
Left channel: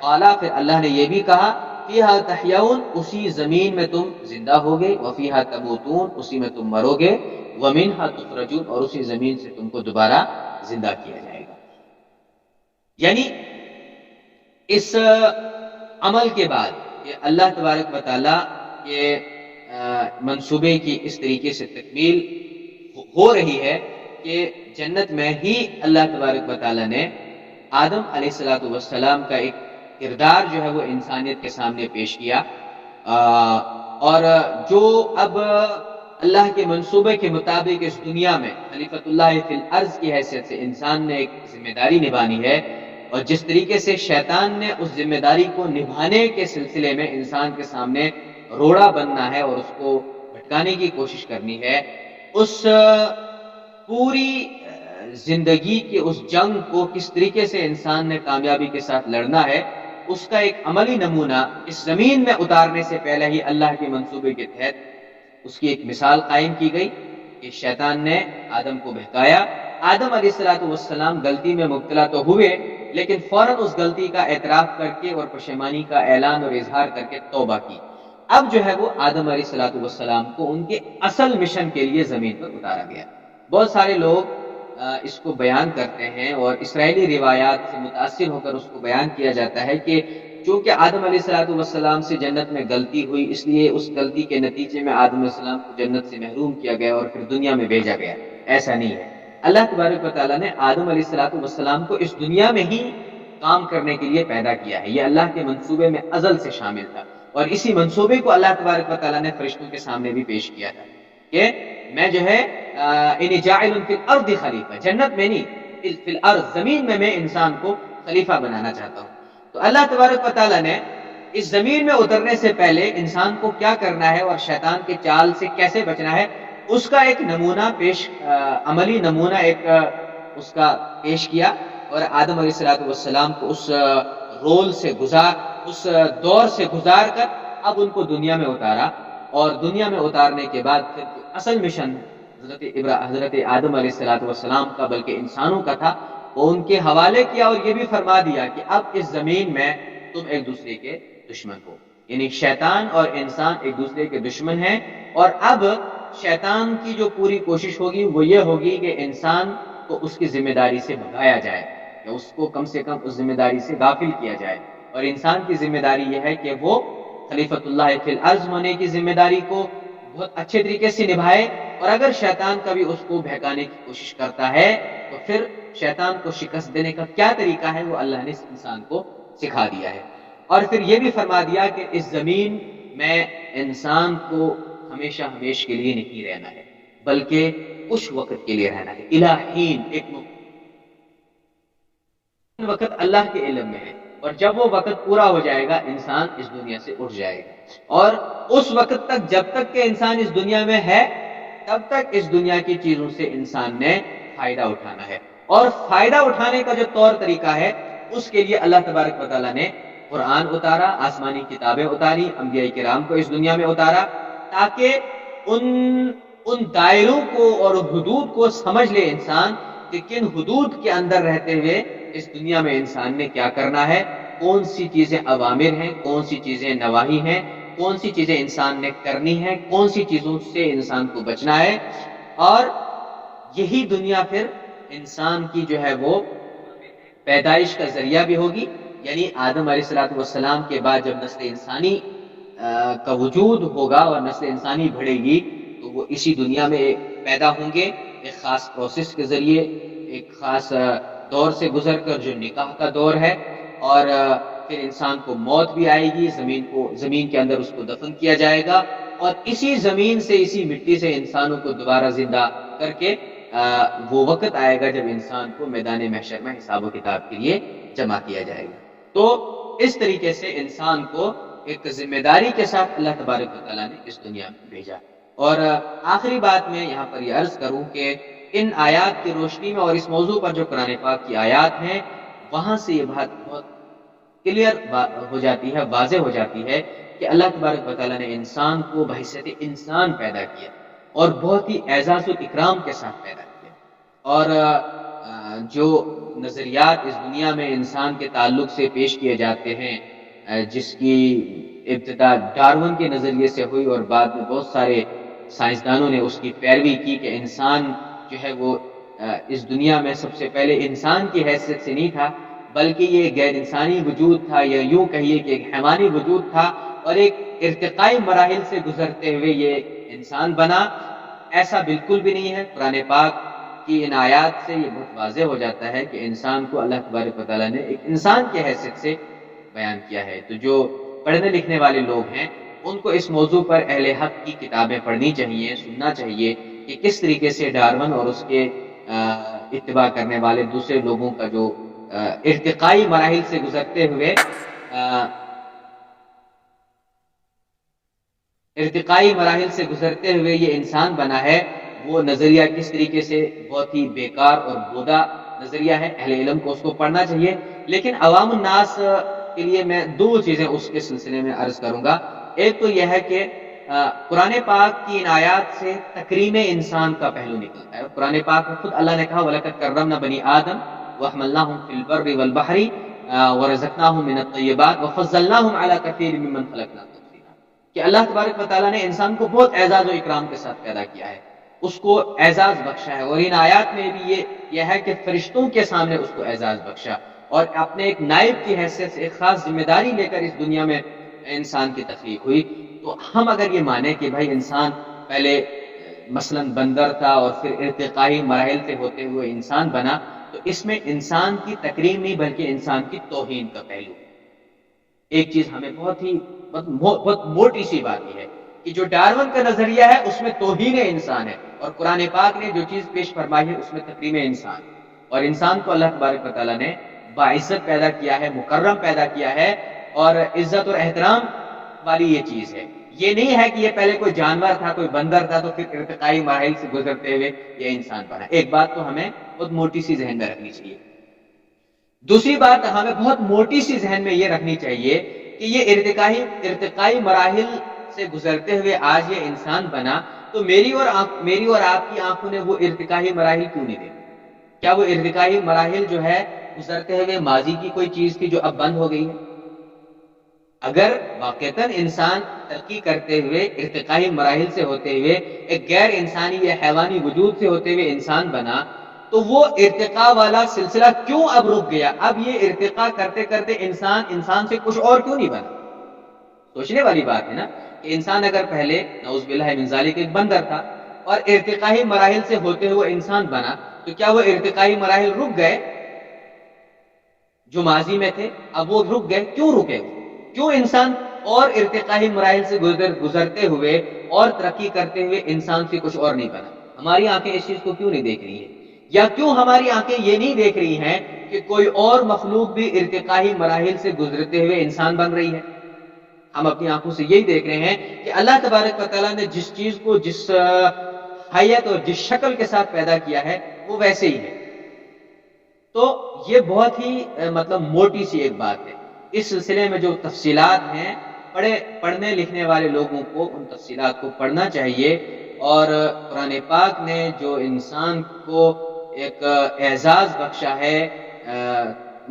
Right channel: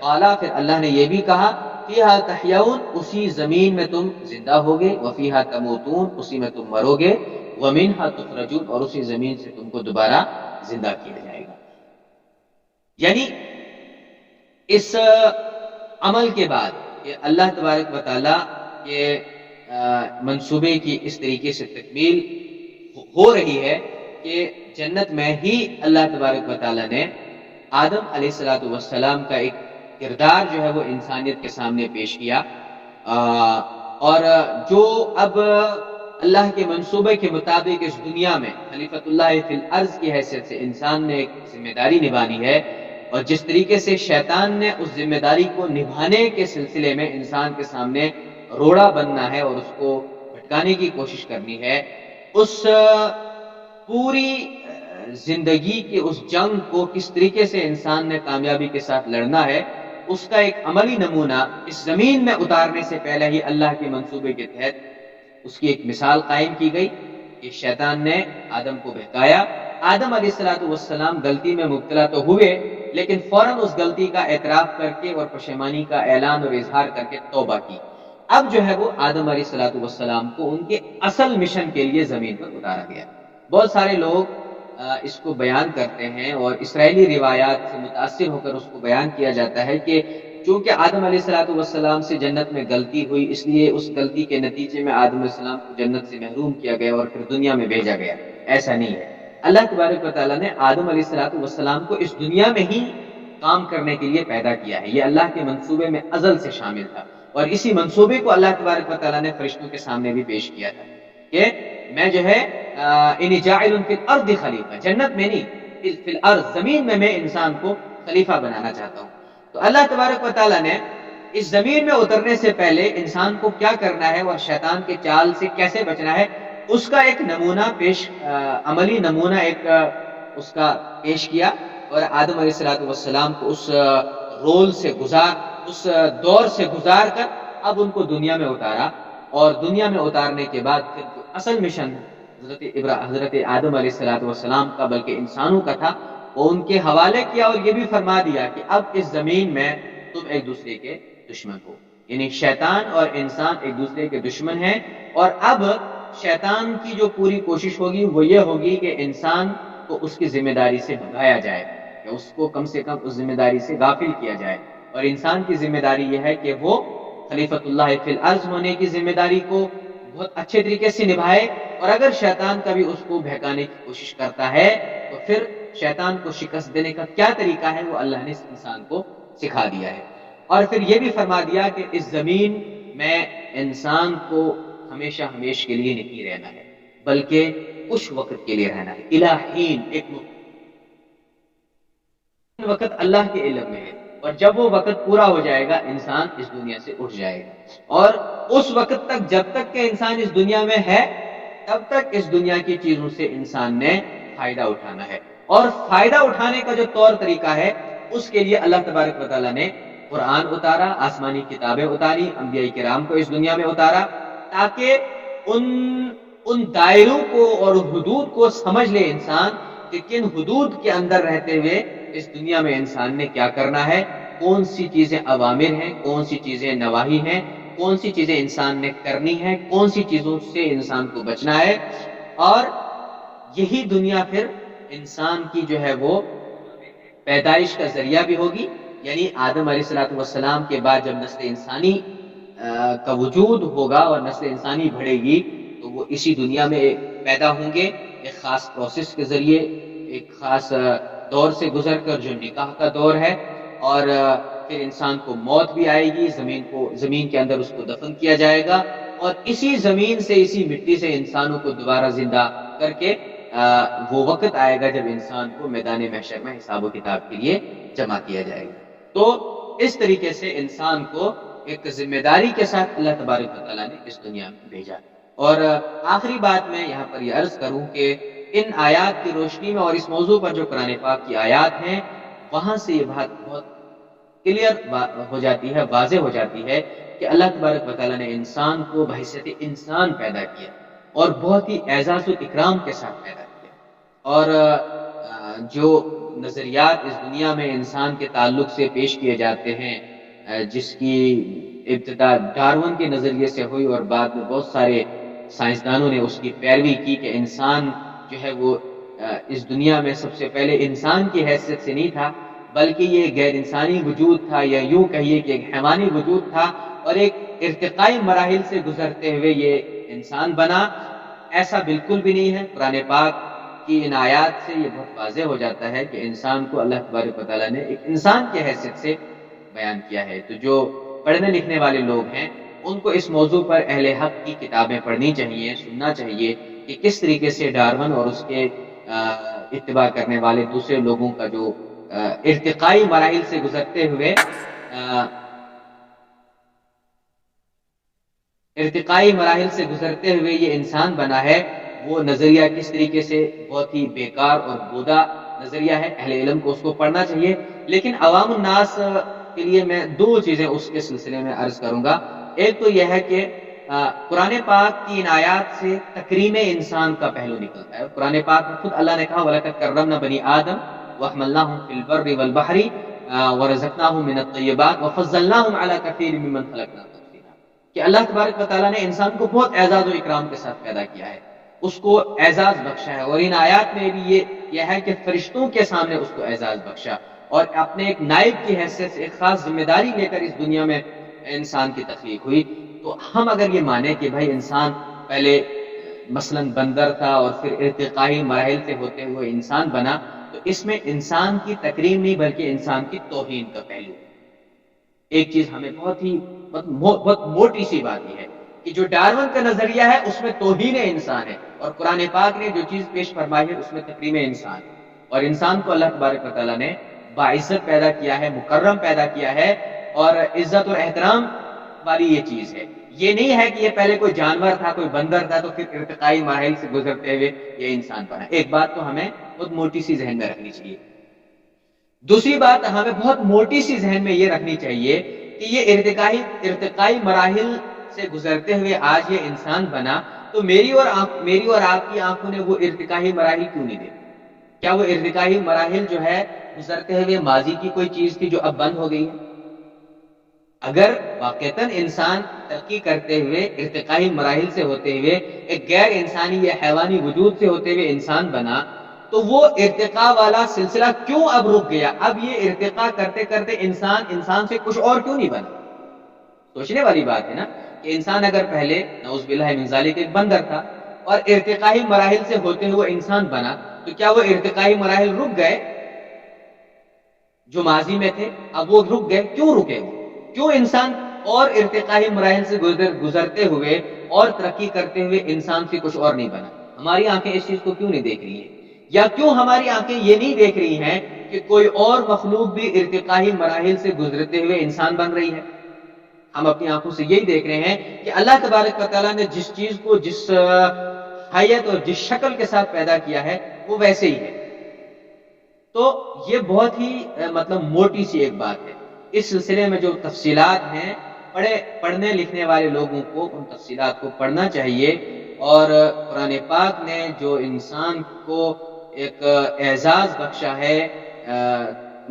قالا، پھر اللہ نے یہ بھی کہا، فِيهَا تَحْيَوْنَ، اسی زمین میں تم زندہ ہوگے، وَفِيهَا تَمُوتُونَ، اسی میں تم مرو گے، وَمِنْهَا تُخْرَجُونَ، اور اسی زمین سے تم کو دوبارہ زندہ کیا جائے گا۔ یعنی اس عمل کے بعد کہ اللہ تبارک و تعالیٰ کے منصوبے کی اس طریقے سے تکمیل ہو رہی ہے کہ جنت میں ہی اللہ تبارک و تعالیٰ نے آدم علیہ السلام کا ایک کردار جو ہے وہ انسانیت کے سامنے پیش کیا، اور جو اب اللہ کے منصوبے کے مطابق اس دنیا میں خلیفۃ اللہ فی الارض کی حیثیت سے انسان نے ایک ذمہ داری نبھانی ہے، اور جس طریقے سے شیطان نے اس ذمہ داری کو نبھانے کے سلسلے میں انسان کے سامنے روڑا بننا ہے اور اس کو بھٹکانے کی کوشش کرنی ہے، اس پوری زندگی کے اس جنگ کو کس طریقے سے انسان نے کامیابی کے ساتھ لڑنا ہے، اس کا ایک عملی نمونہ اس زمین میں اتارنے سے پہلے ہی اللہ کے منصوبے کے تحت اس کی ایک مثال قائم کی گئی کہ شیطان نے آدم کو بہکایا، آدم علیہ السلام غلطی میں مبتلا تو ہوئے، لیکن فوراً اس غلطی کا اعتراف کر کے اور پشیمانی کا اعلان اور اظہار کر کے توبہ کی۔ اب جو ہے وہ آدم علیہ السلام کو ان کے اصل مشن کے لیے زمین پر اتارا گیا۔ بہت سارے لوگ اس کو بیان کرتے ہیں اور اسرائیلی روایات سے متاثر ہو کر اس کو بیان کیا جاتا ہے کہ چونکہ آدم علیہ السلام سے جنت میں غلطی ہوئی، اس لیے اس غلطی کے نتیجے میں آدم علیہ السلام کو جنت سے محروم کیا گیا اور پھر دنیا میں بھیجا گیا۔ ایسا نہیں ہے، اللہ تبارک و تعالیٰ نے آدم علیہ السلام کو اس دنیا میں ہی کام کرنے کے لیے پیدا کیا ہے۔ یہ اللہ کے منصوبے میں ازل سے شامل تھا، اور اسی منصوبے کو اللہ تبارک و تعالیٰ نے فرشتوں کے سامنے بھی پیش کیا تھا کہ میں جو ہے انی جاعل فی الارض خلیفہ، جنت میں نہیں، فی الارض، زمین میں انسان کو خلیفہ بنانا چاہتا ہوں۔ تو اللہ تبارک و تعالیٰ نے اس زمین میں اترنے سے پہلے انسان کو کیا کرنا ہے اور شیطان کے چال سے کیسے بچنا ہے، اس کا ایک نمونہ عملی نمونہ ایک اس کا پیش کیا، اور آدم علیہ السلام کو اس رول سے اس دور سے گزار کر اب ان کو دنیا میں اتارا، اور دنیا میں اتارنے کے بعد پھر جو اصل مشن حضرت آدم علیہ السلام کا بلکہ انسانوں کا تھا، وہ ان کے حوالے کیا، اور یہ بھی فرما دیا کہ اب اس زمین میں تم ایک دوسرے کے دشمن ہو، یعنی شیطان اور انسان ایک دوسرے کے دشمن ہیں، اور اب شیطان کی جو پوری کوشش ہوگی وہ یہ ہوگی کہ انسان کو اس کی ذمہ داری سے بھگایا جائے، کہ اس کو کم سے کم اس ذمہ داری سے غافل کیا جائے، اور انسان کی ذمہ داری یہ ہے کہ وہ خلیفۃ اللہ فی الارض ہونے کی ذمہ داری کو بہت اچھے طریقے سے نبھائے، اور اگر شیطان کبھی اس کو بہکانے کی کوشش کرتا ہے تو پھر شیطان کو شکست دینے کا کیا طریقہ ہے وہ اللہ نے اس انسان کو سکھا دیا ہے۔ اور پھر یہ بھی فرما دیا کہ اس زمین میں انسان کو ہمیشہ ہمیش کے لیے نہیں رہنا ہے، بلکہ کچھ وقت کے لیے رہنا ہے، الہین، ایک وقت اللہ کے علم میں ہے، اور جب وہ وقت پورا ہو جائے گا انسان اس دنیا سے اٹھ جائے گا، اور اس وقت تک جب تک کہ انسان اس دنیا میں ہے تب تک اس دنیا کی چیزوں سے انسان نے فائدہ اٹھانا ہے، اور فائدہ اٹھانے کا جو طور طریقہ ہے اس کے لیے اللہ تبارک و تعالیٰ نے قرآن اتارا، آسمانی کتابیں اتاری، انبیاء کرام کو اس دنیا میں اتارا، تاکہ ان دائروں کو اور حدود کو سمجھ لے انسان کہ کن حدود کے اندر رہتے ہوئے اس دنیا میں انسان نے کیا کرنا ہے، کون سی چیزیں اوامر ہیں، کون سی چیزیں نواہی ہیں، کون سی چیزیں انسان نے کرنی ہے، کون سی چیزوں سے انسان کو بچنا ہے، اور یہی دنیا پھر انسان کی جو ہے وہ پیدائش کا ذریعہ بھی ہوگی، یعنی آدم علیہ السلام کے بعد جب نسل انسانی کا وجود ہوگا اور نسل انسانی بڑھے گی تو وہ اسی دنیا میں پیدا ہوں گے، ایک خاص پروسیس کے ذریعے، ایک خاص دور سے گزر کر جو نکاح کا دور ہے، اور پھر انسان کو موت بھی آئے گی، زمین کے اندر اس کو دفن کیا جائے گا، اور اسی زمین سے، اسی مٹی سے انسانوں کو دوبارہ زندہ کر کے وہ وقت آئے گا جب انسان کو میدان محشر میں حساب و کتاب کے لیے جمع کیا جائے گا۔ تو اس طریقے سے انسان کو ایک ذمہ داری کے ساتھ اللہ تبارک و تعالیٰ نے اس دنیا میں بھیجا۔ اور آخری بات میں یہاں پر یہ عرض کروں کہ ان آیات کی روشنی میں اور اس موضوع پر جو قرآن پاک کی آیات ہیں وہاں سے یہ بات بہت کلیئر ہو جاتی ہے، واضح ہو جاتی ہے کہ اللہ تبارک و تعالیٰ نے انسان کو بحیثیت انسان پیدا کیا اور بہت ہی اعزاز و اکرام کے ساتھ پیدا کیا، اور جو نظریات اس دنیا میں انسان کے تعلق سے پیش کیے جاتے ہیں، جس کی ابتدا ڈارون کے نظریے سے ہوئی اور بعد میں بہت سارے سائنسدانوں نے اس کی پیروی کی کہ انسان جو ہے وہ اس دنیا میں سب سے پہلے انسان کی حیثیت سے نہیں تھا، بلکہ یہ غیر انسانی وجود تھا، یا یوں کہیے کہ ایک حیوانی وجود تھا، اور ایک ارتقائی مراحل سے گزرتے ہوئے یہ انسان بنا۔ ایسا بالکل بھی نہیں ہے، قرآن پاک کی ان آیات سے یہ بہت واضح ہو جاتا ہے کہ انسان کو اللہ تبارک و تعالیٰ نے ایک انسان کی حیثیت سے بیان کیا ہے۔ تو جو پڑھنے لکھنے والے لوگ ہیں ان کو اس موضوع پر اہل حق کی کتابیں پڑھنی چاہیے، سننا چاہیے کہ کس طریقے سے ڈارون اور اس کے اتباع کرنے والے دوسرے لوگوں کا جو ارتقائی مراحل سے گزرتے ہوئے یہ انسان بنا ہے، وہ نظریہ کس طریقے سے بہت ہی بیکار اور بودا نظریہ ہے۔ اہل علم کو اس کو پڑھنا چاہیے، لیکن عوام الناس کے لیے میں دو چیزیں اس کے سلسلے میں عرض کروں گا۔ ایک تو یہ ہے کہ قرآن پاک کی ان آیات سے تکریم انسان کا پہلو نکلتا ہے. قرآن پاک میں خود اللہ نے کہا وَلَقَدْ كَرَّمْنَا بَنِي آدَمَ وَحَمَلْنَاهُمْ فِي الْبَرِّ وَالْبَحْرِ وَرَزَقْنَاهُم مِّنَ الطَّيِّبَاتِ وَفَضَّلْنَاهُمْ عَلَىٰ كَثِيرٍ مِّمَّنْ خَلَقْنَا تَفْضِيلًا. کہ اللہ تبارک و تعالیٰ نے انسان کو بہت اعزاز و اکرام کے ساتھ پیدا کیا ہے، اس کو اعزاز بخشا ہے. اور ان آیات میں بھی یہ ہے کہ فرشتوں کے سامنے اس کو اعزاز بخشا اور اپنے ایک نائب کی حیثیت سے ایک خاص ذمہ داری لے کر اس دنیا میں انسان کی تخلیق ہوئی. تو ہم اگر یہ مانیں کہ بھائی انسان پہلے مثلا بندر تھا اور پھر ارتقائی مراحل سے ہوتے ہوئے انسان بنا، تو اس میں انسان کی تکریم نہیں بلکہ انسان کی توہین کا پہلو ہے. ایک چیز ہمیں بہت موٹی سی بات یہ ہے کہ جو ڈارون کا نظریہ ہے اس میں توہین انسان ہے، اور قرآن پاک نے جو چیز پیش فرمائی ہے اس میں تکریم انسان. اور انسان کو اللہ تبارک و تعالیٰ نے باعزت پیدا کیا ہے، مکرم پیدا کیا ہے، اور عزت اور احترام والی یہ چیز ہے. یہ نہیں ہے کہ یہ پہلے کوئی جانور تھا، کوئی بندر تھا، تو پھر ارتقائی مراحل سے گزرتے ہوئے یہ انسان بنا. ایک بات تو ہمیں بہت موٹی سی ذہن میں رکھنی چاہیے. دوسری بات ہمیں بہت موٹی سی ذہن میں یہ رکھنی چاہیے کہ یہ ارتقائی مراحل سے گزرتے ہوئے آج یہ انسان بنا، تو میری اور آپ کی آنکھوں نے وہ ارتقائی مراحل کیوں نہیں دیکھے؟ کیا وہ ارتقائی مراحل جو ہے گزرتے ہوئے ماضی کی کوئی چیز تھی جو اب بند ہو گئی ہے؟ اگر واقعتاً انسان ترقی کرتے ہوئے ارتقائی مراحل سے ہوتے ہوئے ایک غیر انسانی یا حیوانی وجود سے ہوتے ہوئے انسان بنا، تو وہ ارتقاء والا سلسلہ کیوں اب رک گیا؟ اب یہ ارتقاء کرتے کرتے انسان سے کچھ اور کیوں نہیں بنا؟ سوچنے والی بات ہے نا کہ انسان اگر پہلے نعوذ باللہ من ذالک ایک بندر تھا اور ارتقائی مراحل سے ہوتے ہوئے انسان بنا، تو کیا وہ ارتقائی مراحل رک گئے جو ماضی میں تھے؟ اب وہ رک گئے، کیوں رکے؟ کیوں انسان اور ارتقائی مراحل سے گزرتے ہوئے اور ترقی کرتے ہوئے انسان سے کچھ اور نہیں بنا؟ ہماری آنکھیں اس چیز کو کیوں نہیں دیکھ رہی ہیں؟ یا کیوں ہماری آنکھیں یہ نہیں دیکھ رہی ہیں کہ کوئی اور مخلوق بھی ارتقائی مراحل سے گزرتے ہوئے انسان بن رہی ہے؟ ہم اپنی آنکھوں سے یہی دیکھ رہے ہیں کہ اللہ تبارک و تعالیٰ نے جس چیز کو جس حیت اور جس شکل کے ساتھ پیدا کیا ہے وہ ویسے ہی ہے. تو یہ بہت ہی موٹی سی ایک بات ہے. اس سلسلے میں جو تفصیلات ہیں، پڑھنے لکھنے والے لوگوں کو ان تفصیلات کو پڑھنا چاہیے. اور قرآن پاک نے جو انسان کو ایک اعزاز بخشا ہے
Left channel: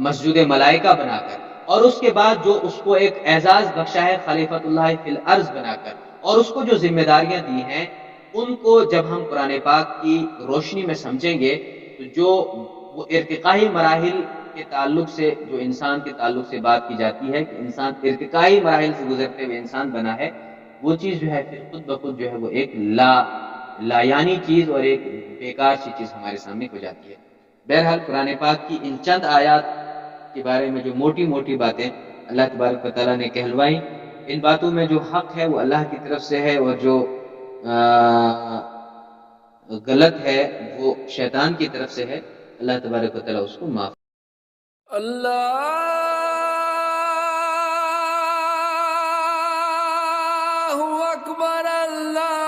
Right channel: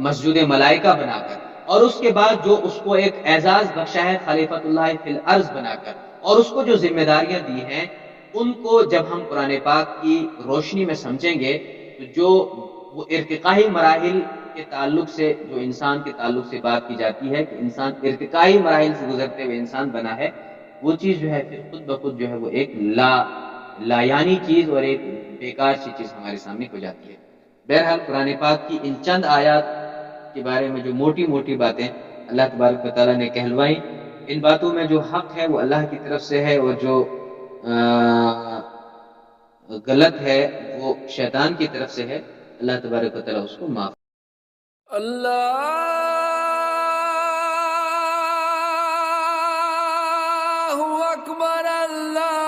مسجود ملائکہ بنا کر، اور اس کے بعد جو اس کو ایک اعزاز بخشا ہے خلیفۃ اللہ فی الارض بنا کر، اور اس کو جو ذمہ داریاں دی ہیں، ان کو جب ہم قرآن پاک کی روشنی میں سمجھیں گے تو جو وہ ارتقائی مراحل کے تعلق سے، جو انسان کے تعلق سے بات کی جاتی ہے کہ انسان ارتقائی مراحل سے گزرتے ہوئے انسان بنا ہے، وہ چیز جو ہے پھر خود بخود جو ہے وہ ایک لا یعنی چیز اور ایک بیکار سی چیز ہمارے سامنے ہو جاتی ہے. بہرحال قرآن پاک کی ان چند آیات کے بارے میں جو موٹی موٹی باتیں اللہ تبارک و تعالیٰ نے کہلوائیں، ان باتوں میں جو حق ہے وہ اللہ کی طرف سے ہے، اور جو غلط ہے وہ شیطان کی طرف سے ہے. اللہ تبارک و تعالیٰ اس کو معاف. اللہ اکبر، اللہ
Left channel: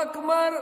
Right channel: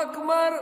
اکبر.